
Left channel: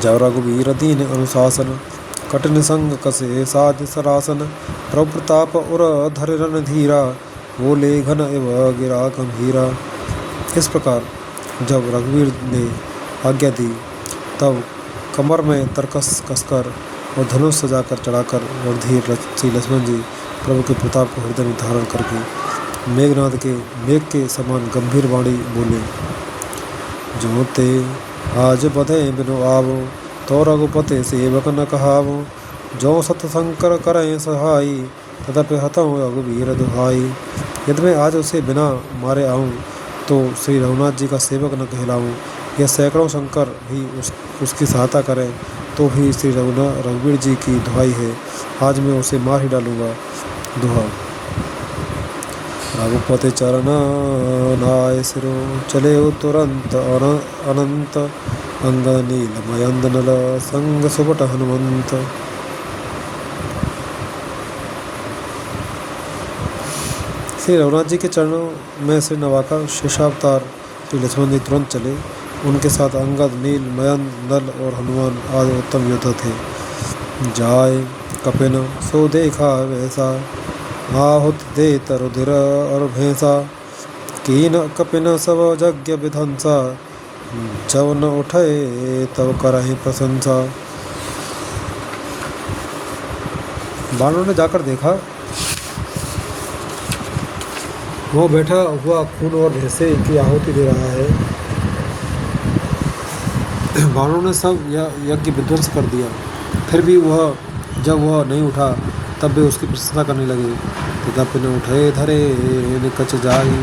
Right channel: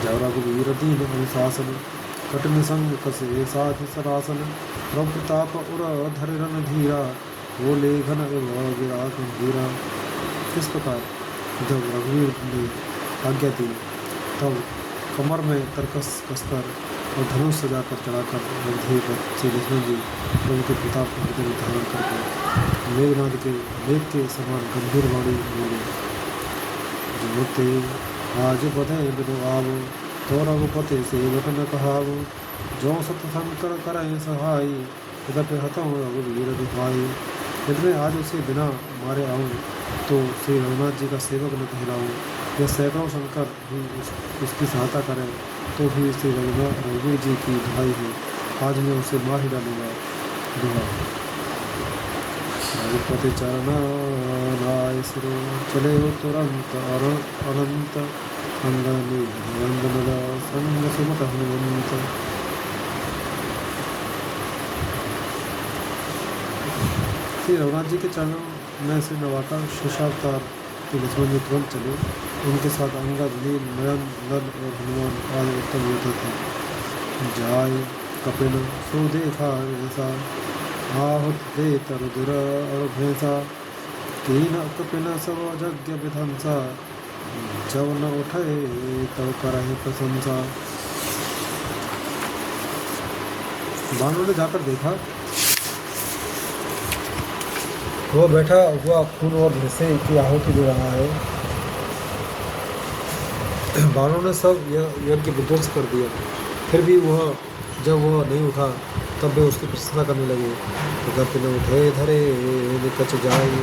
जाओ रघुवीर दीन अनुशासन, कठिन संग कसे साध सरासन। प्रभु प्रताप उर धर रन धीरा, बोले घन एव गिरा गंभीरा। इस प्रकार जब रघुवीर ने आज्ञा दी तब कमर में तरकस कसकर और धनुष सजाकर चढ़ाकर और धीर श्री लक्ष्मण जी प्रभु के प्रताप को हृदय में धारण करके मेघनाद के मेघ के समान गंभीर वाणी बोले, जो ते आज बधे बिनु आवो, तो रघुपति सेवक न कहावो। जो सतशंकर करें सहाई, तदपि हतौ रघुवीर दुहाई। यदि मैं आज उसे बिना मारे आऊँ तो श्री रघुनाथ जी का सेवक न कहलाऊँ। यह सैकड़ों शंकर भी उसकी सहायता करें तो भी श्री रघुवीर जी की दुहाई है। आज मैं उसे मार ही डालूँगा। दुहा। रघुपति चरण नाय सिरो, चले तुरंत अनंत। अंग नील मयंद नल, संग सुबट हनुमंत। श्री रघुनाथ जी के चरणों में सिर नवाकर शेषावतार श्री लक्ष्मण जी तुरंत चले। उनके साथ अंगद, नील, मयंद, नल और हनुमान आदि उत्तम योद्धा थे। जाय कपिन सो देखा वैसा, आहुत दे तरुधिर और भैंसा। कीन कपिन सब यज्ञ विध्वंसा, जब न उठे तब करहि प्रशंसा। बानरों ने जाकर देखा, वह बैठा हुआ खून और भैंसे की आहुति दे रहा है। बानरों ने सब यज्ञ विध्वंस कर दिया। फिर भी जब वह नहीं उठा तब वे उसकी प्रशंसा करने लगे। तो कपिन उठे धरे निकच जाई,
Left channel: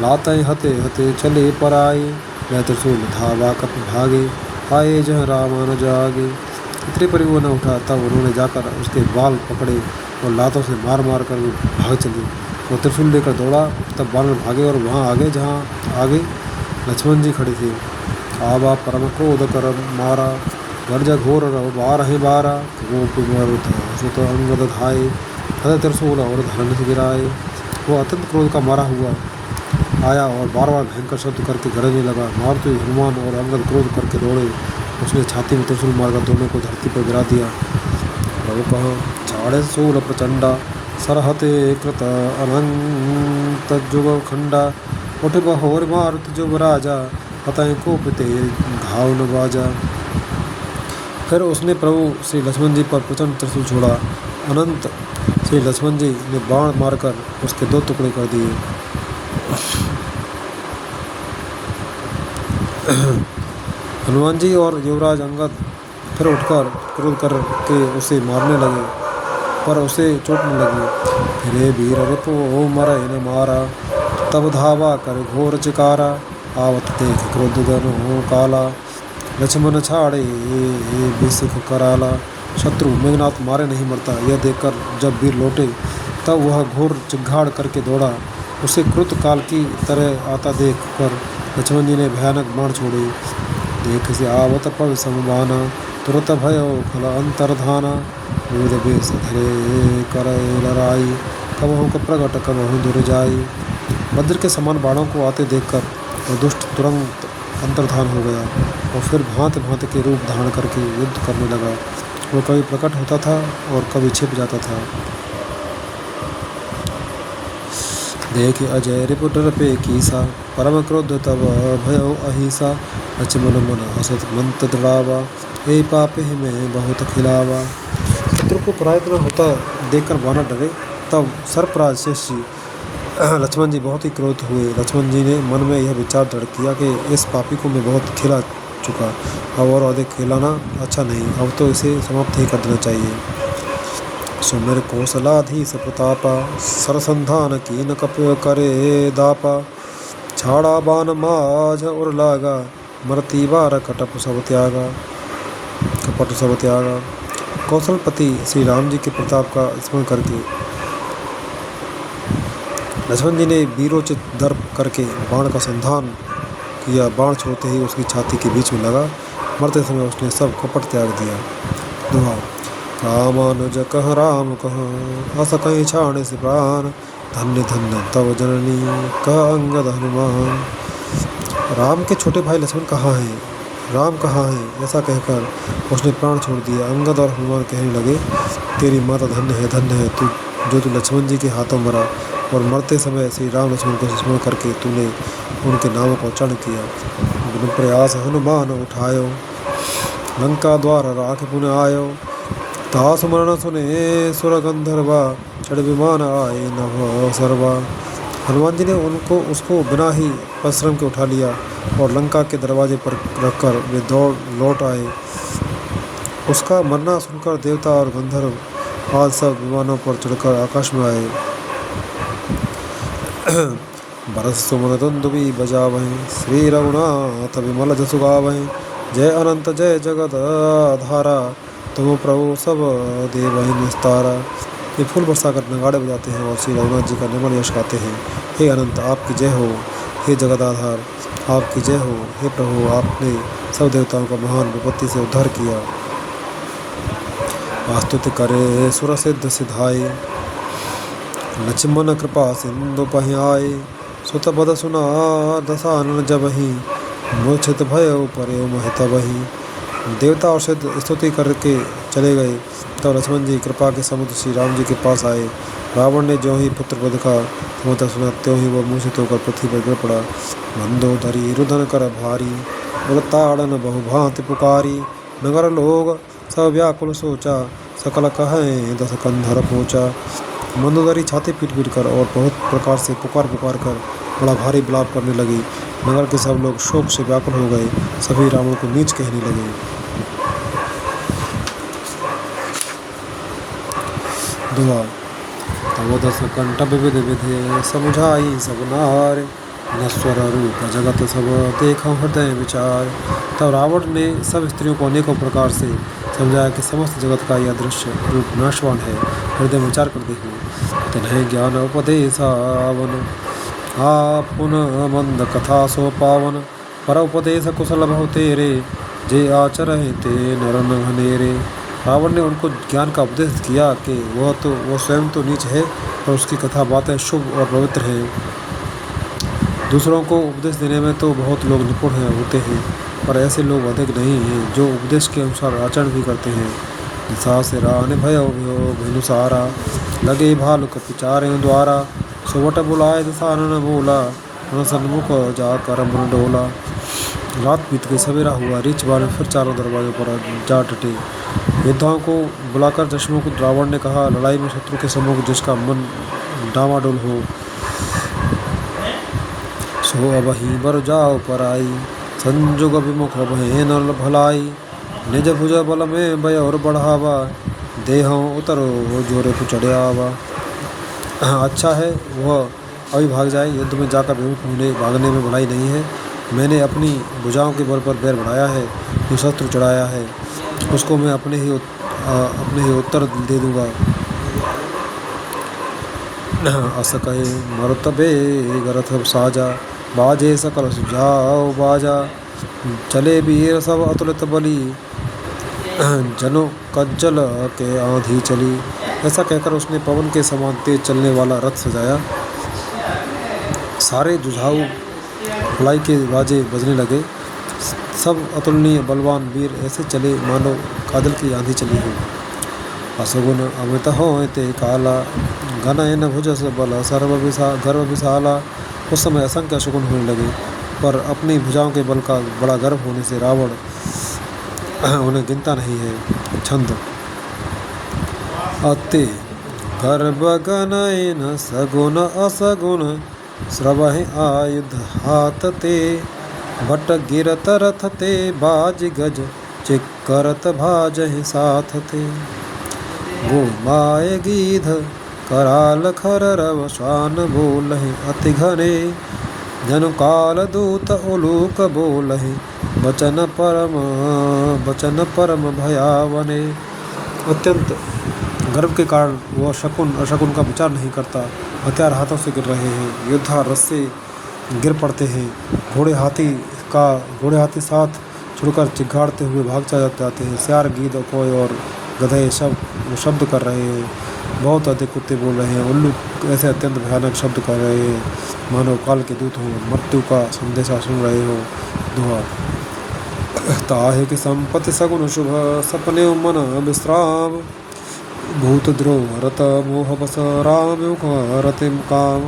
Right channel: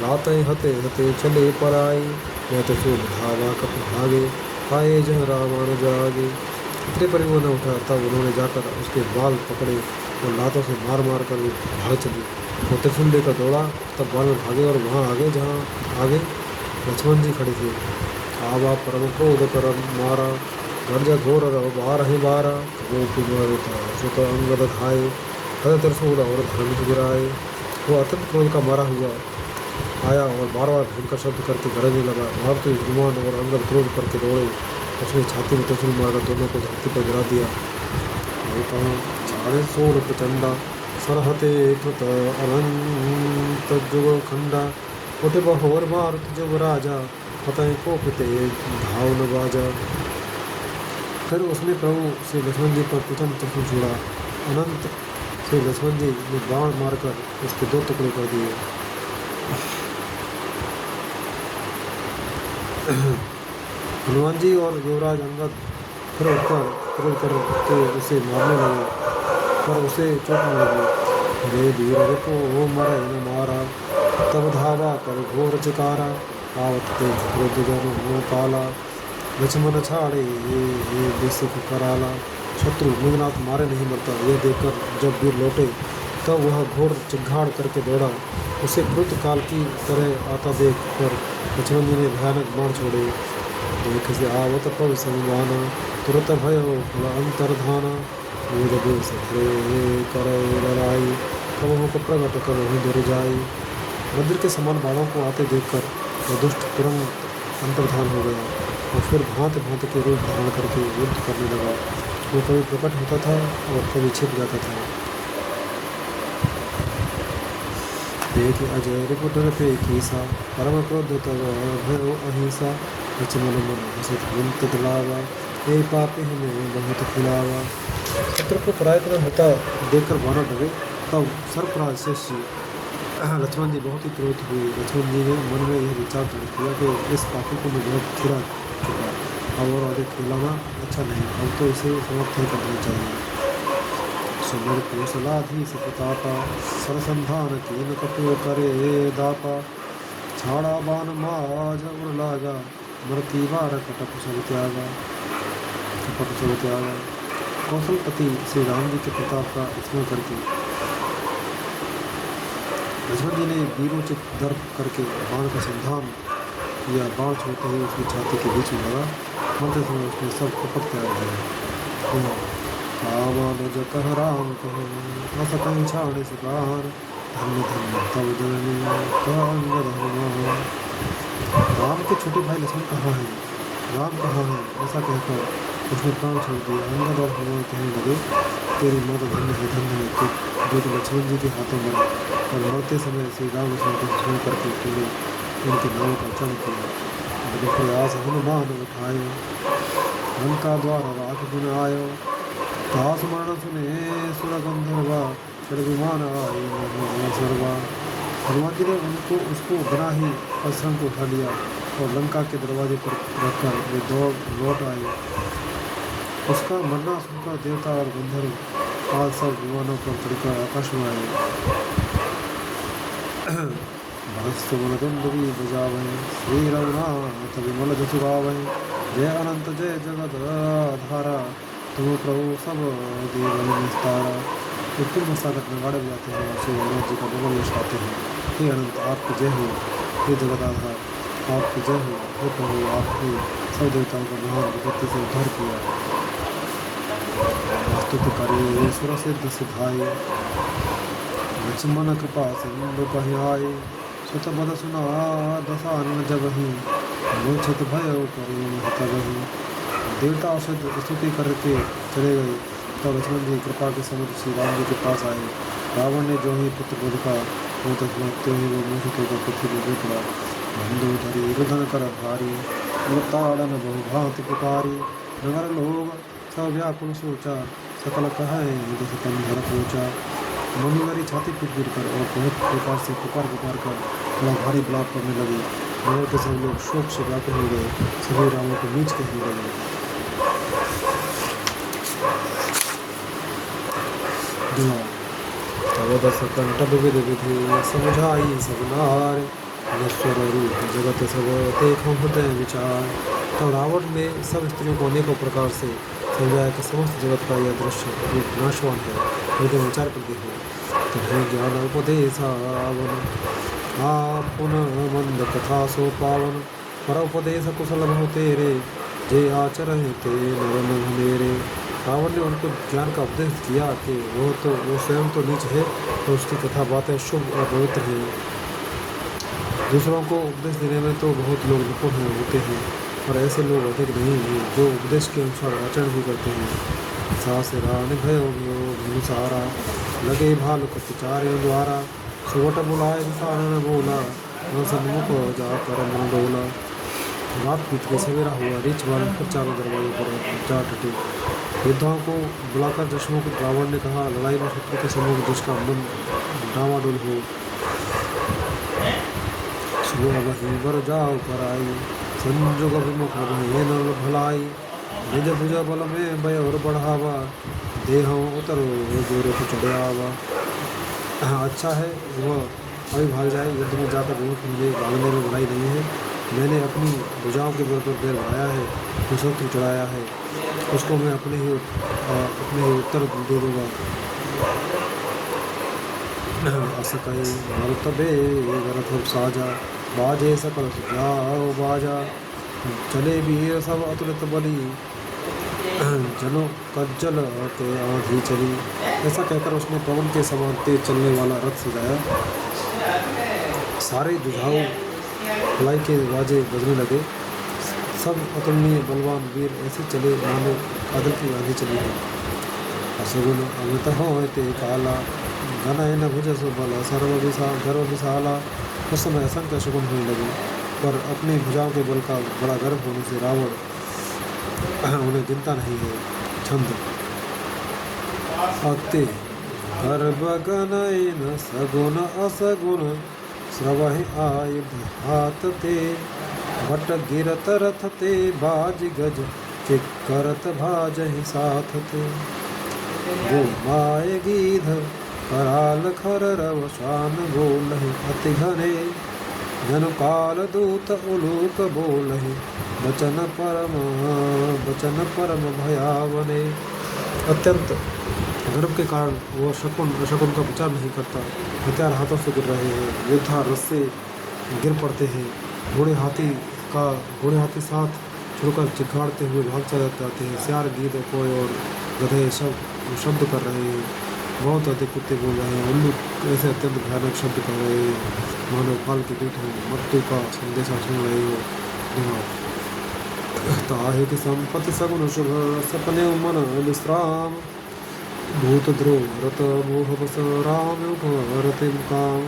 लाते हते हते चले पर आई। मैं त्रिशूल धावा कपि भागे, पाए जह राम न जागे। इतने पर वो न उठा तब उन्होंने जाकर उसके बाल पकड़े और लातों से मार मार कर वो भाग चले। वो त्रिशूल लेकर दौड़ा, तब बानर भागे और वहाँ आगे जहाँ आगे लक्ष्मण जी खड़े थे। आवा परम क्रोध कर मारा, गर्ज घोर बारह बारा। सुत अंगद धाये, हद त्रिशूल और धनुष गिराए। वो अत्यंत क्रोध का मारा हुआ आया और बार बार भयंकर शब्द करके गरजने लगा। मारुति, हनुमान और अंगद क्रोध करके दौड़े। उसने छाती में त्रिशूल मारकर दोनों को धरती पर गिरा दिया। प्रभु कहो छाड़े शूल प्रचंडा, सरहते कृत अनंत जुग खंडा। उठ बहोर मारुत जुग राजा, पतंग को पिते घाव न बाजा। फिर उसने प्रभु श्री लक्ष्मण जी पर प्रचंड त्रिशूल छोड़ा। अनंत श्री लक्ष्मण जी ने बाण मारकर उसके 2 टुकड़े कर दिए। हनुमान जी और युवराज अंगद फिर उठकर क्रोध करके उसे मारने लगे, पर उसे चोट न लगी। रे वीर रिपु मरै न मारा, तब धावा कर घोर चिकारा। आवत देख क्रोध धनु काला, लक्ष्मण छाड़े बिसिख कराला। शत्रु मेघनाथ मारे नहीं मरता, यह देखकर जब वीर लौटे तब वह घोर चिघाड़ करके दौड़ा। उसे क्रुत काल की तरह आता देख कर लक्ष्मण जी ने भयानक बाण छोड़े। देख से आवत पव समबाना, तुरत भयो फल अंतर्धाना। बोध बेस धरे करे लड़ाई, कबहु प्रगट कबहु दुर्जाई। वज्र के समान बाणों को आते देखकर वह दुष्ट तुरंत अंतर्धान हो गया और फिर भांत भांत के रूप धारण करके युद्ध करने लगा। वो कभी प्रकट होता था और कभी छिप जाता था। देख अजय रिपुट पे कीसा, परम क्रोध तब भयो अहिसा। लक्ष्मण मन हसत मंत दृढ़ावा, ए पापे में बहुत खिलावा। शत्रु को पराजित न होता देखकर वानर डरे। तब सर्पराज शेष जी लक्ष्मण जी बहुत ही क्रोधित हुए। लक्ष्मण जी ने मन में यह विचार दृढ़ किया कि इस पापी को मैं बहुत खिला चुका, अब और अधिक खिलाना अच्छा नहीं, अब तो इसे समाप्त ही कर देना चाहिए। सुमिर कौशलाधीश प्रतापा, सरसंधान कीन कप करे दापा। छाड़ा बान माझ उर लागा, मरती बार कटप सब त्यागा, कपट सब त्यागा। कौशलपति श्री राम जी के प्रताप का स्मरण करके लक्ष्मण जी ने वीरोचित दर्प करके बाण का संधान किया। बाण छोड़ते ही उसकी छाती के बीच में लगा। मरते समय उसने सब कपट त्याग दिया। दुआ रामानुज कह राम कह, अस कहीं छाणे से प्राण। धन्य धन्य तव जननी कह अंगद हनुमान। राम के छोटे भाई लक्ष्मण कहाँ हैं, राम कहाँ हैं, ऐसा कहकर उसने प्राण छोड़ दिया। अंगद और हनुमान कहने लगे, तेरी माता धन्य है तू, जो तू लक्ष्मण जी के हाथों मरा और मरते समय श्री राम लक्ष्मण को स्मरण करके तूने उनके नामों का उच्चारण किया। बिनु प्रयास हनुमान उठायो, लंका द्वार राख पुनः आयो। तास मरण सुने सुर गंधर्वा, चढ़ विमान आए नभ सर्वा। हनुमान जी ने उसको बिना ही परिश्रम के उठा लिया और लंका के दरवाजे पर रखकर वे दौड़ लौट आए। उसका मरना सुनकर देवता और गंधर्व आज सब विमानों पर चढ़कर आकाश में आए। भरत सुमन दुंदुभी बजावहीं, श्री रघुनाथ विमल जसु गावहीं। जय अनंत जय जगत धारा, तुम प्रभु सब देवहि निस्तारा। ये फूल बरसाकर नगाड़े बजाते हैं और श्री रघुनाथ जी का निर्मल यश गाते हैं। हे अनंत आपकी जय हो, हे जगत आधार आपकी जय हो। हे प्रभु आपने सब देवताओं का महान विपत्ति से उद्धार किया। आस्तुति करे सुर सिद्ध सिधाई, लक्ष्मण कृपा सिंधु पहियाए। सुत बद सुना दसानन जबहि, मूर्छित भयो परे महत बही। देवता और सिद्ध स्तुति करके चले गए। तब लक्ष्मण जी कृपा के समुद्र श्री राम जी के पास आए। रावण ने जो ही पुत्र वध का समाचार सुना त्यों ही वह मूर्छित होकर पृथ्वी पर गिर पड़ा। मंदोदरी रुदन कर भारी, उड़ताड़न बहुभांति पुकारी। नगर लोग सब व्याकुल सोचा, सकल कहें दस कंधर पोचा। मंदोदरी छाती पीट पीट कर और बहुत प्रकार से पुकार कर बड़ा भारी विलाप करने लगी। नगर के सब लोग शोक से व्याकुल हो गए, सभी रावण को नीच कहने लगे। दुआ तब दस कंठ विविध विधे, समझाई सब नार। नश्वर रूप जगत सब देखो हृदय विचार। तब रावण ने सब स्त्रियों को अनेकों प्रकार से समझाया कि समस्त जगत का यह दृश्य रूप नाशवान है, हृदय में विचार कर देखो। तन्हे ज्ञान उपदेशावन, आप पुनः मंद कथा सो पावन। पर उपदेश कुशल बहु तेरे, जे आचरहि ते नर नघनेरे। रावण ने उनको ज्ञान का उपदेश किया कि वो स्वयं तो नीच है और उसकी कथा बातें शुभ और पवित्र हैं। दूसरों को उपदेश देने में तो बहुत लोग निपुण होते हैं, पर ऐसे लोग अधिक नहीं हैं जो उपदेश के अनुसार आचरण भी करते हैं। दिशा से रान भयो भेनुसारा, लगे भालु कपिचारे द्वारा। सुवट बुलाए दिशानन बोला, सन्मुख जाकर मन डोला। रात बीत गई, सवेरा हुआ। रीछ बाण फिर चारों दरवाजों पर जा डटे। योद्धाओं को बुलाकर दशमुख रावण ने कहा, लड़ाई में शत्रु के सम्मुख जिसका मन डामाडोल हो, सो अब ही बर जाओ पर आई। संजुग विमुख भय न भलाई, निज भुज बल में भय और बढ़ावा। देहों उतरो जोरे को चढ़ावा। अच्छा है वह अभी भाग जाए, युद्ध में जाकर विमुख होने भागने में भलाई नहीं है। मैंने अपनी भुजाओं के बल पर बैर बढ़ाया है, जो शत्रु चढ़ाया है उसको मैं अपने ही उत्तर दे दूंगा। अस कहे मरतबे गरथ साजा, बाजे सकल सुझाव बाजा। चले वीर सब अतुलित बली, जनो कज्जल के आंधी चली। ऐसा कहकर उसने पवन के समान तेज चलने वाला रथ सजाया। सारे जुझाऊ भलाई के बाजे बजने लगे। सब अतुलनीय बलवान वीर ऐसे चले मानो कादल की आंधी चली हो। असगुन अमित हो ते काला, घनयन भुजस बल गर्व विशाला। उस समय असंख्य शकुन होने लगे, पर अपनी भुजाओं के बल का बड़ा गर्व होने से रावण उन्हें गिनता नहीं है। छंद अते गर्भ गनयन सगुन असगुन, स्रवहि आयुध हाथ ते। भट गिरत रथ ते बाज गज, चिक्करत भाजहि साथ ते। गो माय गीध कराल खर रव, शान बोलहि अति घने। जनु काल दूत उलूक बोलहि, बचन परम भयावने। अत्यंत गर्व के कारण वह शकुन अशकुन का विचार नहीं करता। हथियार हाथों से गिर रहे हैं, योद्धा रस से गिर पड़ते हैं। घोड़े हाथी साथ छुड़कर चिघाड़ते हुए भाग जाते हैं। सियार गीद कोय और गधे शब्द कर रहे हैं। बहुत अधिक कुत्ते बोल रहे हैं। उल्लू ऐसे अत्यंत भयानक शब्द कर रहे हैं, मानो काल के दूत हो, मृत्यु का संदेशा सुन रहे हो। दुआ ताहे कि संपत्ति सगुन शुभ, सपने मन विश्राम। भूत द्रोह रत मोह बस, राम युग रते मुकाम।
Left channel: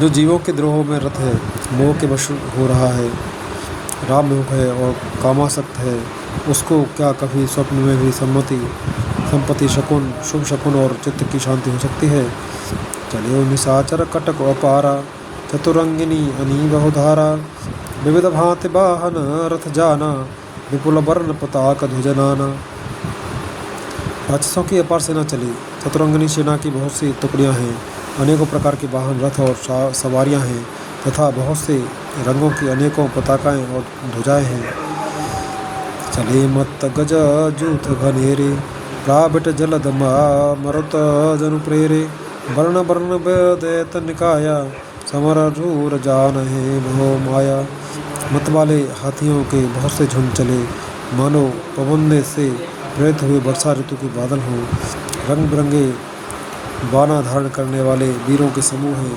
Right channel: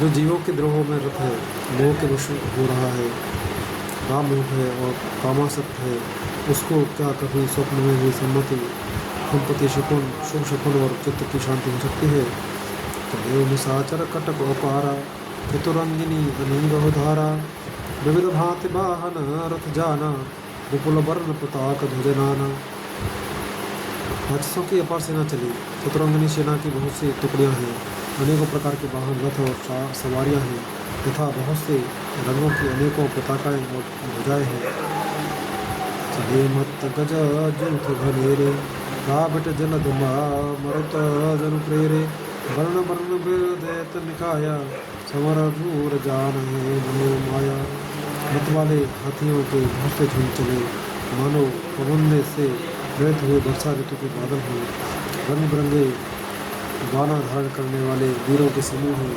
जो जीवों के द्रोह में रत है, मोह के वश हो रहा है, राम युग है और कामासक्त है, उसको क्या कभी स्वप्न में भी संपत्ति शकुन शुभ शकुन और चित्त की शांति हो सकती है। चलियो निशाचर कटक अपारा, चतुरंगिनी अनी बहुधारा। विविध भांति वाहन रथ जाना, विपुल वर्ण पताक ध्वजनाना। राक्षसों की अपार सेना चली। चतुरंगिनी सेना की बहुत सी टुकड़ियां हैं, अनेकों प्रकार के वाहन रथ और सवारियां हैं तथा बहुत से रंगों की अनेकों पताकाएं और ध्वजाएं हैं। चले मत गज जूथ घनेरे, राबट जलद मरुत जनु प्रेरे। वर्ण वर्ण दैत निकाया, समर झूर जान है मोह माया। मत वाले हाथियों के बहुत से झुंड चले, मानो पवन से प्रेरित हुए वर्षा ऋतु के बादल हों। रंग बिरंगे बाना धारण करने वाले वीरों के समूह हैं,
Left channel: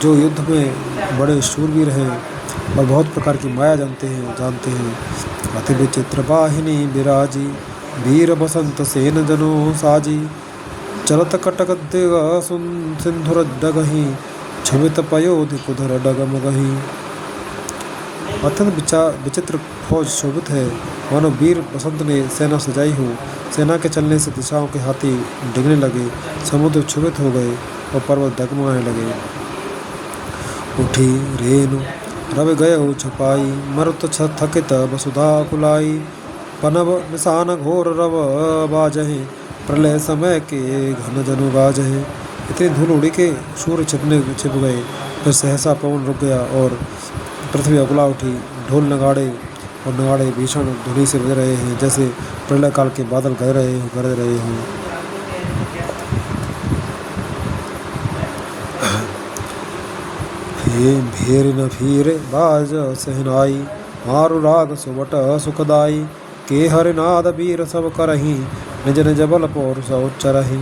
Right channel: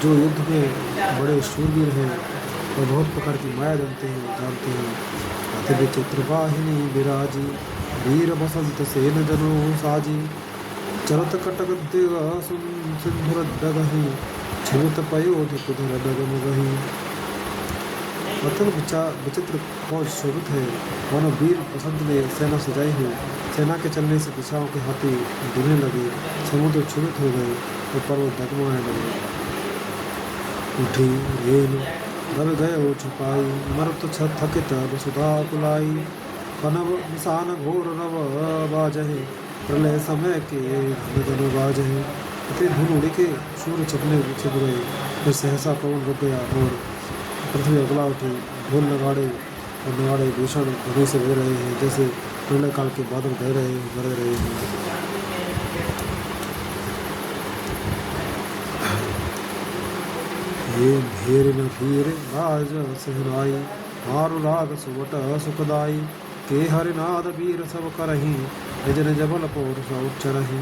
जो युद्ध में बड़े शूरवीर हैं और बहुत प्रकार की माया जानते हैं। अति विचित्र वाहिनी विराजी, वीर बसंत सेन जनो साजी। चलत कटक दिग सिंधुर डगही, छवित पयोधि कुधर डगमगही। अत्यंत विचित्र फौज शोभित है, मानो वीर बसंत ने सेना सजाई हो। सेना के चलने से दिशाओं के हाथी डिगने लगे, समुद्र क्षुभित हो गए और पर्वत डगमगाने लगे। उठी रेणु रवि गयो छपाई, मरुत थकित वसुधा कुलाई। पनव निशान घोर रव बाजहे, प्रलय समय के घन जनु गाजहे। इतनी धूल उड़ी के सूर्य छिप गए, फिर सहसा पवन रुक गया और पृथ्वी अगला उठी। ढोल नगाड़े भीषण धूलि से बज रहे हैं, जैसे प्रलय काल के बादल गरज रहे हों। भेर न फिर बाज सहनाई, मारु राग सुबट सुखदाई। के हरिनाद वीर सब करही, निज निज बल पौरुष उच्चरहि।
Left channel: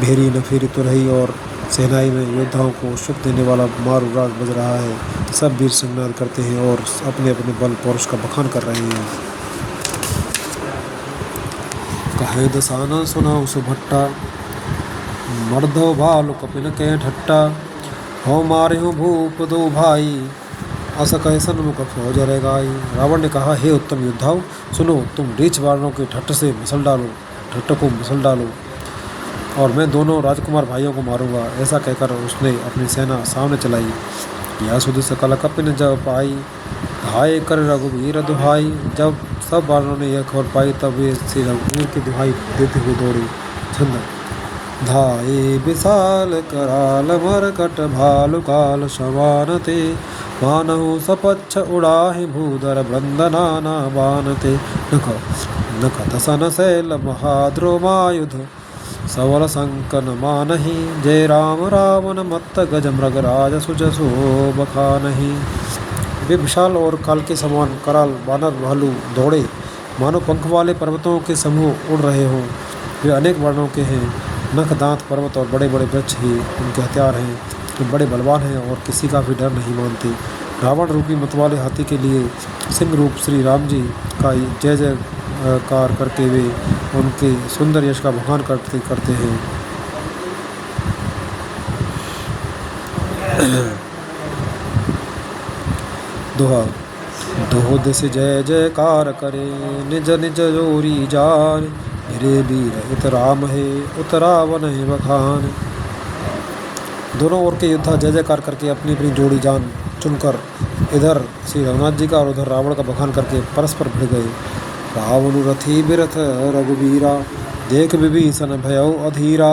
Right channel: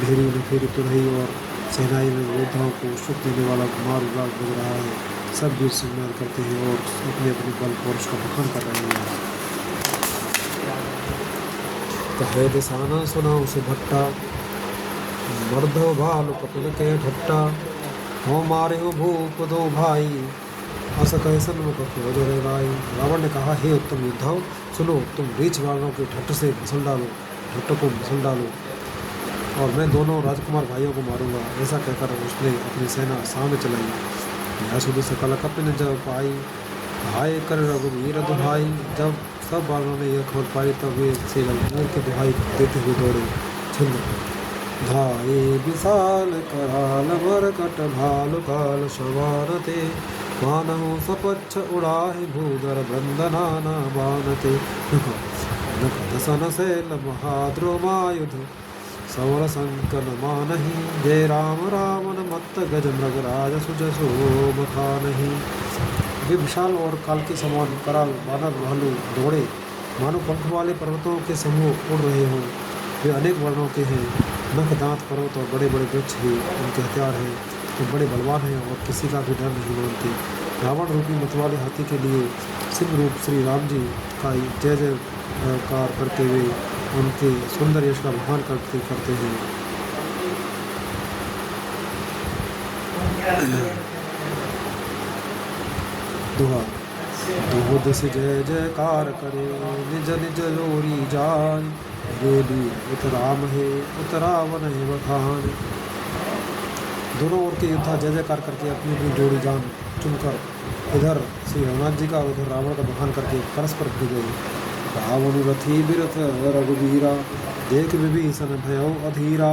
भेरी न फिर तुरही और सेनाई में योद्धाओं को सुख देने वाला मारु राग बज रहा है। सब वीर संग्राम करते हैं और अपने अपने बल पौरुष का बखान कर रहे हैं। कहे दसाना सुनाओ सुभट्टा, मर्दो भालु कपिन के ठट्टा। हो मारे हो भूप दो भाई, अस कहे सन्मुख फौज रह गाई। रावण ने कहा, हे उत्तम योद्धाओं, सुनो, तुम रीछ वालों के ठट्ट से मसल डालो, ठट्ट को मसल डालो, और मैं दोनों राजकुमार भाइयों को मारूंगा। ऐसा कहकर उसने अपनी सेना सामने चलाई। यह सुध सकल कपिन जब पाई, धाये कर रघुवीर दुहाई। जब सब बालों ने यह खबर पाई, तब वे श्री रघुवीर की दुहाई देते हुए दौड़े। छंद। धाये विशाल कराल मरकट भालु काल समान ते, मानहु सपच्छ उड़ाहि भूधर बृंदनाना बानते। नख नख दसन शैल महाद्रोमायुध, सवल संकन मानहि। जय राम रावण मत्त गज मृग राज सुज शोभ खानहि। वे विशाल और काल के समान कराल बानर भालू दौड़े, मानो पंख वाले पर्वतों के समूह उड़ रहे हों। वे अनेक वर्णों के हैं, नख दांत पर्वत और बड़े बड़े वृक्ष ही उनके हथियार हैं। वे बड़े बलवान हैं और किसी का भी डर नहीं मानते। रावण रूपी मतवाले हाथी के लिए सिंह रूप श्री राम जी का जय जयकार करके वे उनके सुंदर यश का बखान करते हैं। दोहा। दो दिस जय जयकार करे, निज निज जोरी जान। मेरे वीर इत राम है, उत रावण है बखान। दोनों ओर के योद्धा जय जयकार करके अपनी अपनी जोड़ी जान चुनकर इधर श्री रघुनाथ जी का और उधर रावण का बखान करके परस्पर भिड़ गए। रावण रथी बिरथ रघुवीरा, देख विभीषण भयउ अधीरा।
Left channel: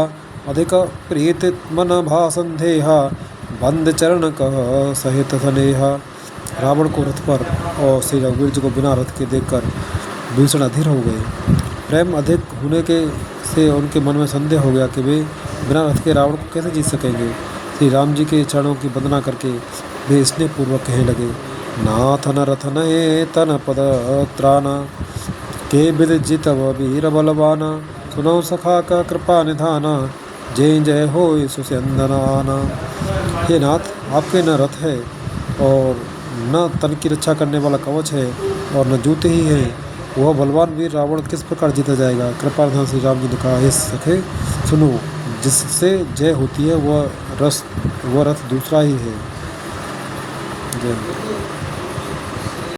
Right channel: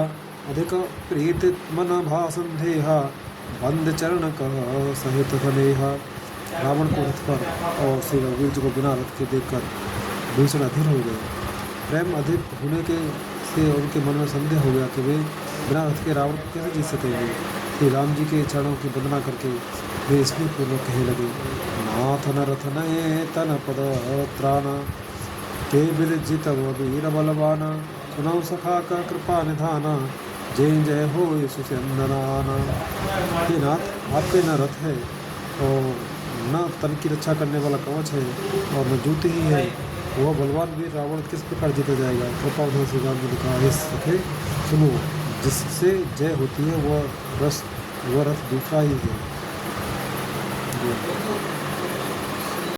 अधिक प्रीत मन भा संदेहा, बंद चरण कह सहित स्नेहा। रावण को रथ पर और श्री रघुवीर जी को बिना रथ के देखकर विभीषण अधीर हो गए। प्रेम अधिक होने के से उनके मन में संदेह हो गया कि वे बिना रथ के रावण को कैसे जीत सकेंगे। श्री राम जी के चरणों की वंदना करके वे स्नेह पूर्वक कहने लगे, नाथ न रथ नये तन पद त्राना, के बिद जितव वीर बलवाना। सुनौ सखा का कृपा निधाना, जय जय हो सुस्यंदनाना। हे नाथ, आपके न रथ है और न तन की रक्षा करने वाला कवच है और न जूते ही हैं, वह बलवान वीर रावण किस प्रकार जीता जाएगा। कृपा निधान श्री राम जी ने कहा, हे सखे सुनो, जिससे जय होती है वह रथ दूसरा ही है। जय।